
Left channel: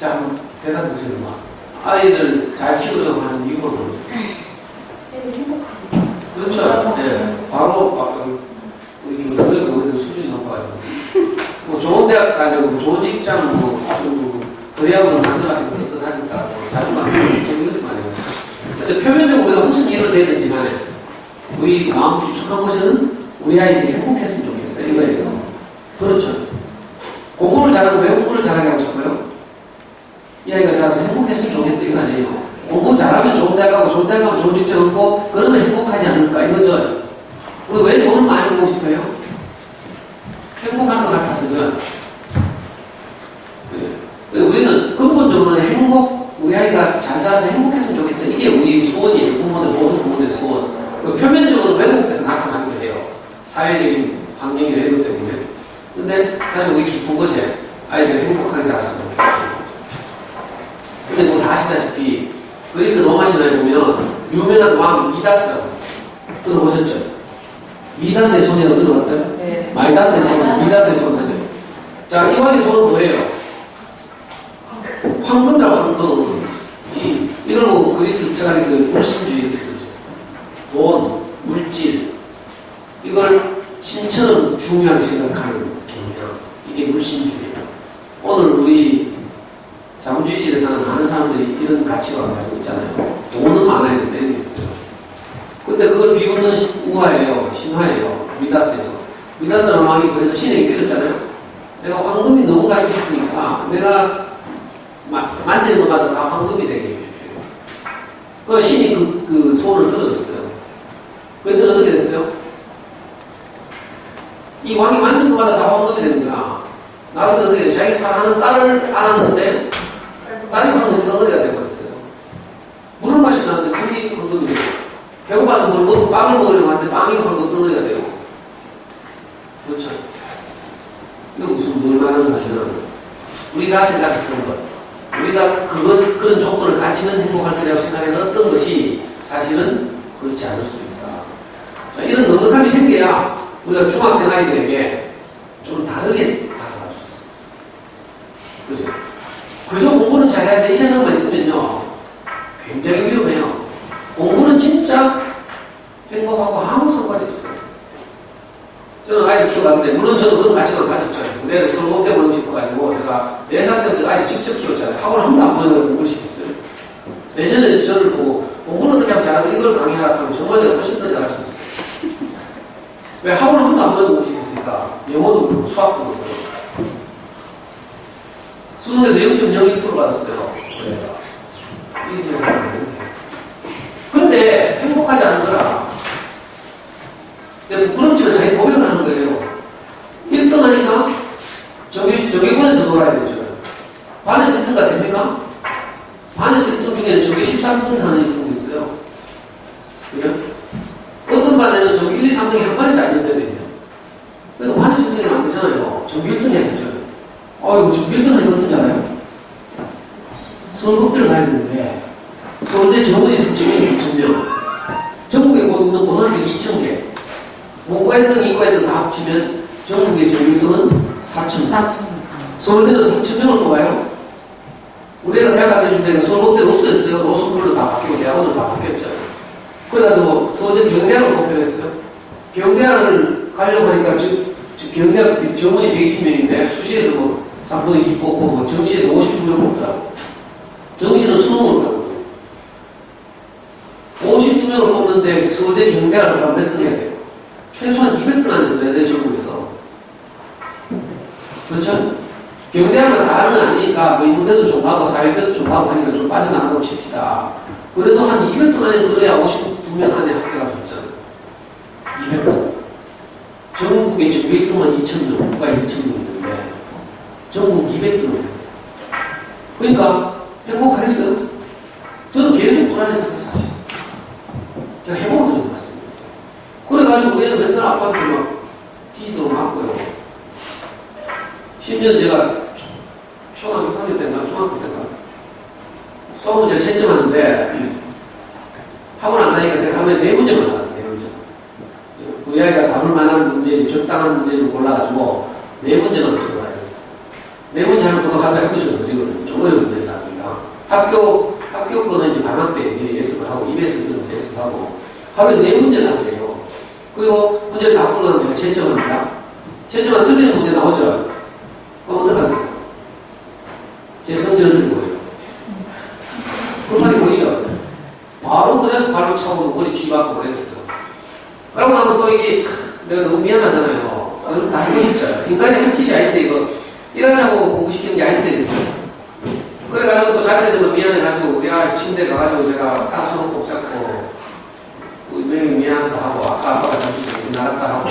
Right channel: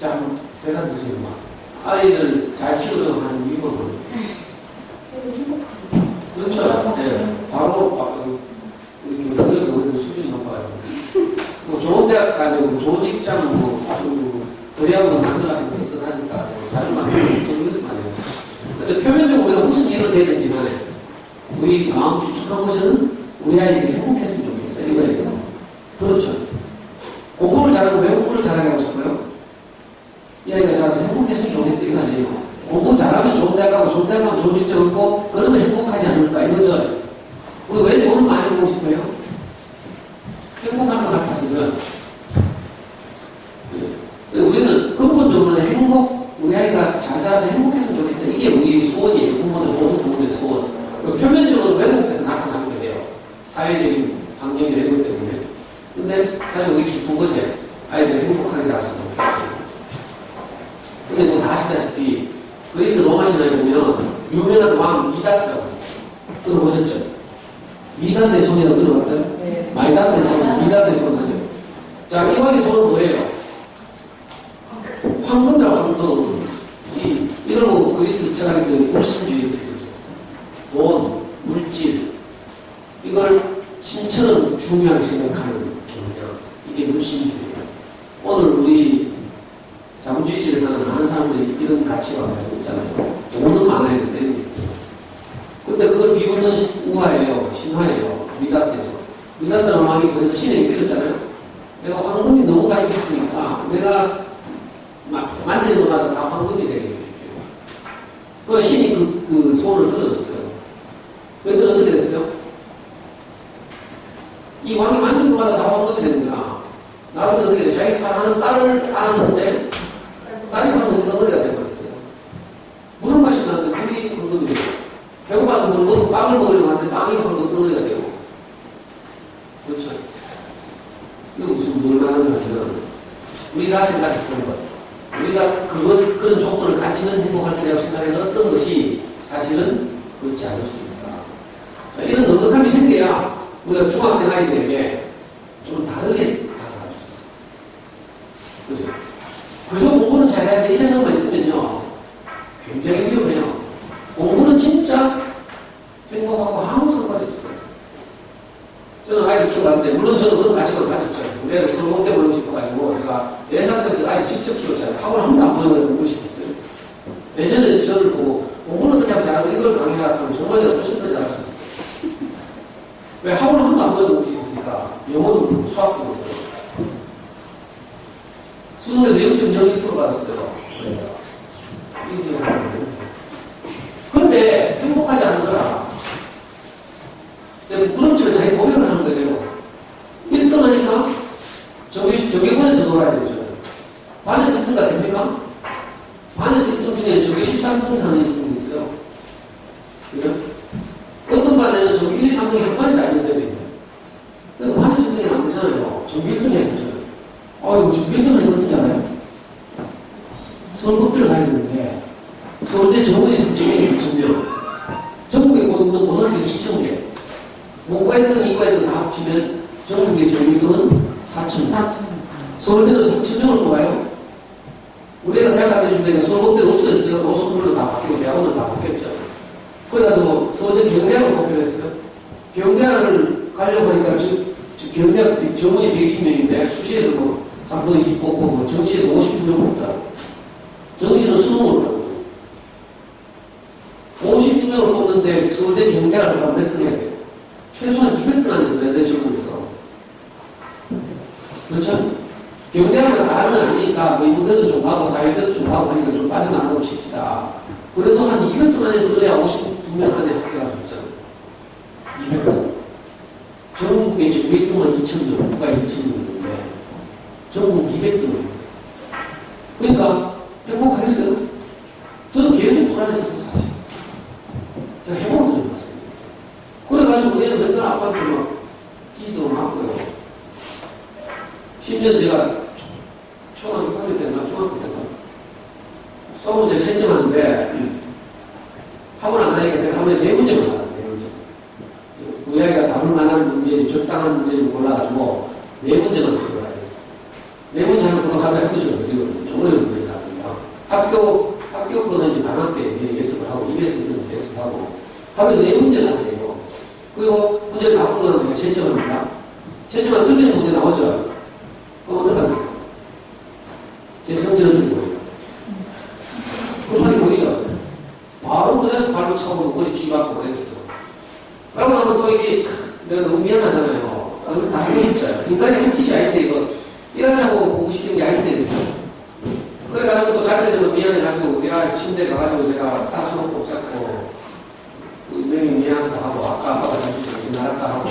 자, 한번 대답해 보세요. 아이를 잘 키우려고 하는 이유가 뭐예요? 그렇죠. 네. 바로 우리 교육의 수준이 높아요. 뭐 좋은 대학 가려고 뭐 좋은 직장 의학을 만들어가지고 어떡하니까 자주 만들고 이런 말이에요. 근데 표면적으로 우리가 무슨 일을 되든지 간에 우리 마음 깊숙한 곳에는 우리 아이들이 행복했으면 좋겠어요. 이거예요. 그렇죠. 공부를 잘하고 왜 공부를 잘하게 하고 싶어요? 이 아이가 잘해서 행복했으면 좋겠다 이거 아니에요. 공부 잘하면 좋은 대학 가고 좋은 대학 가면 좋은 직장 얻고 그러면 행복하지 않을까 이거죠. 우리가 왜 돈을 많이 벌고 싶어요? 행복할 것 같아서죠. 우리는 근본적으로는 우리 아이가 잘 자라서 행복했으면 좋겠다. 이게 우리 소원이에요. 모든 부모들의 소원. 표면적으로 외국에서 나타나기도 해요. 사회적인 환경이 이런 것 때문에. 근데 사실 우리 기쁜 것이 아이들이 행복하게 자랐으면 좋겠어요. 근데 뭐 다 아시다시피 그리스 로마 신화에 보면 유명한 왕 미다스라고 있어요. 들어보셨죠? 미다스의 소녀는 들어봤어요? 네. 마이다스의 소녀, 미다스의 소녀죠. 자, 이 왕의 소는 뭐예요? 황금이라고 황금. 이걸 보고 그리스 철학에서 물신주의 이렇게 그러죠. 돈, 물질, 이걸 신처럼 중요하게 생각하는 경향. 이게 물신주의예요. 오늘 우리 자본주의시대에 사는 많은 사람들이 이런 가치관을 가지고 있잖아요. 돈은 많아야 된다는 게 있어요. 근데 그걸 비웃는 우화예요. 신화예요. 미다스에서. 미다스라는 왕이 그래서 신에게 빌었잖아요. 내가 황금이 너무 가지고 싶으니까 내가 만지는 것마다 다 황금이 되게 해주십시오. 그 신이 그 소원을 들어줬어요. 그랬더니 어떻게 됐어요? 이 왕이 만지는 것마다 다 황금이 되는 거야. 나중에 어떻게 돼요? 자기 사랑하는 딸을 안았는데 딸이 황금 덩어리가 되어버렸어요. 물을 마시려는데 물이 황금이 되고, 배고파서 빵을 먹으려고 하는데 빵이 황금 덩어리가 되고. 그렇죠? 이거 무슨 뭘 말하는 것이면, 우리가 생각했던 것, 우리가 그런 조건을 가지면 행복할 거라고 생각했던 어떤 것이 사실은 그렇지 않을 수 있다. 자, 이런 넉넉함이 생겨야 우리가 중학생 아이들에게 좀 다르게 다가갈 수 있어요. 그죠? 그래서 공부는 잘해야 돼. 이 생각만 있으면요, 굉장히 위험해요. 공부는 진짜 행복하고 아무 상관이 없어요. 저는 아이들 키워봤는데, 물론 저도 그런 가치관을 가졌죠. 내가 서울 때문에 싶어가지고, 제가 4살 때부터 아이들 직접 키웠잖아요. 학원 한 번도 안 보내고 공부를 시켰어요. 내년에 저를 보고, 공부는 어떻게 하면 잘하고 이걸 강의하라 하면 정말 내가 훨씬 더 잘할 수 있어요. 왜 학원 한 번도 안 보내고 공부 시켰으니까, 영어도 그렇고, 수학도 그렇고. 수능에서 0.01% 받았어요. 근데 행복하지 않은 거라. 부끄럽지만 자기 고백을 하는 거예요. 1등 하니까 정규군에서 놀아야 되죠. 반에서 1등 같습니까? 반에서 1등 중에는 정규 13등 하는 1등이 있어요. 그죠? 어떤 반에는 정규 1, 2, 3등이 한 반이 다 있는 데도 있네요. 그러니까 반에서 1등이 안 되잖아요. 정규 1등이 아니죠. 이거 정규 1등 하니까 어떤지 알아요? 서울법대를 가야 되는데, 서울대 정원이 3,000명, 3,000명. 전국에 있는 고등학교 2,000개. 문과 1등, 이과 1등 다 합치면 전국의 정규 1등은 4,000명. 서울대는 3,000명을 뽑아요. 우리가 대학 가게 준 데가 서울법대가 없어졌어요. 로스쿨도 다 바뀌고 대학원도 다 바뀌었죠. 그래가지고 서울대 경대학을 뽑혀했어요. 경대학을 가려고 하니까 경대학 정원이 120명인데 수시에서 뭐 3분의 2 뽑고 뭐 정시에서 59명 뽑더라고. 정시는 수능으로 가고 52명을 뽑는데 서울대 경대학을 가면 몇 등 해야 돼요? 최소한 200등 안에 들어야 돼요, 전국에서. 그렇죠? 경대학은 다 하는 건 아니니까 뭐 인문대도 좀 하고 사회대도 좀 하고 하니까 좀 빠져나가고 칩시다. 그래도 한 200등 안에 들어야 52명 안에 합격할 수 있잖아요. 200등. 전국에 지금 1등만 2,000명, 국가에 2,000명 있는데 전국 200등을. 그러니까 행복하겠어요? 저는 계속 불안했어요, 사실. 제가 해보고 들어봤습니다. 그래가지고 얘는 맨날 아빠한테 막 뒤지도록 맞고요. 심지어 제가 초등학교 6학년 때인가, 중학교 때인가, 수학 문제를 채점하는데, 학원 안 가니까 제가 하루에 4문제만 하거든요, 4문제. 우리 아이가 답을 만한 문제, 적당한 문제를 골라가지고, 4문제만 들어가야 됐어요. 4문제 하면 보통 하루에 한두 시간 걸리거든요. 좀 어려운 문제를 다 보니까. 학교 거는 이제 방학 때 미리 예습을 하고, 입에서 들으면서 예습하고, 하루에 4문제나 해요. 그리고 문제를 다 풀어가면 제가 채점합니다. 채점만 틀리는 문제 나오죠? 그럼 어떡하겠어요? 제 성질은 어떻게 보여요? 급하게 보이죠? 바로 그 자리에서 발로 차고 머리 쥐박고 그랬어요. 그러고 나면 또 이게 내가 너무 미안하잖아요. 그걸 다 쓰고 싶죠. 인간의 한 짓이 아닌데 이거 일하자고 공부시키는 게 아닌데 그죠? 그래가지고 또 잘 때 되면 미안해가지고 우리 침대에 가가지고 제가 딱 손을 꼭 잡고 분명히 미안하다 하고 아까 아빠가 잠시 지나갔다 하고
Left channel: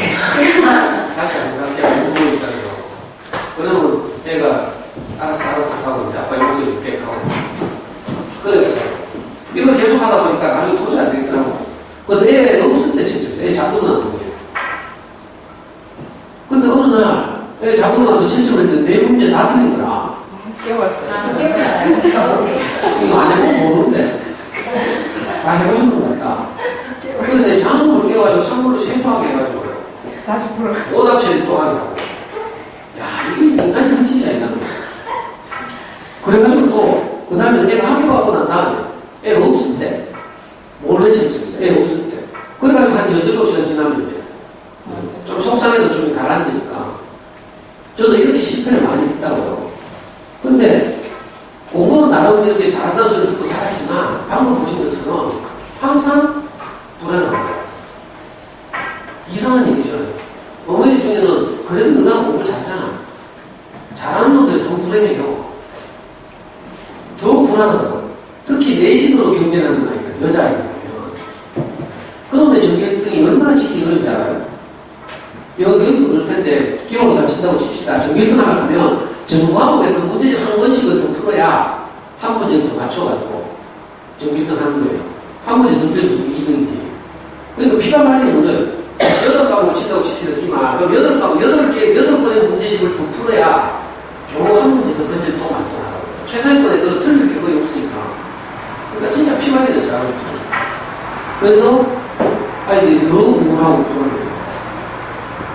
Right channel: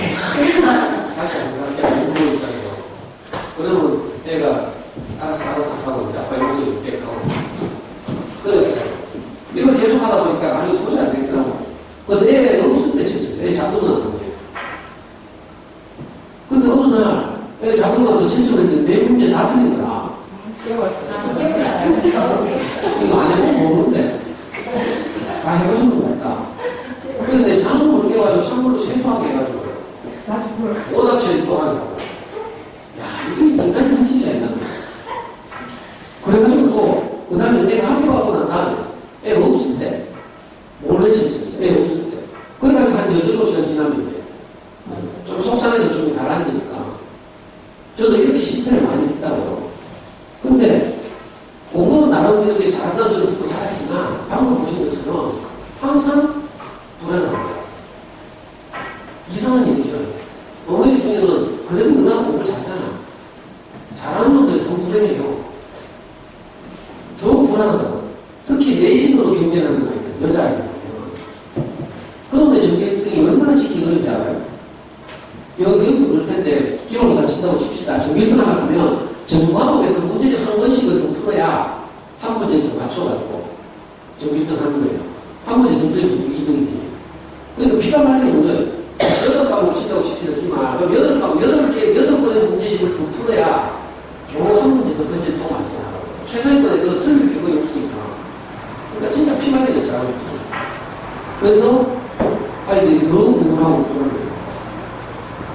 다시 안 가게 울고 있잖아요. 그러면 애가 알았어 하고 이제 아빠 용서 이렇게 하고 그랬잖아요. 이걸 계속 하다 보니까 나중에 도저히 안 되겠더라고. 그래서 애가 없을 때 진짜 애 자꾸는 안 보여요. 근데 어느 날 애 잡고 나서 7점 했는데 내 문제 다 틀린 거라. 깨웠어요. 깨우잖아요. 이거 안 해보면 모르는데. 다 해보신 분 같다. 그런데 자동으로 깨워가지고 찬물로 세수하게 해가지고. 다시 불러. 오답 처리 또 하게 하고. 야, 이게 인간이 문제자, 인간. 그래가지고 또, 그 다음에 애가 학교 가고 난 다음에 애가 없을 때, 몰래 채점했어. 애가 없을 때. 그래가지고 한 6, 7시간 지나면 이제, 좀 속상해도 좀 가라앉으니까. 저도 이렇게 실패를 많이 했다고요. 근데, 공부는 나름 이렇게 잘한다는 소리를 듣고 잘했지만, 방금 보신 것처럼 항상 불안합니다. 이상한 얘기죠. 어머니 중에는 그래도 너가 공부 잘하잖아. 잘하는 놈들이 더 불행해요. 더 불안하다고. 특히 내신으로 경쟁하는 아이들, 여자아이들. 그놈의 전교 1등이 얼마나 지키기 어려운지 알아요? 여기도 그럴 텐데, 기록을 다 친다고 칩시다. 전교 1등 하나 가면, 전 과목에서 문제집 한 번씩은 더 풀어야 한 문제 더 맞춰가지고, 전교 1등 하는 거예요. 한 문제 더 틀리면 전교 2등이지. 그러니까 피가 말리는 거죠. 8과목을 친다고 칩시다, 기만. 그럼 8번의 문제집을 더 풀어야 겨우 한 문제 더 던질 동안 또 나가고. 최상위권에 들어 틀릴 게 거의 없으니까. 그러니까 진짜 피 말리는 작업이죠. 그래서 아이들이 더 공부하고 그러는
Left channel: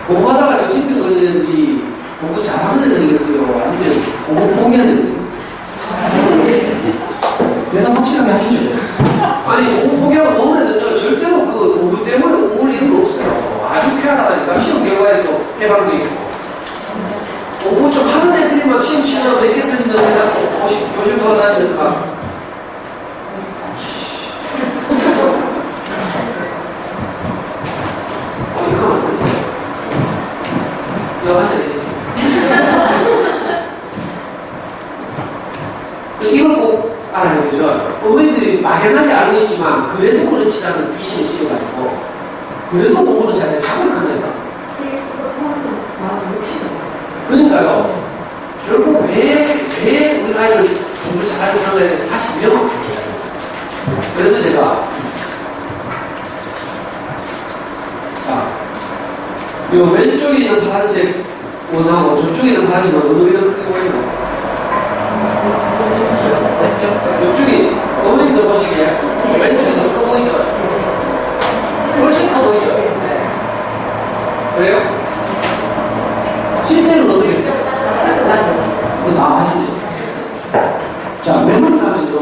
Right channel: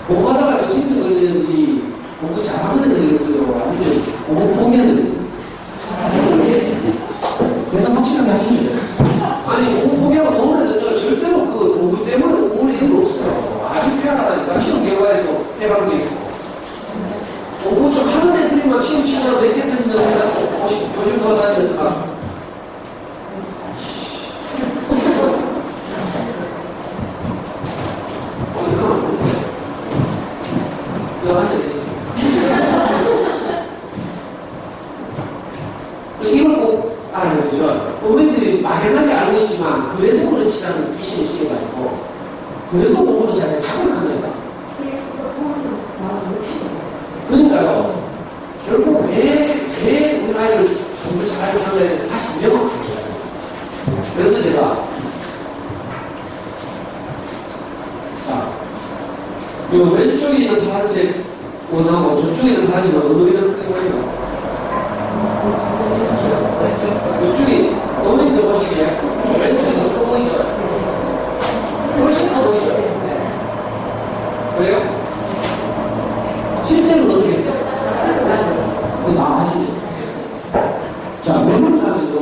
공부하다가 정신병 걸리는 애들이 공부 잘하는 애들이겠어요? 아니면 공부 포기하는 애들이겠어요? 대답 확실하게 하시죠. 아니, 공부 포기하고 노는 애들은 절대로 그 공부 때문에 우울 이런 거 없어요. 아주 쾌활하다니까. 시험 결과에도 해방도 있고. 공부 좀 하는 애들이 막 시험 치느라 몇 개 틀리면서 내가 또 교실도 하다니면서 막. 이거 안 돼. 이거 안 돼. 이걸 꼭 알아야 되죠. 어머니들이 막연하게 알고 있지만 그래도 그렇지라는 귀신이 쓰여가지고 그래도 공부는 잘 자극한다니까. 그러니까요. 결국 왜 우리 아이들 공부를 잘하는 상황에 다시 명확하게 해야 돼요. 그래서 제가 자, 요 왼쪽에 있는 파란색 원하고 저쪽에 있는 파란색 원하고 어디가 크게 보이나요? 이쪽이 어머니들 보시기에 왼쪽이 더 커 보이죠? 훨씬 커 보이죠? 그래요? 실제로는 어떻게 했어요? 그거 다 하시죠? 자, 맨으로 가면요.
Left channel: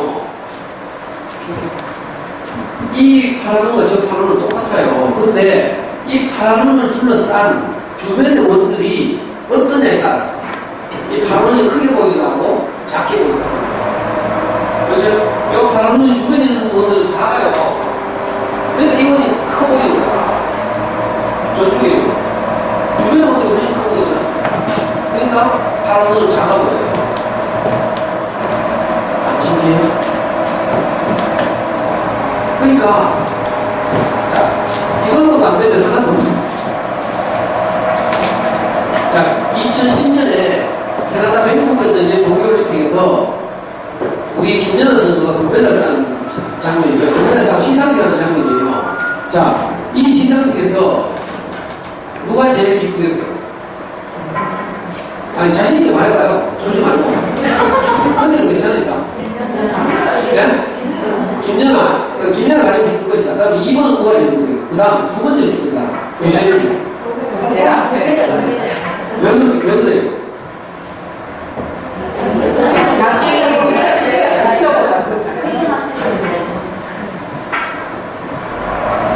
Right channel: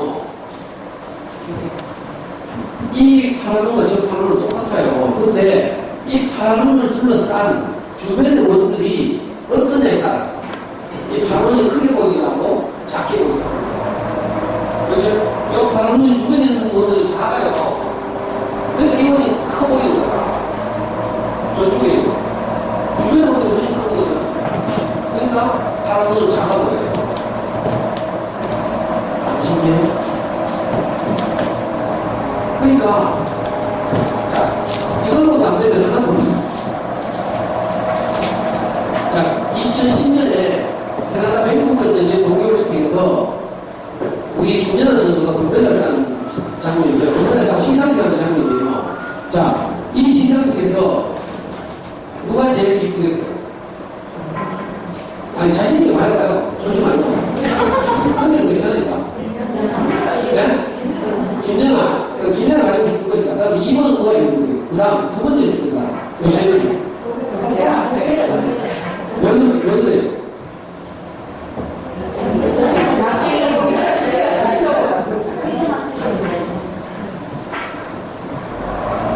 이 파란 원과 저 파란 원은 똑같아요. 근데 이 파란 원을 둘러싼 주변의 원들이 어떠냐에 따라서 이 파란 원이 크게 보이기도 하고 작게 보이기도 하고. 그렇죠? 이 파란 원이 주변에 있는 원들은 작아요. 그러니까 이 원이 커 보이는 거야. 저쪽에 있는 거. 주변의 원들이 훨씬 커 보이잖아. 그러니까 파란 원은 작아 보여요. 안 신기해요? 그러니까 자, 이걸로도 안 되면 하나 더. 자, 2010년에 캐나다 밴쿠버에서 이제 동계올림픽에서 우리 김연아 선수가 금메달을 딴 장면이고요. 금메달을 시상식 하는 장면이에요. 자, 이 시상식에서 누가 제일 기쁘겠어요? 아니, 자신있게 말해봐요. 쫄지 말고. 근데도 괜찮으니까. 네? 김연아 가장 기쁜 것이다. 그 다음에 2번은 누가 제일 기쁜 것이다. 그 다음 두 번째 기쁜 사람. 요새는 왜 그래요?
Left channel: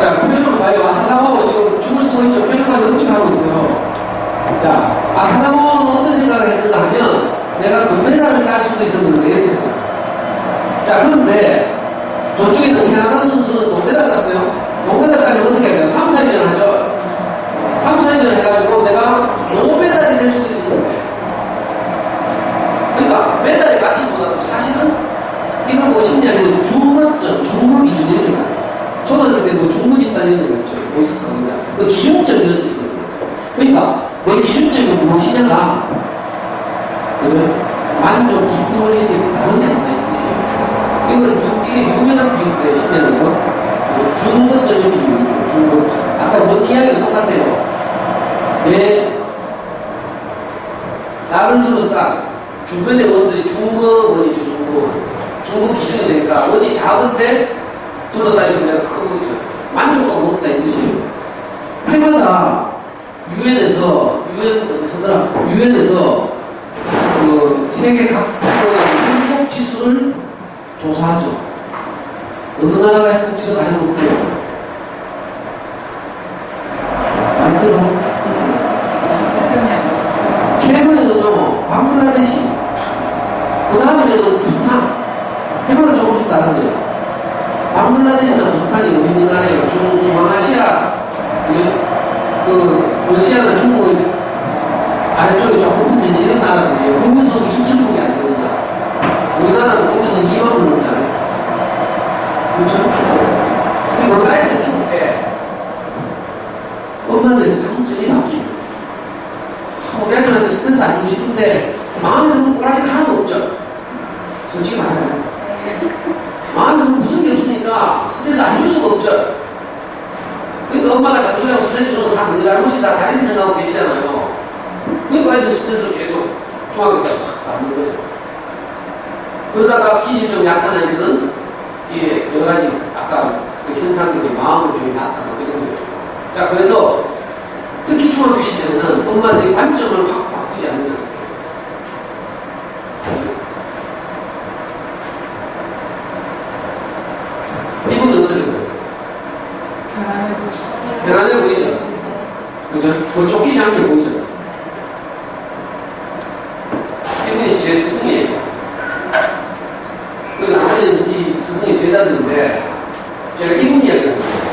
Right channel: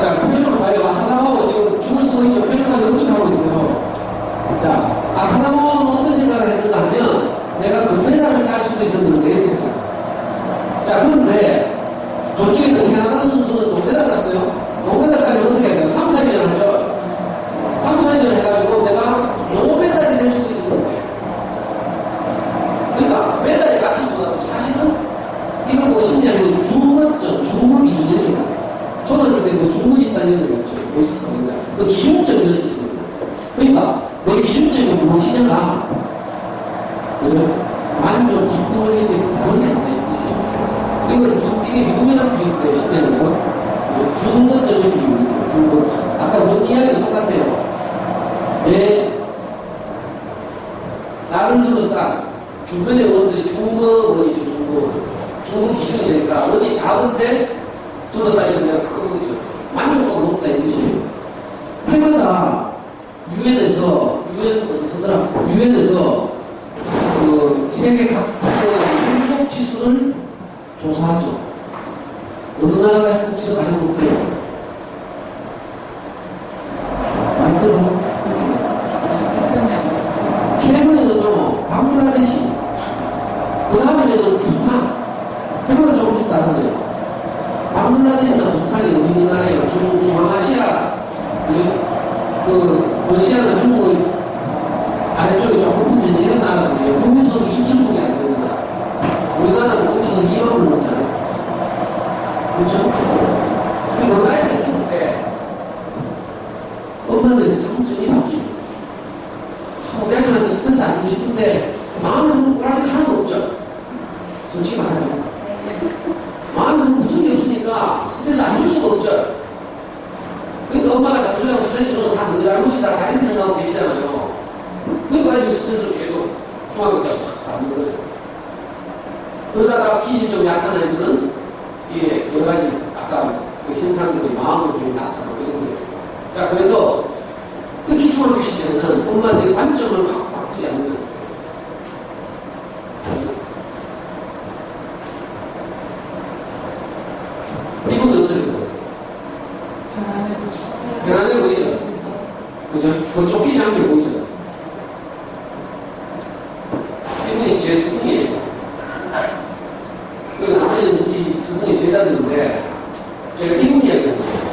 자, 표현으로 봐요. 아사다마오 지금 춤을 쓰고 있죠. 표현까지 엄청 하고 있어요. 자, 아사다마오는 어떤 생각을 했는가 하면 내가 금메달을 딸 수도 있었는데 이렇게 생각. 자, 그런데 저쪽에 있는 캐나다 선수는 동메달 땄어요. 동메달 따면 어떻게 해야 돼요? 3, 4위전 하죠. 3, 4위전 해가지고 내가 노메달이 될 수도 있었는데. 그러니까 메달의 가치보다도 사실은 이걸 뭐 심리학에는 중거점, 중거 기준입니다. 초등학교 때 뭐 중거 집단 이런 거 있죠. 보이스카입니다. 그 기준점 이런 뜻입니다. 그러니까 내 기준점이 무엇이냐가 만족, 기쁨을 얘기하는 다른 게 아니다 이 뜻이에요. 이게 유명한 비유인데 심리학에서 중거점의 비유입니다. 중거점. 아까 뭔 이야기가 똑같아요. 내 나를 둘러싼 주변의 원들이 중거원이죠, 중거원. 중거 기준이 되니까 원이 작은데 둘러싸여 있으면 내가 큰 거죠. 만족도가 높다 이 뜻이에요. 해마다 유엔에서 그 세계 각국의 행복 지수를 조사하죠. 어느 나라가 행복 지수가 가장 높대요? 많이 들어봤나요? 최근에는요, 방글라데시, 그 다음에는 부탄, 해마다 조금씩 다른데요. 방글라데시나 부탄이 어디 있는 나라예요? 중앙아시아, 러시아나 중국의 아래쪽에 조금 붙은 이런 나라들이에요. 국민소득 2,000억이 안 됩니다. 우리나라는 국민소득 2만 원 넘잖아요. 그렇죠? 그리고 뭔가 애들 키울 때 엄마들의 감정이 바뀝니다. 애들한테 스트레스 안 주고 싶은데 마음에 드는 꼬라지가 하나도 없죠. 솔직히 말하면 마음에 드는 무슨 게 없으니까 스트레스 안 줄 수가 없죠. 그러니까 엄마가 자존심하고 스트레스 주는 건 다 너 잘못이다 다른 생각하고 계시잖아요. 그러니까 애들 스트레스를 계속 중학교 때 확 받는 거죠. 그러다가 기질적으로 약한 아이들은 이게 여러 가지 아까 그 현상들이 마음의 병이 나타나고 이런 거예요. 자, 그래서 특히 중학교 시절에는 엄마들이 관점을 확 바꾸지 않는 거예요. 이분은 어떻게 보여요? 편안해 보이죠? 그죠? 뭐 쫓기지 않게 보이죠? 이분이 제 스승이에요. 그리고 나머지는 이 스승의 제자들인데, 제가 이분 이야기를 했어요.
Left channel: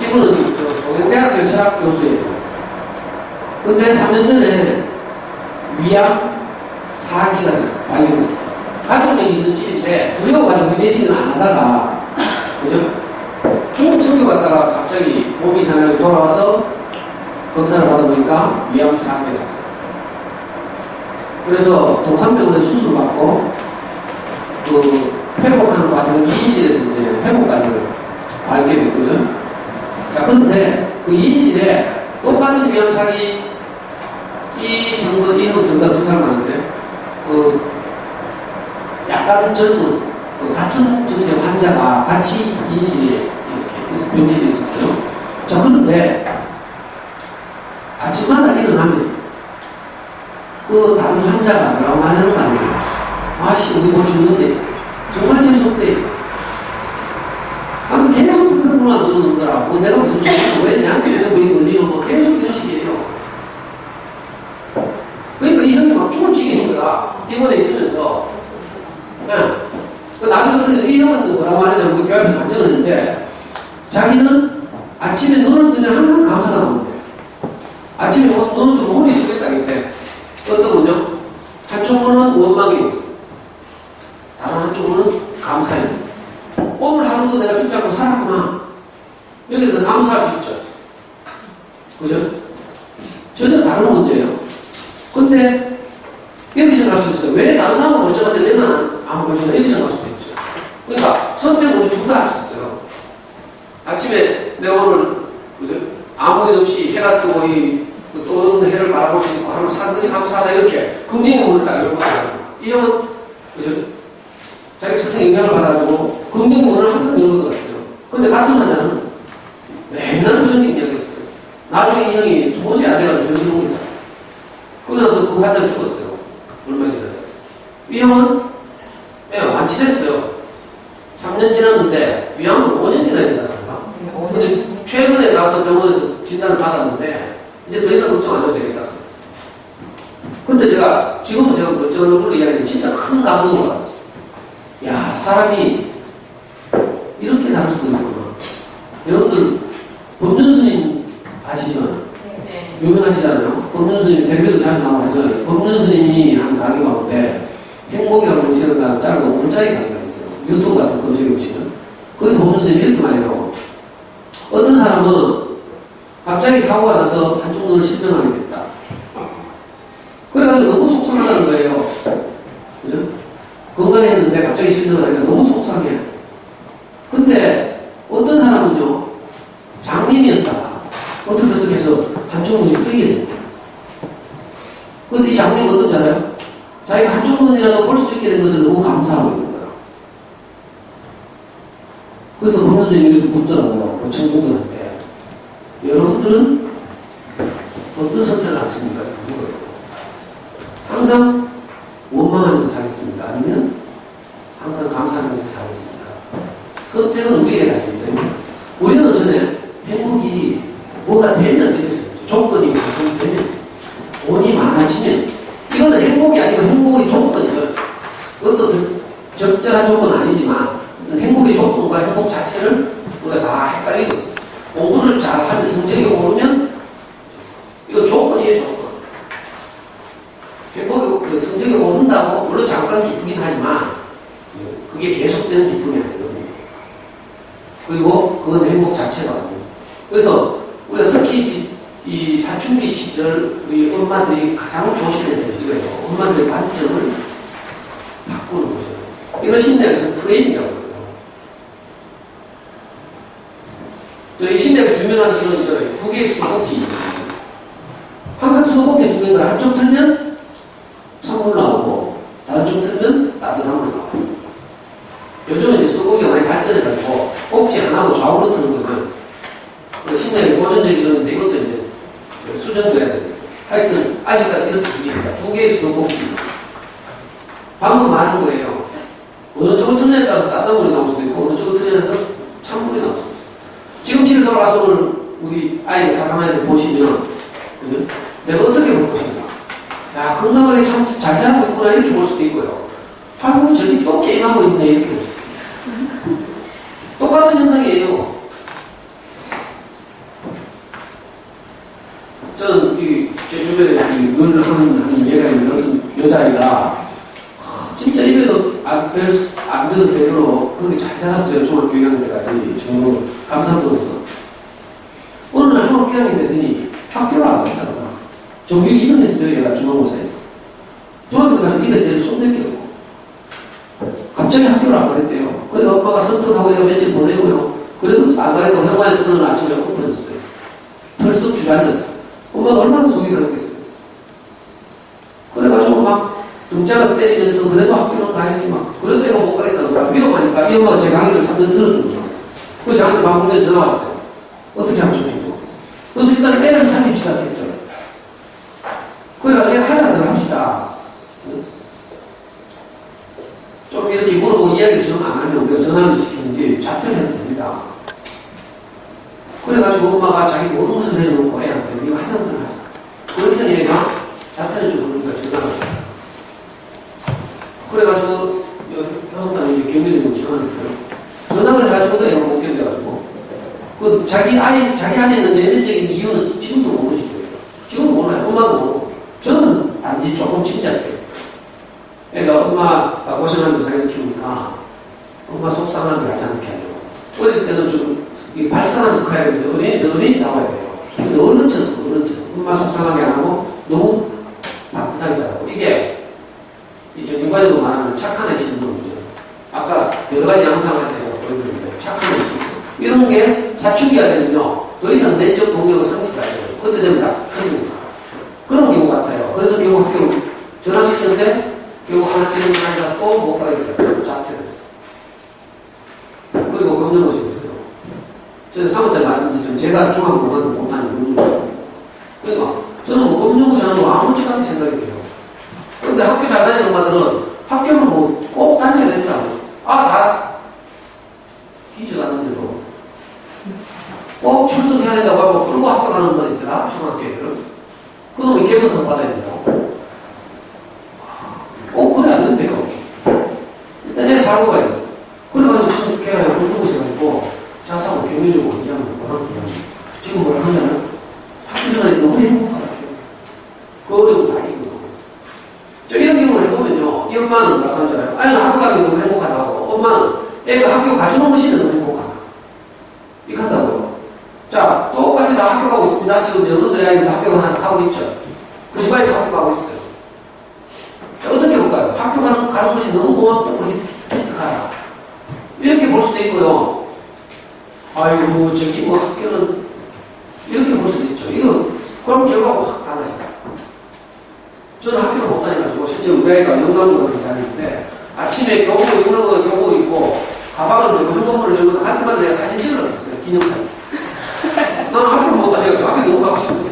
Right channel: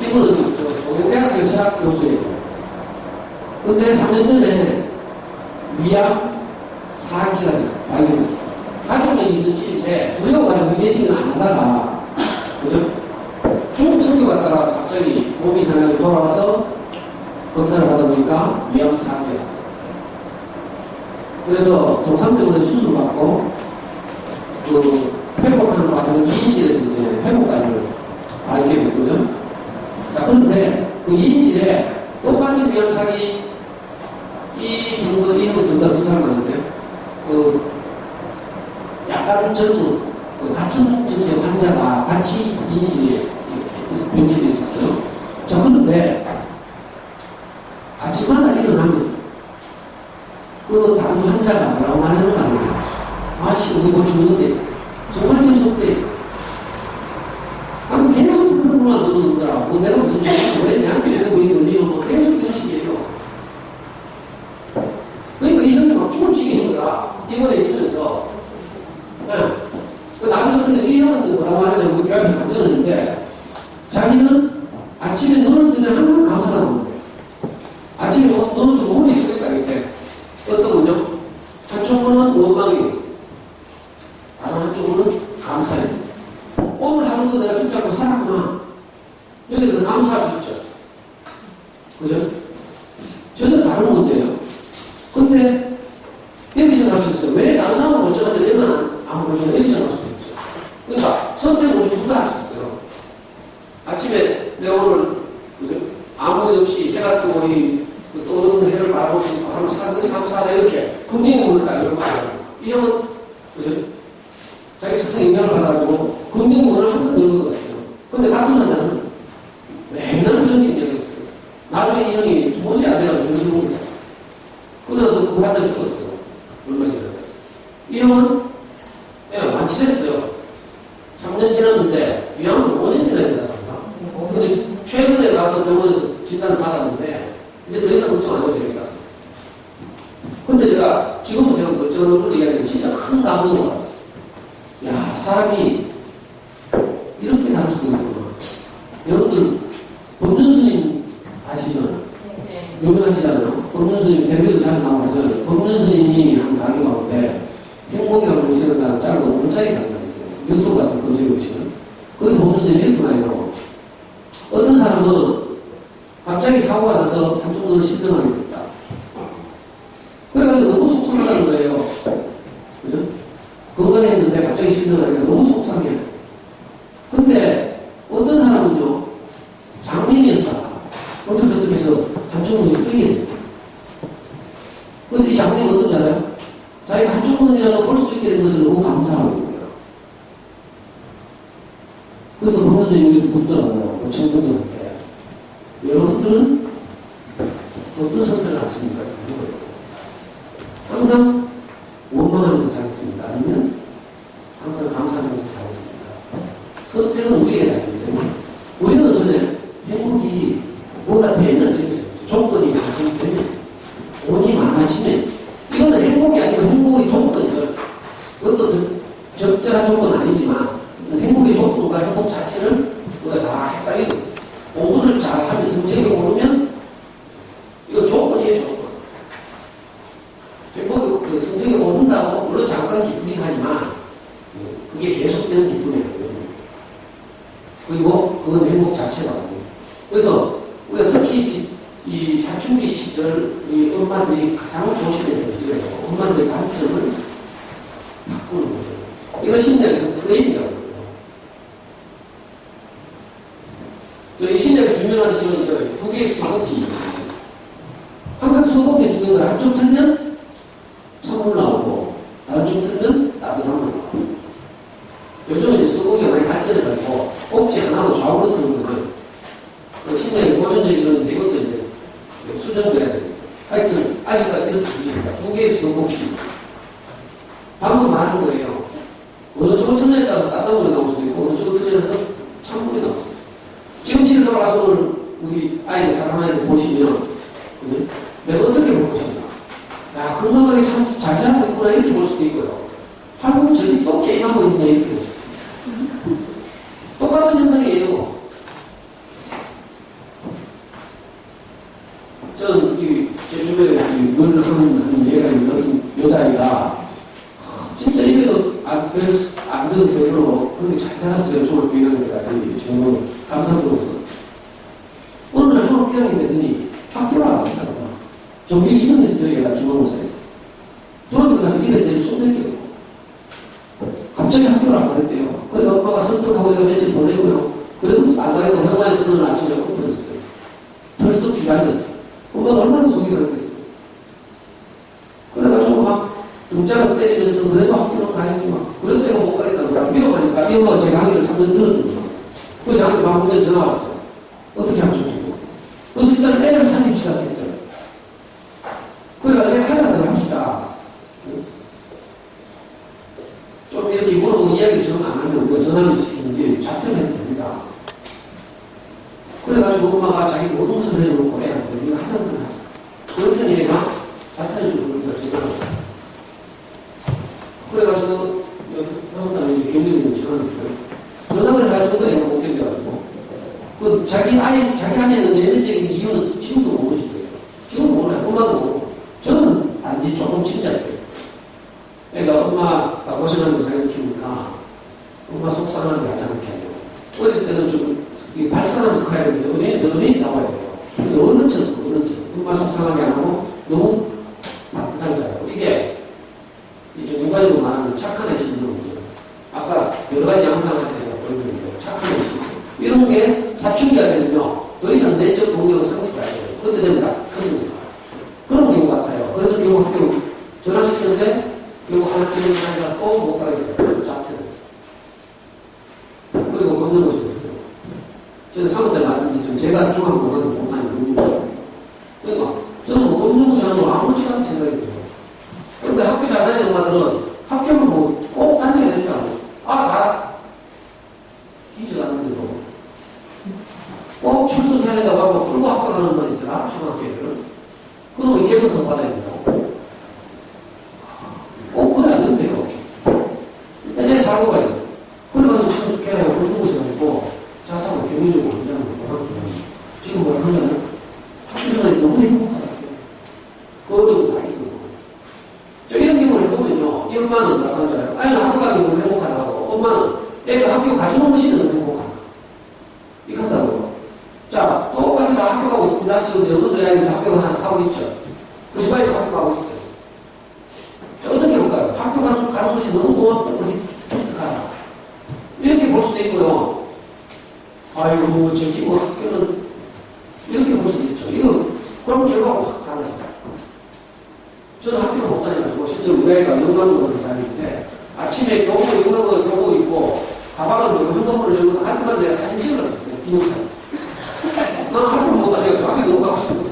이분은 동양대학교 철학 교수예요. 근데 3년 전에 위암 사기가 발견됐어요. 가족이 있는 집인데 두려워가지고 내식을 안 하다가, 그죠? 중국 선교 갔다가 갑자기 몸이 이상하게 돌아와서 검사를 받아보니까 위암 사기였어요. 그래서 동산병원에 수술을 받고 그 회복하는 과정을 2인실에서 이제 회복 과정을 알게 됐거든. 자, 그런데 그 2인실에 똑같은 위암 사기 이 형은 정답 두 사람 많은데 그 약간 젊은 그 같은 증세 환자가 같이 2인실에 이렇게 병실에 있었어요. 자, 그런데 아침마다 일어나면 그 다른 환자가 뭐라고 하는 거 아니에요? 아씨, 우리 뭐 죽는데. 정말 재수없대. 아니, 계속 불평만 누르는 거라. 뭐 내가 무슨 죄를 왜 내한테 뭐 걸리는 거 계속 이런 식이에요. 그러니까 이 형이 막 죽을 지기는 거야. 입원에 있으면서. 네. 나중에 이 형은 뭐라고 하냐면 우리 교회에서 간증을 했는데 자기는 아침에 눈을 뜨면 항상 감사가 나오는데 아침에 눈을 뜨면 혼이 죽겠다 이때. 어떤 분요? 한쪽으로는 원망이에요. 다른 한쪽으로는 감사해요. 오늘 하루도 내가 죽지 않고 살았구나. 여기서 감사할 수 있죠. 그죠? 전혀 다른 문제예요. 근데 여기서 갈 수 있어요. 왜 다른 사람은 멀쩡한데 내는 안 걸리냐? 여기서 갈 수도 있죠. 그러니까 선택은 우리 둘 다 할 수 있어요. 아침에 내가 오늘 그죠? 아무 일 없이 해가 뜨고 떠오르는 해를 바라볼 수 있고 하루 사는 것이 감사하다 이렇게 긍정의 딱 이런 거예요. 이 형은 그죠? 자기 스승 영향을 받아가지고 긍정의 문을 항상 이런 것 같아요. 근데 같은 환자는 맨날 그런 얘기 이야기했어요. 나중에 이 형이 도저히 안 돼가지고 병실에 온 거죠. 그러면서 그 환자는 죽었어요. 얼마 지나서. 이 형은 완치됐어요. 3년 지났는데 위암은 5년 지나야 된다. 근데 최근에 가서 병원에서 진단을 받았는데 이제 더 이상 걱정 안 해도 되겠다. 근데 지금은 제가 멀쩡한 얼굴로 이야기하는 진짜 큰 감동을 받았어요. 야, 사람이 이렇게 다를 수도 있구나. 여러분들, 법륜 스님 아시죠? 네. 유명하시잖아요. 법륜 스님 대표도 잘 나와 하잖아요. 법륜 스님이 한 강의 가운데 행복이라고 검색하는 짧은 5분짜리 강의가 있어요. 유튜브 같은 검색해 보시면. 거기서 법륜 스님이 이렇게 많이 나와요. 어떤 사람은 갑자기 사고가 나서 한쪽 눈을 실명하게 됐다. 그래가지고 너무 속상하다는 거예요. 그죠? 건강했는데 갑자기 실명하니까 너무 속상해. 근데 어떤 사람은요, 장님이었다가 어떻게 해서 한쪽 눈이 뜨게 됩니다. 그래서 이 장면이 어떤지 알아요? 자기가 한쪽만이라도 볼 수 있게 된 것을 너무 감사하고 있는 거예요. 그래서 법무사 얘기도 묻더라고요. 그 청중들한테. 여러분들은 어떤 선택을 하십니까? 항상 원망하면서 살겠습니까? 아니면 항상 감사하면서 살겠습니까? 선택은 우리에게 달리기 때문에 우리는 전에 행복이 뭐가 되면 되겠어요. 조건이 되면 돈이 많아지면 이거는 행복이 아니고 행복의 조건이에요. 어떤 적절한 조건은 아니지만 행복의 조건과 행복 자체를 우리가 다 헷갈리고 있어요. 공부를 잘하면 성적이 오르면 이거 조건이에요, 조건. 행복이 성적이 오른다고 물론 잠깐 기쁘긴 하지만 그게 계속되는 기쁨이 아니거든요. 그리고 그건 행복 자체라고. 그래서 우리가 특히 이 사춘기 시절 우리 엄마들이 가장 조심해야 돼요. 엄마들의 관점을 바꾸는 거죠. 이거 심리학에서 프레임이라고 해요. 또 이 심리학에서 유명한 이론이죠. 두 개의 수도꼭지. 항상 수도꼭지 두 개가 한쪽 틀면 찬물 나오고 다른 쪽 틀면 따뜻한 물 나오고. 요즘은 이제 수도꼭지가 많이 발전해가지고 꼭지 안 하고 좌우로 트는 거죠. 심리학의 고전적 이론인데 이것도 이제 수정돼야 됩니다. 하여튼 아직까지 이런 두 개입니다. 두 개의 수도꼭지. 방금 말한 거예요. 어느 쪽을 틀냐에 따라서 따뜻한 물이 나올 수도 있고 어느 쪽을 틀냐에서 찬물이 나올 수도 있어요. 지금치를 돌아가서 오늘 우리 아이들 사랑하는 아이들 보시면 내가 어떻게 볼 것인가. 야, 건강하게 참 잘 자라고 있구나 이렇게 볼 수도 있고요. 아이고 저기 또 게임하고 있네 이렇게 볼 수도 있어요. 똑같은 현상이에요. 저는 제 주변에 늘 하는 얘가 있는 어떤 여자아이가 진짜 입에도 안 돼도 되도록 그렇게 잘 자랐어요. 중학교 1학년 때까지. 정말 감사드려서. 어느 날 중학교 1학년 되더니 학교를 안 갔다고. 정규 2등 했어요. 얘가 중간고사에서. 중학교 때까지 입에 대는 손댈 게 없고. 갑자기 학교를 안 가겠대요. 그래서 엄마가 선택하고 얘가 며칠 보내고요. 그래도 안 가겠다고 회관에서는 아침에 엎어졌어요. 털썩 주저앉았어요. 엄마가 얼마나 속이 상했겠어요. 그래가지고 막 등짝을 때리면서 그래도 학교는 가야지 막 그래도 애가 못 가겠다고 막 위험하니까 이 엄마가 제 강의를 3년 들었던 거예요. 그래서 저한테 방문에 전화 왔어요. 어떻게 하면 좋겠고. 그래서 일단 애를 살립시다 했죠. 그래가지고 하나를 합시다. 좀 이렇게 물어보고 이야기를 정 안 하면 우리가 전화를 시키는지 자퇴를 해도 됩니다. 그래가지고 엄마가 자기 모든 것을 내려놓고 애한테 이거 하자는 걸 하자. 그랬더니 애가 자퇴를 좀 그러니까 전화를 했어요. 그래가지고 여성사는 이제 경리를 전화했어요. 전화를 해가지고 애가 못 견뎌가지고 그 자기 안에 있는 내면적인 이유는 지금도 모르지 거예요. 지금은 몰라요. 엄마도 모르고. 저는 단지 조금 침착해요. 애가 엄마가 고생하면서 자기를 키우니까 엄마 속상하게 하지 않게 하려고. 어릴 때는 좀 발산하면서 커야 되는데 어린이 나와야 돼요. 근데 어른처럼 엄마 속상하게 안 하고 너무 따뜻하게 자라고. 이게 정과적으로 말하면 착한 애심인 거죠. 아까 여러 가지 양상할 때 제가 보여드렸는데 착한 애심. 이런 게 사춘기가 되면요. 더 이상 내적 동력을 상실하게 돼요. 그때 되면 다 틀립니다. 그런 경우 같아요. 그래서 결국 학교를 전화시켰는데 결국 하나 때리는 게 아니라 또 못 가게 돼요. 자퇴를 했어요. 그리고 검정고시 했어요. 저는 3월 때 말씀드렸죠. 제가 중학교만 못하는 검정고시. 그러니까 저는 뭐 검정고시 하는 거 아무렇지도 않게 생각이 돼요. 그런데 학교 잘 다니는 엄마들은 학교는 뭐 꼭 다녀야 된다고. 다 뒤져가는데도 꼭 출석해야 된다고 하고 끌고 학교 가는 분 있더라. 중학교에는. 그놈이 개근상 받아야 된다고. 그래 안 된대요. 일단 내 살고 가야죠. 그래가지고 지금 걔가 공부고시 가지고 자사고 경위력고 이장을 고등학교에 지금 뭘 하냐면 학교 생활이 너무 행복하다. 그 어려운 다 이거든. 이런 경우를 해보면요. 이 엄마는 뭐라고 하잖아요. 아이는 학교 가는 게 너무 행복하다고. 엄마는 애가 학교 가주는 것이 너무 행복하다. 이렇게 한다고요. 자, 똑같이 다 학교 가고 있습니다. 지금 여러분들이 아이들 학교 가고 있죠. 그 집안에도 학교 가고 있어요. 자, 어떻게 볼까요? 학교 가는 것이 너무 고맙다고 기특하다. 이렇게 볼 수도 있고요. 아이고, 저기 뭐 학교는 이렇게 볼 수도 있죠. 이거, 그럼 결과가 확 달라요. 저는 학교를 못 다녀가지고 실제 우리 아이가 영남고등학교 다니는데 아침에 영남고등학교 교복 입고 가방을 메고 현금을 열고 학교마다 내가 사진 찍어놨어요. 기념사진. 나는 학교를 못 다녀가지고 학교 너무 가고 싶은데.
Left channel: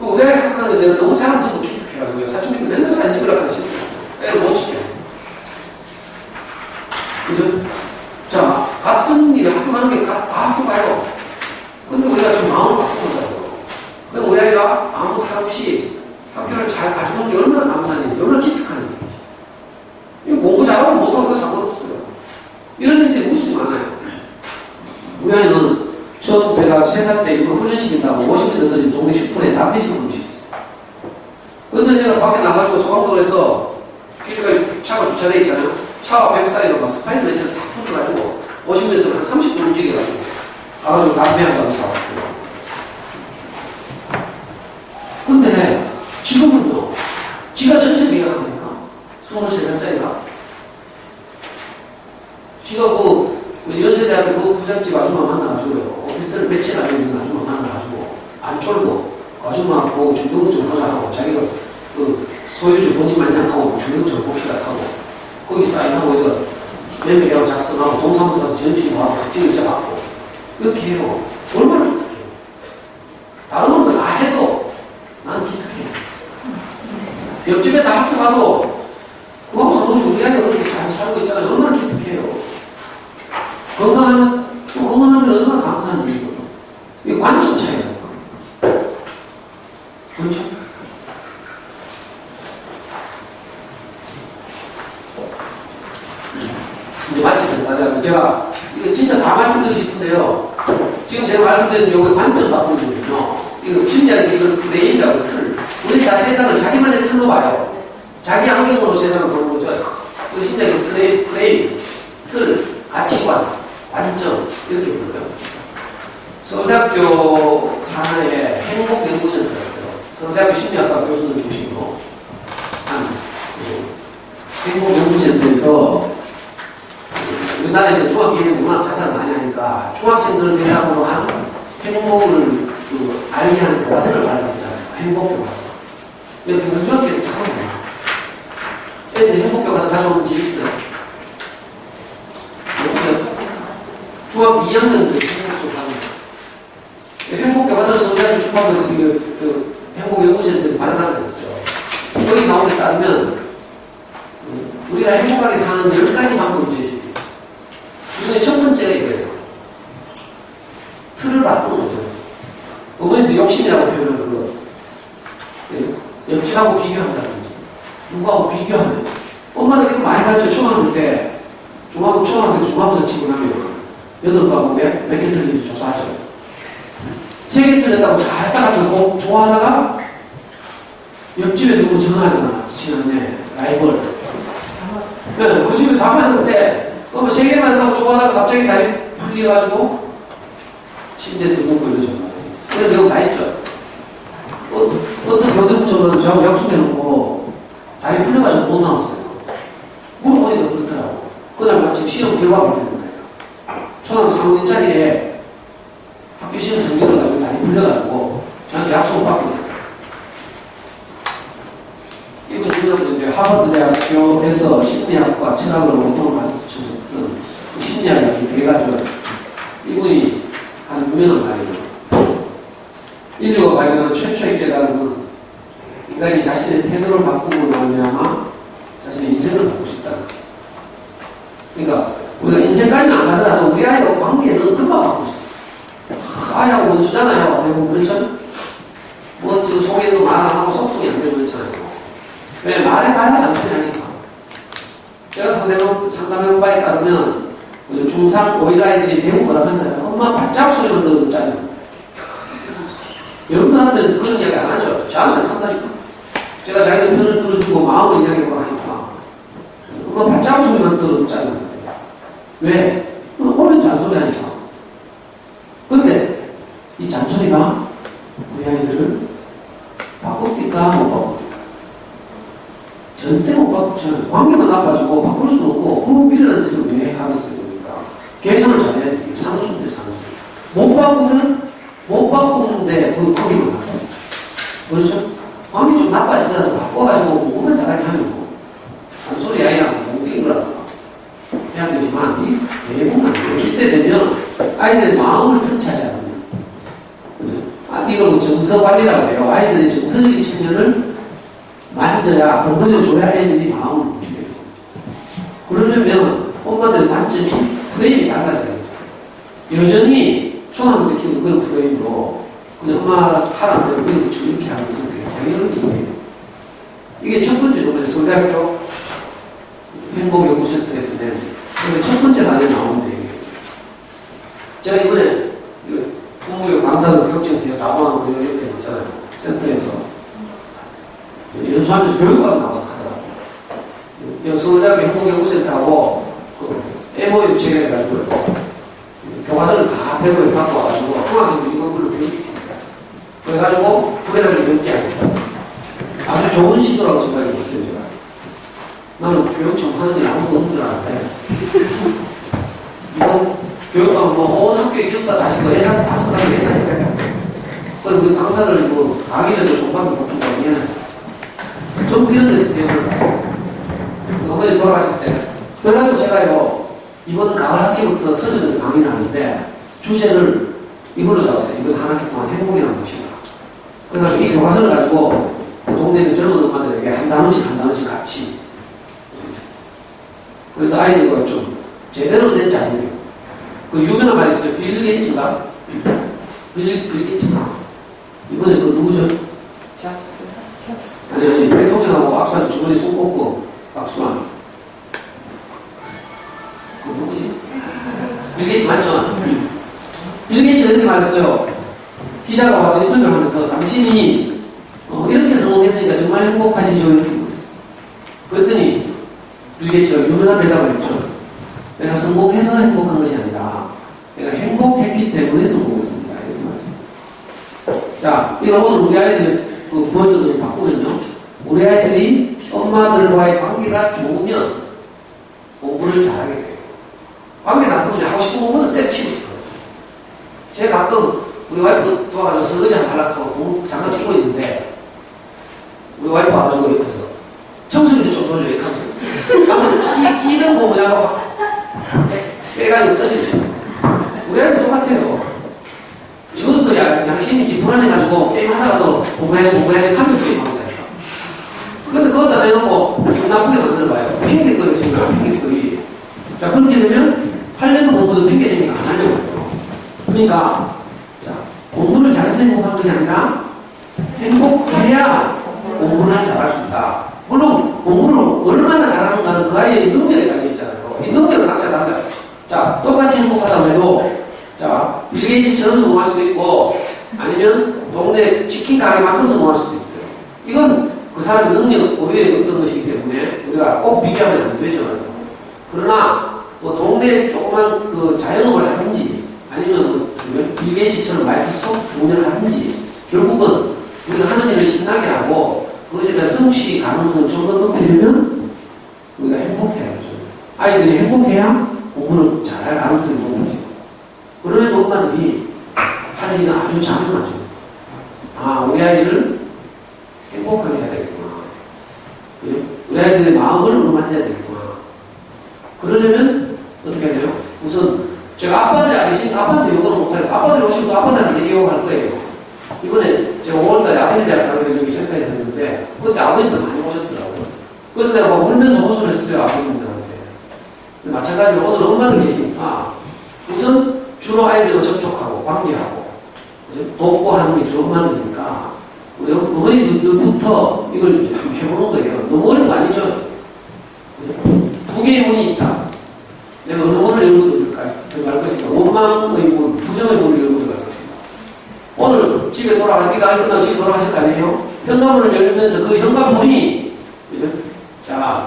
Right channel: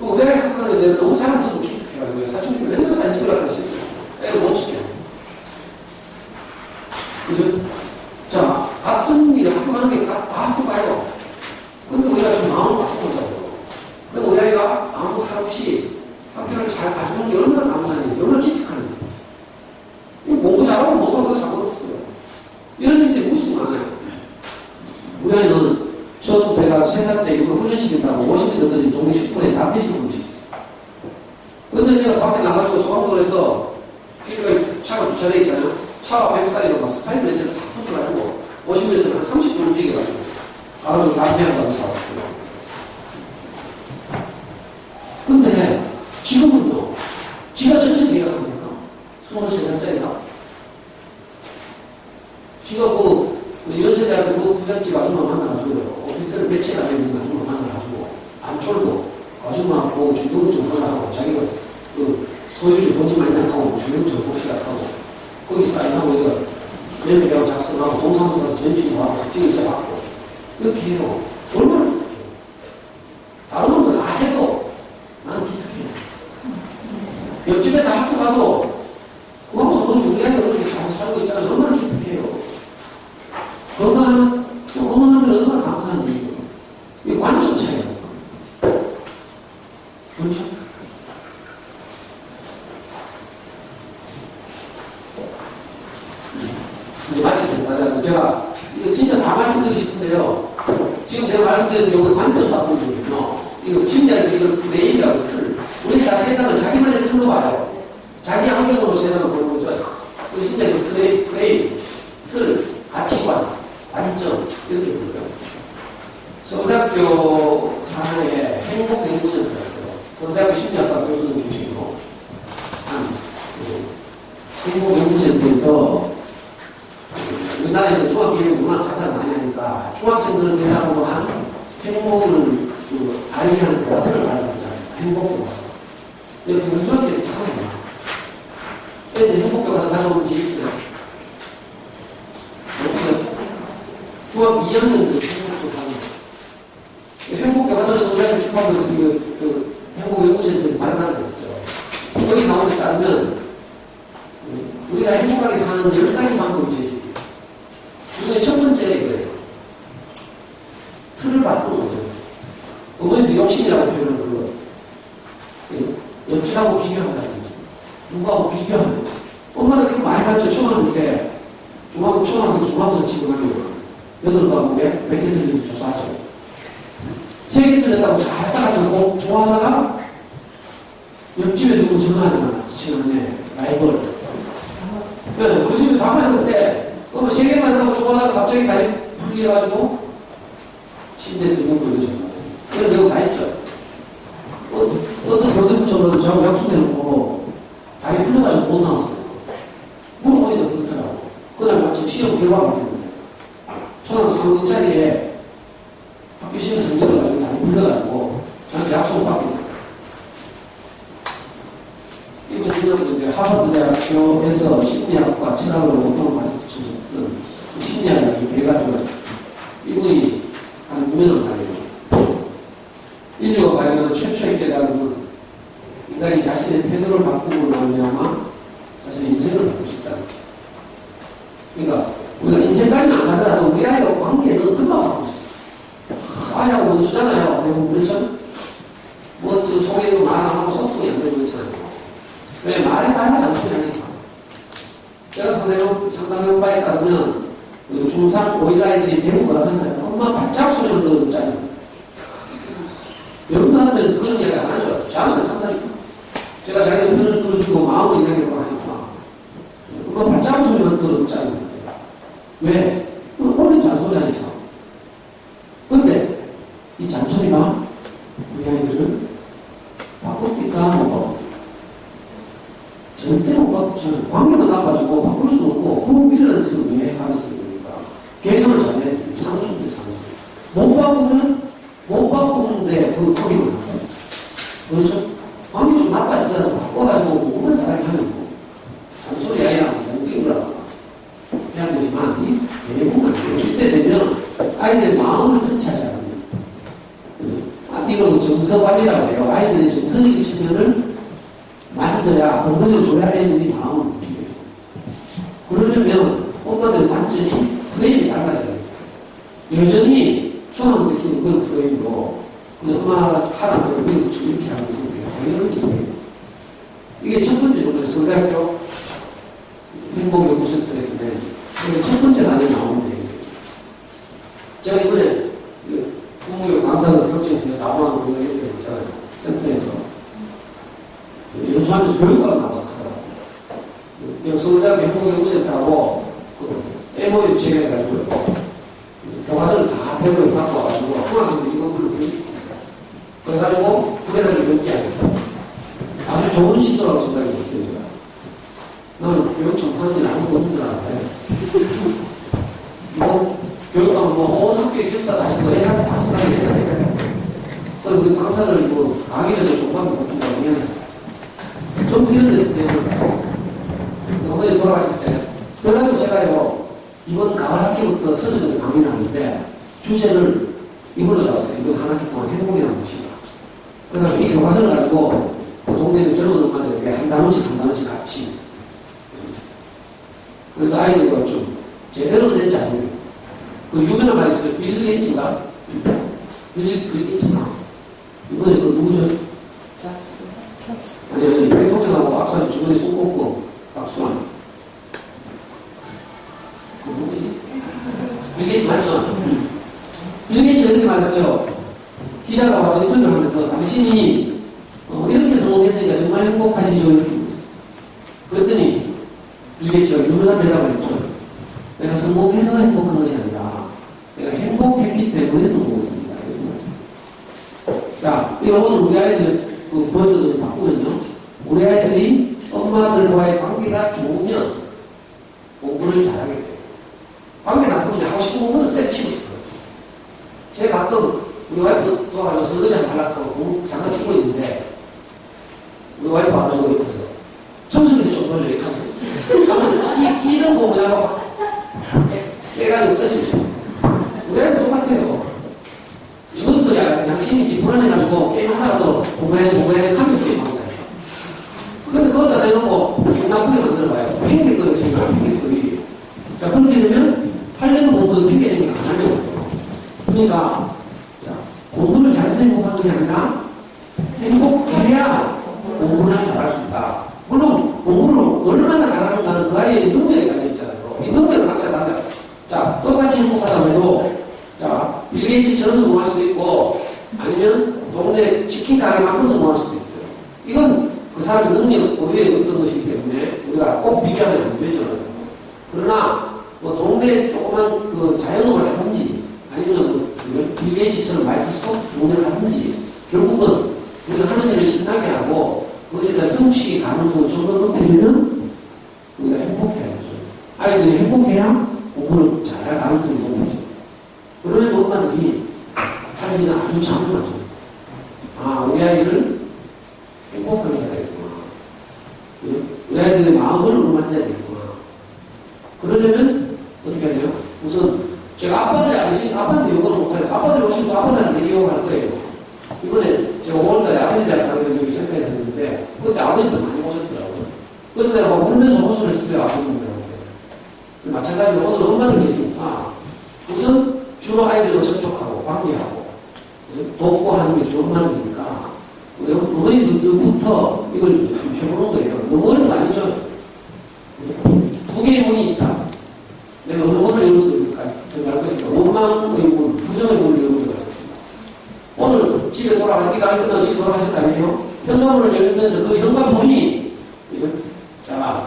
우리 아이 학교 가는데 내가 너무 자랑스럽고 기특해가지고 사춘기 때 맨날 사진 찍으라고 하시더라고요. 애를 못 찍게. 그래서 자, 같은 일에 학교 가는 게 다 학교 가요. 근데 우리가 좀 마음을 바꾸자고. 그럼 우리 아이가 아무도 탈 없이 학교를 잘 가져오는 게 얼마나 감사한 일이에요. 얼마나 기특한 일이에요. 공부 잘하고 못하고 상관없어요. 이런 일들이 무수히 많아요. 우리 아이는 처음 제가 3살 때 이거 훈련시킨다고 50m들이 동네 슈퍼에 담배 시험을 시켰어요. 그런데 내가 밖에 나가지고 소방도로에서 길가 차가 주차되어 있잖아요. 차와 벽 사이로 막 스파이더 렌즈를 다 붙여가지고 50m를 한 30분 움직여가지고 가가지고 담배 한 방 사왔어요. 근데 지금은요, 지가 전체 계약합니까? 23살짜리가. 지가 연세대학교 부잣집 아줌마 만나가지고요, 오피스텔 배치나 있는 아줌마 만나가지고, 안철도 아줌마 보고 중등부 좀 하자고, 자기가 소유주 본인만 생각하고 중등부 좀 봅시다 하고, 거기 사인하고, 이거 매매계약 작성하고, 동사무소 가서 전시하고, 각질을 잡고, 이렇게 해요. 얼마나 기특해요. 다른 놈들 다 해도 나는 기특해요. 옆집에 다 학교 가도 그거하고 상관없이 우리 아이가 그렇게 잘 살고 있잖아요. 얼마나 기특해요. 건강하면 얼마나 감사한 일이고. 이게 관점 차이예요. 그렇죠? 이제 마칠 때까지 제가 이거 진짜 다 말씀드리고 싶은데요. 지금 제가 말씀드린 요거 관점 바꾸거든요. 이거 진짜 이걸 프레임이라고 틀. 우리 다 세상을 자기만의 틀로 봐요. 자기 안경으로 세상을 보는 거죠. 이거 진짜 그 프레임, 틀, 가치관, 관점 이렇게 불러요. 서울대학교 산하에 행복연구센터가 있어요. 서울대학교 심리학과 교수들 중심으로 한 행복연구센터에서 우리나라에는 중학교에는 워낙 자살을 많이 하니까 중학생들을 대상으로 한 행복을 알리하는 교과서를 발표했잖아요. 행복 교과서. 이렇게 중학교에 다 하거든요. 애들 행복 교과서 가져오는 집이 있어요. 중학교 2학년 때 행복 교과서 행복 교과서를 서울대학교 출판부에서 행복연구센터에서 발간을 했어요. 여기 나온 데 따르면 우리가 행복하게 사는 10가지 방법이 제시돼요. 그중에 첫 번째가 이거예요. 틀을 바꾸는 거죠. 어머니도 욕심이라고 표현을 그거. 옆집하고 비교한다든지, 누구하고 비교하면. 엄마들 이거 많이 봤죠? 초등학교 때. 초등학교 때 중학교 지원하면 8과목에 몇 개 틀린지 조사하죠. 3개 틀렸다고 잘 따라가고 좋아하다가 옆집에 누구 전화하잖아. 지난해 라이벌. 그 집에 다 맞았는데, 그러면 3개만 한다고 좋아하다가 갑자기 다리 풀려가지고 침대에 들고 이러죠. 그런 경우 다 있죠. 어떤 교대부처럼 저하고 약속해놓고 다리 풀려가지고 못 나왔어요. 물어보니까 그렇더라고. 그날 마침 시험 결과를 했는데 초등학교 3학년짜리에 학교 시험 성적을 가지고 다리 풀려가지고 저한테 약속을 받게 돼요. 이분 중학교 이제 하버드 대학교에서 심리학과 철학을 보통 가르쳐서 푸는 심리학이 돼가지고 이분이 하는 유명한 말이에요. 인류가 발견한 최초의 깨달음은 인간이 자신의 태도를 바꾸고 말미암아 자신의 인생을 바꾸고 싶다. 그러니까 우리가 인생까지는 안 가더라도 우리 아이와 관계는 금방 바꾸고 싶어. 아이하고 원수잖아요. 대부분 그렇죠? 뭐 지금 속에도 말 안 하고 소통이 안 되고 그렇잖아요. 왜 말해봐야 잔소리 하니까. 제가 상담해본 바에 따르면 중3, 고1 아이들이 대부분 뭐라고 하잖아요. 엄마 발자국 소리만 들어도 짜증나. 여러분들한테는 그런 이야기 안 하죠. 저한테는 한다니까. 제가 자기들 편을 들어주고 마음을 이야기하고 하니까. 엄마 발자국 소리만 들어도 짜증나. 왜? 옳은 잔소리 하니까. 근데 이 잔소리가 우리 아이들을 바꿉니까? 못 바꿉니까? 절대 못 바꾸잖아요. 관계만 나빠지고 바꿀 수는 없고 그 미련한 짓을 왜 하겠어요? 그러니까 계산을 잘해야 돼요. 산수인데 산수. 못 바꾸는데 그 거기만 나빠요. 그렇죠? 마음이 좀 나빠지더라도 바꿔가지고 공부만 잘하게 하면 뭐. 소리 아이랑 뭉뚱이 거라고 해야 되지만, 이 대부분 이때 되면 아이들의 마음을 터치하지 않으면. 그죠? 이거 뭐 정서 관리라고 해요. 아이들의 정서적인 측면을 만져야, 건드려줘야 아이들이 마음을 움직여요. 그러려면 엄마들의 관점이 프레임이 달라져요. 여전히 초등학교 때 키우는 그런 프레임으로 그냥 엄마가 하라는 대로 그냥 이렇게 하는 것은 굉장히 어려워요. 이게 첫 번째 노래 서울대학교 행복연구센터에서 낸 첫 번째 단에 나오는 얘기예요. 제가 이번에 부모교육 강사로 교육청에서 나오는 그 얘기 있잖아요. 센터에서 연수하면서 교육과를 나와서 하더라고요. 서울대학교 행복연구센터하고 그 MOU 체결해가지고 교과서를 다 배우에 갖고 와가지고 중학생들이 이거 글로 교육시킵니다. 그래가지고 후배들을 연기하니까 아주 좋은 시도라고 생각이 들었어요. 제가. 나는 교육청 하는 일 아무도 없는 줄 알았는데 이거 교육하면 온 학교의 기숙사 다시고 예산 다 쓰라고 예산이 그래요. 그리고 그 강사들이 뭐 강의료도 종반도 못 준다고 미안해. 좀 이런 데 대해서 봤어요. 어머니 돌아가실 때 그래가지고 제가요 이번 가을 학기부터 서점에서 강의를 하는데 주제를 이걸로 잡았어요. 이번 한 학기 동안 행복이라는 것이다. 그래가지고 이 교과서를 가지고 그 동네 그 젊은 엄마들에게 한 단원씩 같이. 그래서 아이들과 좀 제대로 된 자료를. 그 유명한 말이 있어요. 빌 게이츠가. 빌 게이츠가. 이번에 그 누구죠? 잡스. 아니, 대통령하고 악수하고 주머니에 손 꽂고 박수하는. 그 누구지? 빌 게이츠 맞죠? 빌 게이츠가 이렇게 말했어요. 기자가 와서 인터뷰를 하면서 당신이 이렇게 성공했으니까 정말 행복하시죠? 이렇게 물었어요. 그랬더니 빌 게이츠가 유명한 대답을 했죠. 내가 성공해서 행복한 것이 아니라 내가 행복했기 때문에 성공했습니다. 이렇게 말했어요. 자, 이거 오늘 우리 아이들 그 버전을 바꾸면요. 우리 아이들이 엄마들과의 관계가 좋으면 공부를 잘하게 돼요. 관계 나쁘면 하고 싶은 공부는 때려치고 싶어요. 제가 가끔 우리 와이프 도와가지고 설거지 하나 하려고 공부 잠깐 치고 있는데 우리 와이프 와가지고 옆에서 청소기도 좀 돌려 이렇게 하면 끼는 거 그냥 빼가지고 던지죠. 우리 아이도 똑같아요. 저것도 양심인지 불안해가지고 게임 하다가도 공부해야지 하면서 게임합니다. 근데 그것도 안 해놓고 기분 나쁘게 만들어봐요. 핑계거리 생겨, 핑계거리. 자, 그렇게 되면 8년 공부도 핑계 생기가 안 하려고 해요. 그러니까, 자, 공부를 잘해서 행복한 것이 아니라 행복해야 공부를 잘할 수 있다. 물론, 공부를 얼마나 잘하는가는 그 아이의 능력에 달려있잖아요. 이 능력은 각자 달라요. 자, 똑같이 행복하다고 해도, 자, 빌 게이츠처럼 성공할 수도 있고, 아니면 동네 치킨 가게만큼 성공할 수도 있어요. 이건 그 사람의 능력 고유의 어떤 것이기 때문에 우리가 꼭 비교하면 안 되죠. 그러나, 뭐 동네 조그만 그 자영업을 하든지, 아니면 빌 게이츠처럼 마이크로소프트 운영을 하든지, 결국은 우리가 하는 일을 신나게 하고, 그것에 대한 성취 가능성을 좀 더 높이려면 우리가 행복해야죠. 아이들이 행복해야 공부를 잘할 가능성이 높아지고. 그러는 엄마들이 할 일은 아주 장엄하죠. 아, 우리 아이를 행복하게 해야 되겠구나. 우리 아이들의 마음을 어루만져야 되겠구나. 그러려면 어떻게 해야 돼요? 우선 제가 아빠들이 아니신 아빠한테 욕을 못해서 아빠들이 오시면 또 아빠들한테 욕할 거예요. 이번에 제가 5월달에 아버지대학 강의를 여기 센터에 했는데 그때 아버님도 많이 오셨더라고요. 그래서 내가 막 울면서 호소를 했어요. 아버님들한테. 마찬가지로 오늘 엄마들 계시니까 우선 주로 아이들과 접촉하고 관계하고 돕고 하는 게 주로 엄마들이니까 우리 어머니들부터 이걸 해보는 거예요. 너무 어려운 거 아니죠? 두 개의 문이 있다. 내가 어느 문을 열어드릴까요? 제가 알 것입니다. 원망의 문, 부정의 문을 열어드릴 것입니다. 오늘 집에 네가 끝나고 집에 돌아가실 거 아니에요? 현관문을 열면서 그 현관문이 그죠? 자,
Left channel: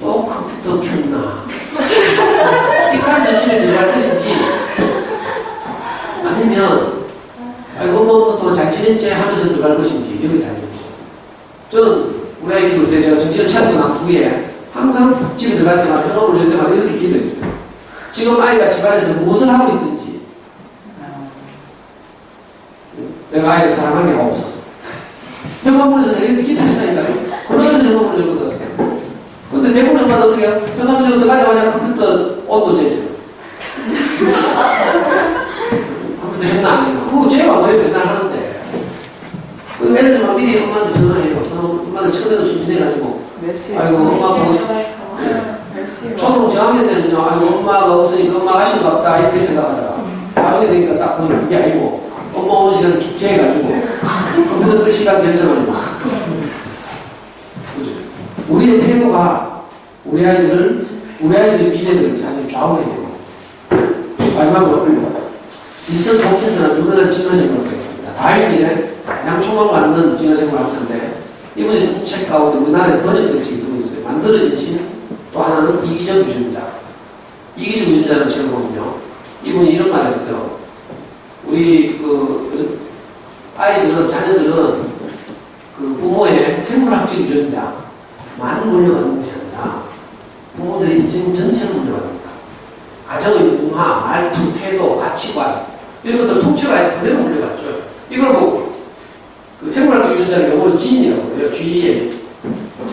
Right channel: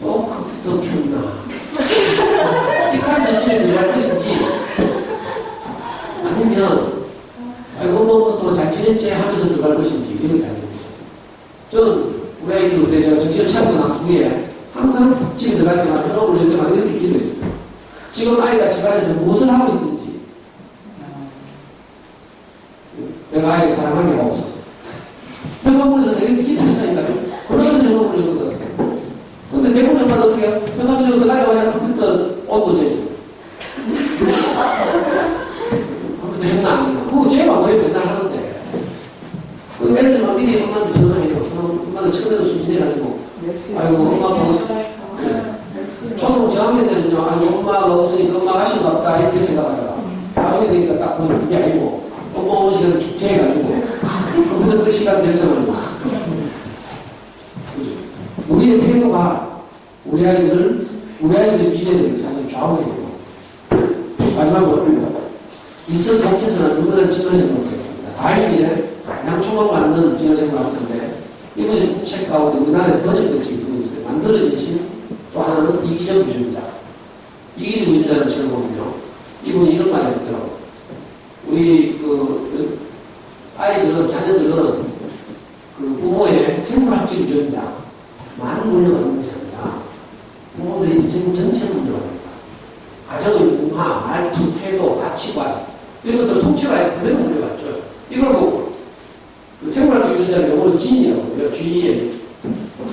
또 컴퓨터 켰나? 이 칸에서 집에 들어갈 것인지 아니면 아이고 뭐 또 잘 지냈지 하면서 들어갈 것인지 이렇게 달려있죠. 저는 우리 아이 키울 때 제가 정신을 차리고 난 후에 항상 집에 들어갈 때마다 현관문을 열 때마다 이렇게 기도했어요. 지금 아이가 집안에서 무엇을 하고 있든지 내가 아이를 사랑하게 하고 없어서. 현관문에서 내가 이렇게 기다린다니까요. 그러면서 현관문을 열어놨어요. 근데 대부분 엄마도 어떻게 해요? 현관문을 들어가자마자 컴퓨터 온도 재죠. 컴퓨터 했나 안 했나. 그거 제가 뭐예요? 맨날 하는데. 그 애들 막 미리 엄마한테 전화해요. 엄마들 처음에는 순진해가지고. 아이고, 엄마 보고 싶어. 저도 저학년 때는요, 아이고, 엄마가 없으니까 엄마가 하신가 없다, 이렇게 생각하다가. 나중에 되니까 딱 보면 이게 아니고, 엄마 오는 시간을 기체해가지고, 컴퓨터 끌 시간 결정하는 거. 우리의 태도가 우리 아이들의 미래를 사실 좌우해요. 마지막으로, 인천 동킨스는 유명한 진화생물학자였습니다. 다윈일에 가장 초망받는 진화생물학자인데, 이분이 책 가운데 우리나라에서 번역된 책이 두고 있어요. 만들어진 신, 또 하나는 이기적 유전자. 이기적 유전자는 제가 보면요. 이분이 이런 말을 했어요. 우리, 아이들은, 자녀들은 그 부모의 생물학적 유전자만 물려받는 것이 아니라 부모들의 인생 전체를 물려받는다. 가정의 문화, 말투, 태도, 가치관, 이런 것들을 통째로 아예 그대로 물려받죠. 이걸 보고, 그 생물학적 유전자를 영어로 지인이라고 해요. GEN.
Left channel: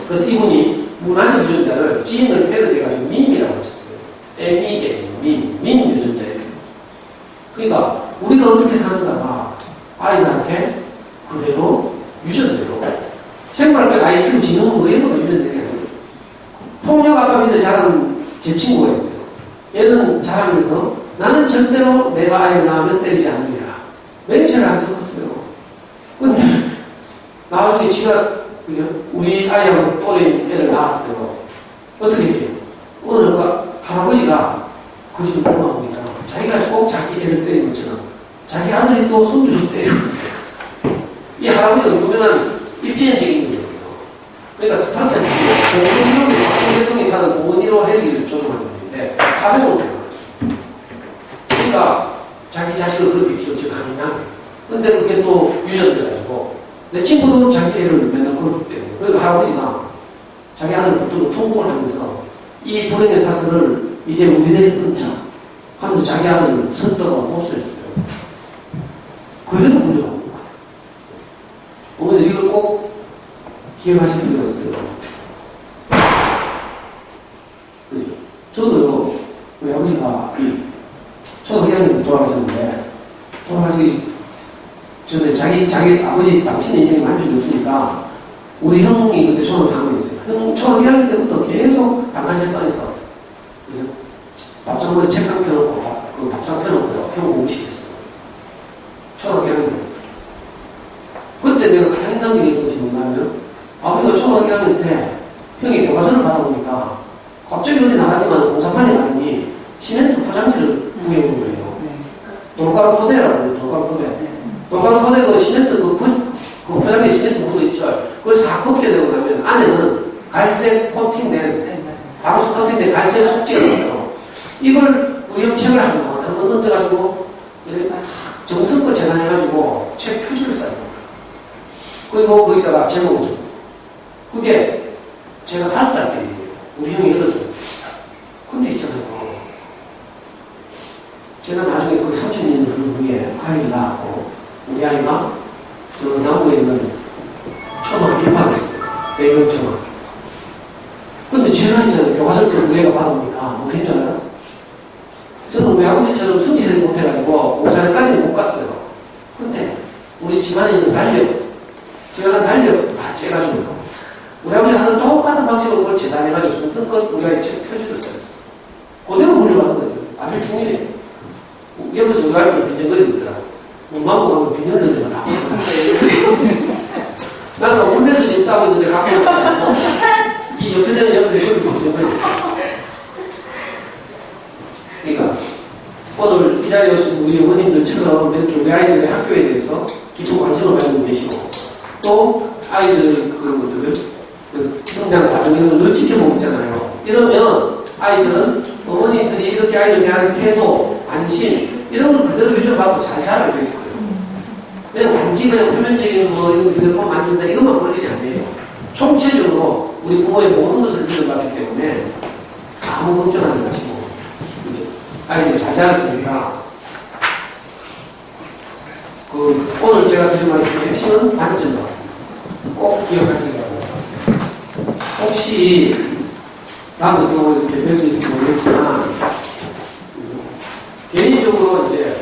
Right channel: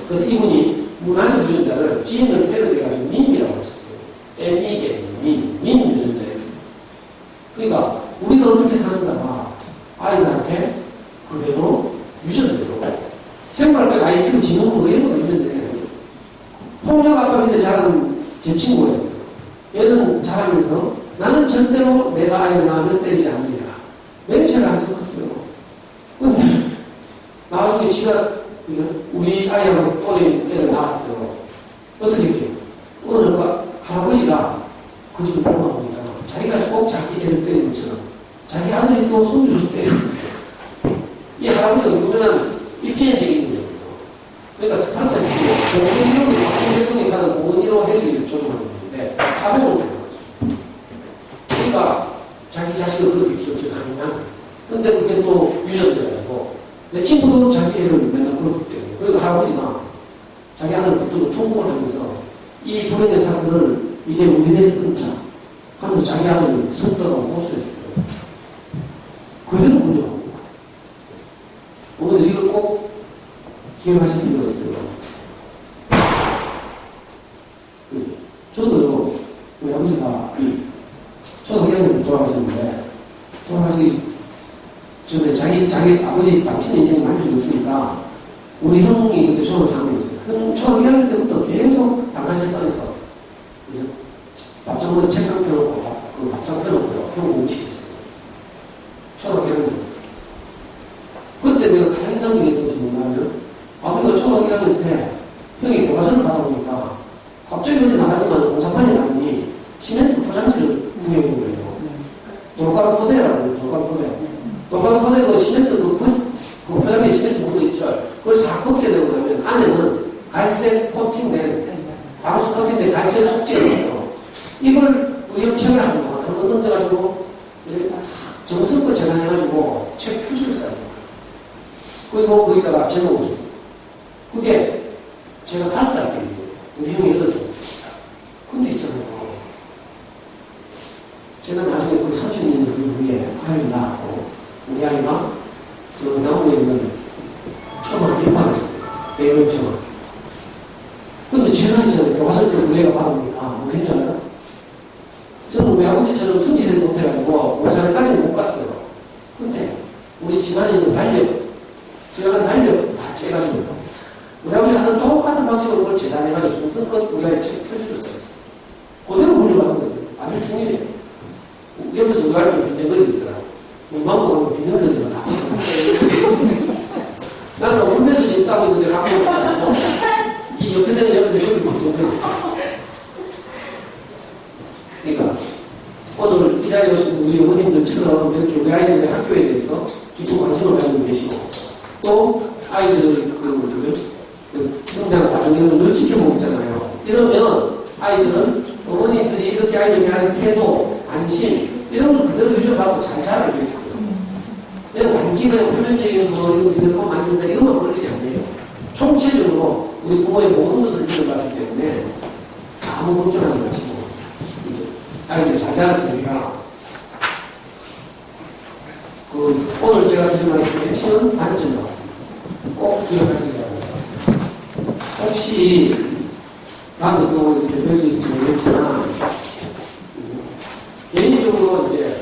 그래서 이분이 문화적 유전자를 지인을 패러디해가지고 밈이라고 쳤어요. MEM, 밈 유전자예요. 그러니까 우리가 어떻게 사는가가 아이들한테 그대로 유전대로 생물학적 IQ 지능은 뭐 이런 거 유전되게 하는 거죠. 폭력 아빠 밑에 자란 제 친구가 있어요. 얘는 자라면서 나는 절대로 내가 아이를 낳으면 때리지 않느냐. 맹세를 안 섞었어요. 근데 나중에 지가 그죠? 우리 아이하고 또래 애를 낳았어요. 어떻게 해요? 오늘 할아버지가 그 집에 고마우니까 자기가 꼭 자기 애를 때린 것처럼 자기 아들이 또 손주를 때리는 거예요. 이 할아버지가 유명한 입지연적인 거예요. 그러니까 스파르타기 공원이로 박정희 대통령이 가는 공원이로 헬기를 조종하는 건데 400으로 들어가죠. 그러니까 자기 자식을 그렇게 키웠지 강인하게. 근데 그게 또 유전돼가지고 내 친구도 자기 애를 맨날 그렇기 때문에. 그러니까 할아버지가 자기 아들을 붙들고 통곡을 하면서 이 불행의 사슬을 이제 우리네에서 끊자 하면서 자기 아들을 선떡하고 호소했어요. 그대로 물려가는 거예요. 어머니 이걸 꼭 기억하실 필요가 있어요. 저도요, 우리 아버지가 초등학교 돌아가셨는데 돌아가시기 전에 자기 아버지 당신 인생에 만족이 없으니까 우리 형이 그때 초등학교 3학년이었어요. 형 초등학교 1학년 때부터 계속 단간실방에서 밥상머리 책상 펴놓고 그 밥상 펴놓고요. 형 공식했어요. 초등학교 1학년 때부터. 그때 내가 가장 인상적이었던 것이 뭐냐면 아버지가 초등학교 1학년 때 형이 교과서를 받아보니까 갑자기 어디 나가지만 공사판에 가더니 시멘트 포장지를 구해온 거예요. 돌가루 포대라고 해요. 돌가루 포대. 돌가루 포대 그 시멘트 그 포장지에 시멘트 묻어있죠. 그걸 싹 벗게 되고 나면 안에는 갈색 코팅된 방수 코팅된 갈색 속재가 있어요. 이걸 우리 형 책을 한번 던져가지고 정성껏 재단해가지고 책 표지를 써요. 그리고 거기다가 제목을 줘. 그게 제가 5살 때예요. 우리 형이 8살. 근데 있잖아요. 제가 나중에 그 30년 후에 아이를 낳았고, 우리 아이가 저 나오고 있는 초등학교 입학했어요. 대명 초등학교. 근데 제가 있잖아요. 교과서 때 우리 애가 받으니까 뭐 했잖아요. 저는 우리 아버지처럼 성취되지 못해가지고 공사회까지는 못 갔어요. 근데 우리 집안에 있는 달력, 제가 한 달력 다 째가지고 우리 아버지 하는 똑같은 방식으로 그걸 재단해가지고 정성껏 우리 아이 책 표지를 써요. 그대로 물려가는 거죠. 아주 중요해요. 옆에서 우리 아이가 빈정거리고 있더라고. 문방구 가면 비닐 넣는 거 다. 나는 울면서 지금 싸고 있는데 갖고 이 옆에 되는 옆에 빈정거리고 있어. 그러니까 오늘 이 자리에 오신 우리 어머님들처럼 이렇게 우리 아이들의 학교에 대해서 깊은 관심을 가지고 계시고 또 아이들 그 성장 과정을 늘 지켜보고 있잖아요. 이러면 아이들은 어머님들이 이렇게 아이를 대하는 태도, 관심 이런 걸 그대로 유지받고 잘 자라게 돼 있어요. 그냥 단지 그냥 표면적인 거 이런 거 그대로 만든다 이것만 볼 일이 아니에요. 총체적으로 우리 부모의 모든 것을 믿어봤기 때문에 아무 걱정하지 마시고 아이들 잘 자랄 테니까 오늘 제가 드린 말씀의 핵심은 관점입니다. 꼭 기억하시기 바랍니다. 혹시 다음부터 이렇게 뵐 수 있을지 모르겠지만 개인적으로 이제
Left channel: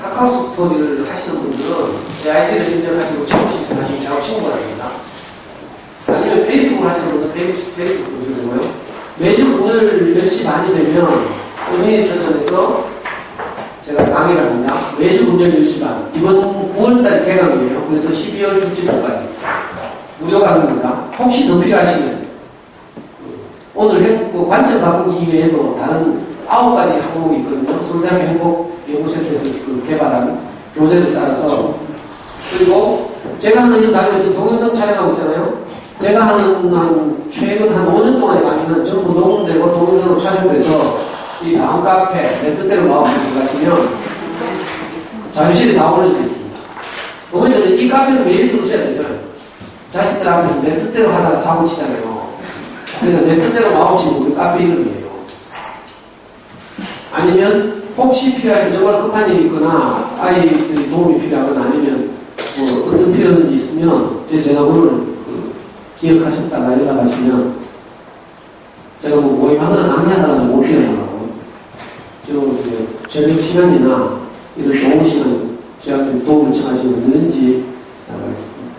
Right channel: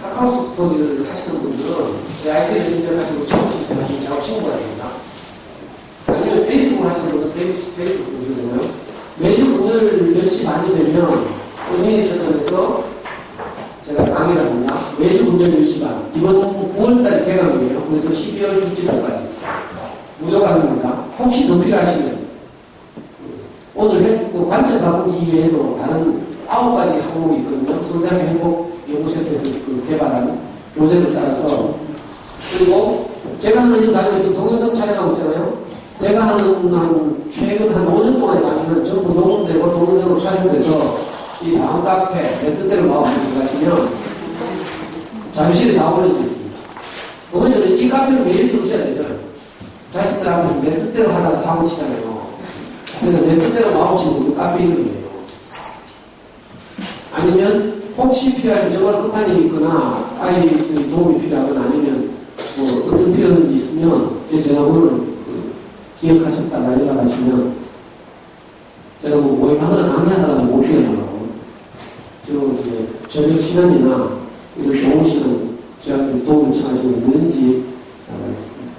카카오 스토리를 하시는 분들은 제 아이디를 인정하시고 처음 신청하시면 저하고 친구가 됩니다. 아니면 페이스북을 하시는 분들은 페이스북 분들이고요. 매주 오늘 10시 반이 되면 오미니 서점에서 제가 강의를 합니다. 매주 문열 10시 반. 이번 9월달 개강이에요. 그래서 12월 6일까지 무료 강의입니다. 혹시 더 필요하시면 오늘 관점 바꾸기 이외에도 다른 9가지 항목이 있거든요. 서울대학교 행복연구센터에서 개발한 교재를 따라서. 그리고 제가 하는 이 강의는 지금 동영상 촬영하고 있잖아요. 제가 하는 최근 한 5년 동안의 강의는 전부 녹음되고 동영상으로 촬영돼서 이 다음 카페, 내 뜻대로 마음을 들어가시면 자료실에 다 올려져 있습니다. 어머니들은 이 카페는 매일 들으셔야 되죠. 자식들 앞에서 내 뜻대로 하다가 사고 치잖아요. 그러니까 내 뜻대로 마음치는 우리 카페 이름이에요. 아니면 혹시 필요하신 정말 급한 일이 있거나 아이들이 도움이 필요하거나 아니면 뭐 어떤 필요한지 있으면 제 전화번호를 기억하셨다가 연락하시면 제가 뭐 모임하거나 강의하다가 못 뛰어나가고 이제 저녁 시간이나 이렇게 오시면 저한테 도움을 청하시면 언제든지 나가겠습니다.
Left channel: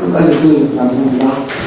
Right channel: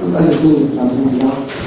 끝까지 들어주셔서 감사합니다.